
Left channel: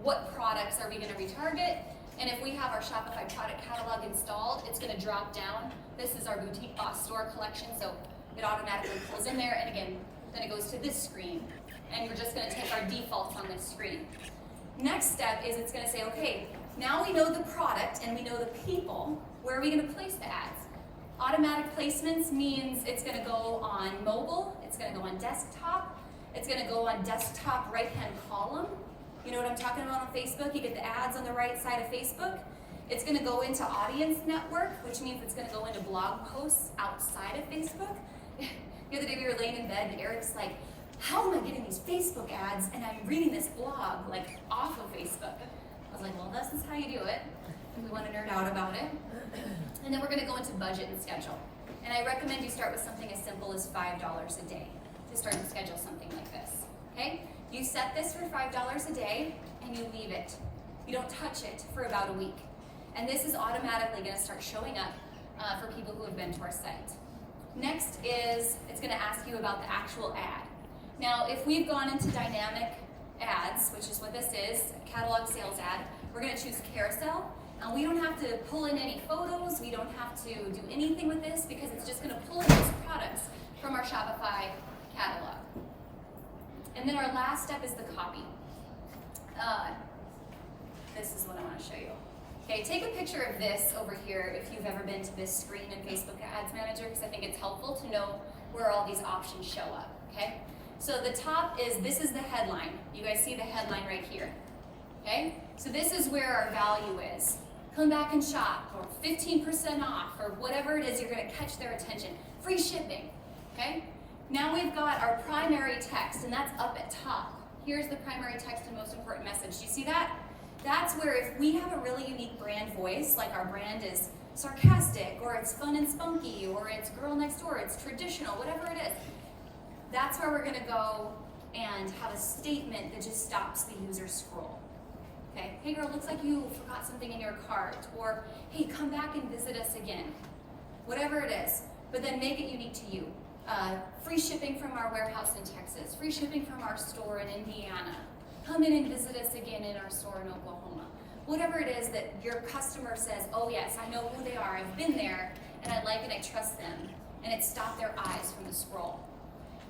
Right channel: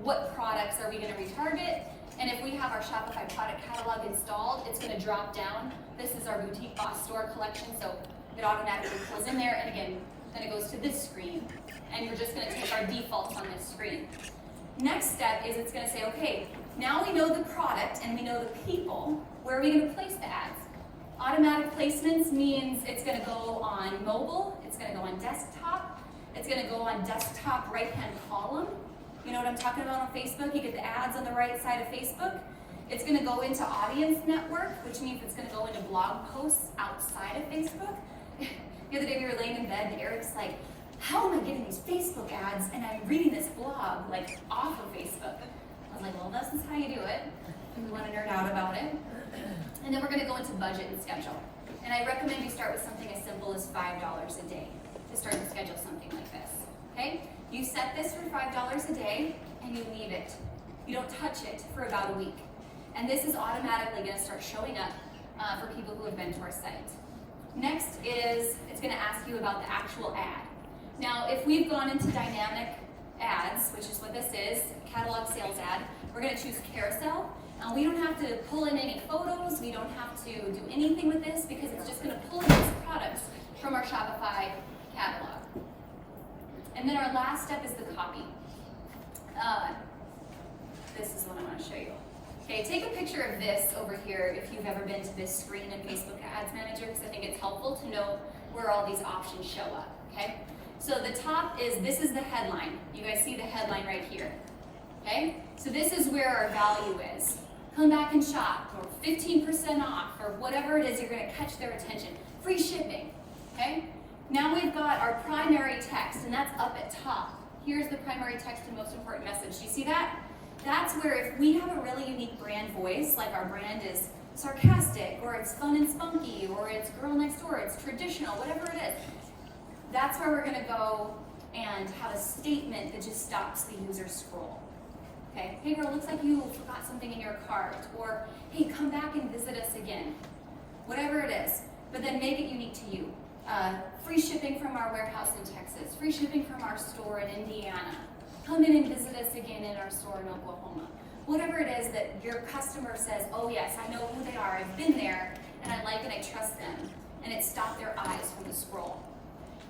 what products are we gonna retarget. And if we have our Shopify product catalog installed, it's gonna drop down. This is our Boutique Boss store collection, so it automatically pulls in there, and again, then it goes to this screen, and we're just gonna take our defaults on this screen. Next step is it's gonna say, okay, now we know the product and we know the people, where are we gonna place the ads? Automatic placements means it's gonna go on mobile, it's gonna go on desktop, it's gonna go on desktop right-hand column. You know what I'm talking about on Facebook? You get the ads on the right side of Facebook. It's gonna go into audience network, which means it's gonna go into blog posts outside of Facebook. The other day we were laying in bed and Eric's like, how am I getting these Facebook ads and I'm reading this blog like off of Facebook? I was like, well, this is how you do it. And we want to nerd out about it. And then we're gonna go into budget and schedule. And I recommend you start with something as simple as $5 a day to start to schedule something like this, okay? You set this for $5 a day and you leave it. You don't touch it for about a week. And this is automatically gonna start showing up for people who have been to our site. Next is, it's gonna ask you about the actual ad. Now, if we've gone into dynamic ads, which is what this is, catalog sales ad, we're gonna choose carousel. And we don't have to pull in any photos, we don't have to do anything with this because it's just gonna pull in these products from our Shopify catalog. And then our last step is the copy. This is what I wanna show you. Okay, take a picture of this over here if you've ever been to this screen in Facebook Ads Manager, because I think it's helpful to know where all these options show up, okay? So the top is, this is the headline. You guys see the headline right here, okay? So this is where our value is. Come back and shop, or 15% off, or whatever it is, you're gonna catch their attention. Free shipping, okay? Now we've got our primary text, and that's up at top. Here's the primary text and most important message. Do you see that? That's where if we have a really unique brand voice, like our brand is sarcastic, or it's fun and spunky, or it's girl next door, it's traditional, whatever it is, that's where we're gonna go and have a statement that just stops the user scroll. Okay, hey girl, looks like you forgot something in your cart, or hey, come back and visit us again. Whatever it is, but then make it unique to you. Free shipping from our warehouse in Texas, free shipping from our store in Indiana. Come in and visit us again in our store in Oklahoma. Whatever it is that your customer says, oh yes, I know who they are, I've been there, and I like and I trust them, and it stopped their eyes from the scroll.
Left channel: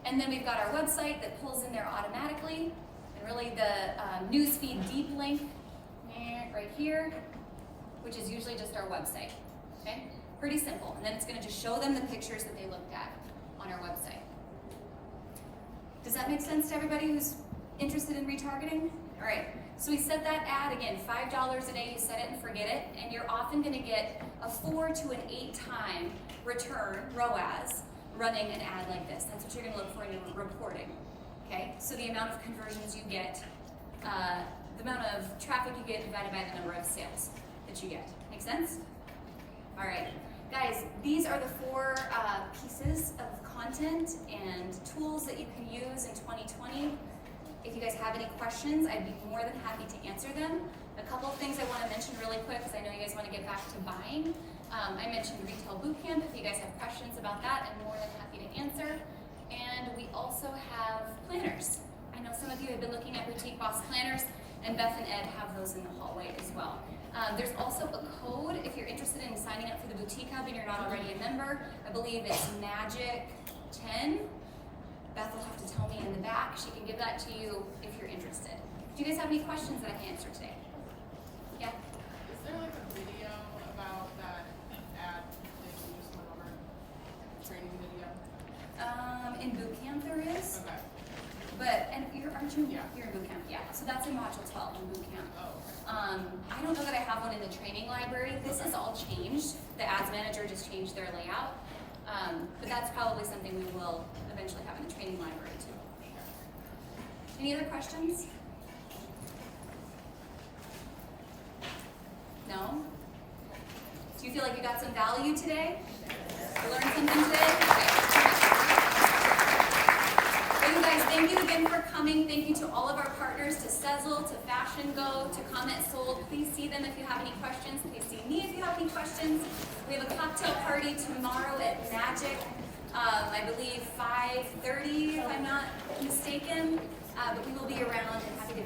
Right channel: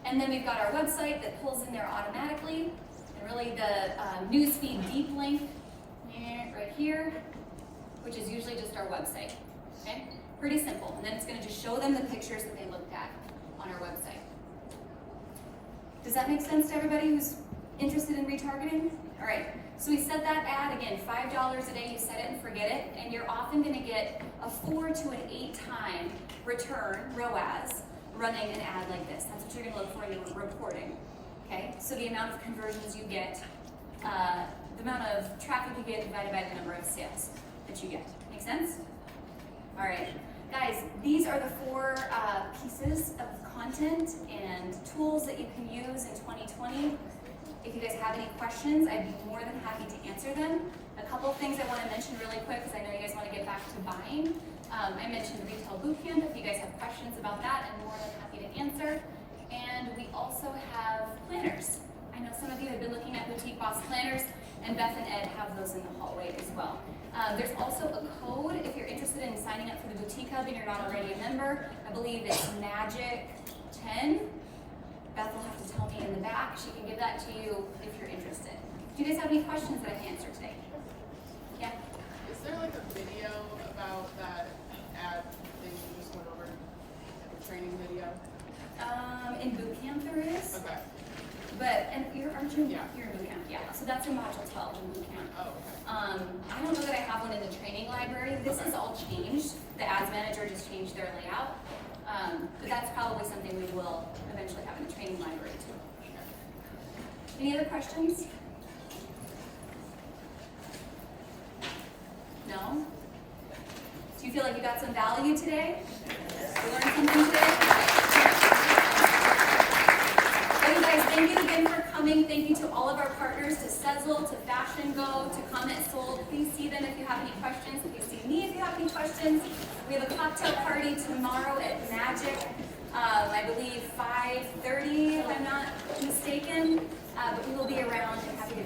And then we've got our website that pulls in there automatically, and really the newsfeed deep link right here, which is usually just our website, okay? Pretty simple, and then it's gonna just show them the pictures that they looked at on our website. Does that make sense to everybody who's interested in retargeting? All right, so we set that ad, again, $5 a day, you set it and forget it, and you're often gonna get a 4 to an 8 time return, ROAS, running an ad like this. That's what you're gonna look for in your reporting, okay? So the amount of conversions you get, the amount of traffic you get divided by the number of sales that you get. Make sense? All right, guys, these are the 4 pieces of content and tools that you can use in 2020. If you guys have any questions, I'd be more than happy to answer them. A couple of things I want to mention really quick, because I know you guys want to get back to buying. I mentioned the Retail Bootcamp. If you guys have questions about that, I'm more than happy to answer. And we also have planners. I know some of you have been looking at Boutique Boss planners, and Beth and Ed have those in the hallway as well. There's also a code if you're interested in signing up for the Boutique Hub and you're not already a member. I believe it's MAGIC10. Beth will have to tell me in the back. She can give that to you if you're interested. Do you guys have any questions that I can answer today? Yeah? Is there like a video about that ad thing you just went over? The training video? In bootcamp there is. Okay. But, and aren't you? Yeah. You're in bootcamp, yeah. So that's in module 12 in bootcamp. Oh, okay. I don't know that I have one in the training library. This is all changed. The ads manager just changed their layout. But that's probably something we will eventually have in the training library too. Any other questions? No? Do you feel like you got some value today? You learned something today? Okay. coming. Thank you to all of our partners, to SEZZLE, to FashionGo, to CommentSold. Please see them if you have any questions. Please see me if you have any questions. We have a cocktail party tomorrow at Magic, I believe 5:30, if I'm not mistaken. But we will be around and happy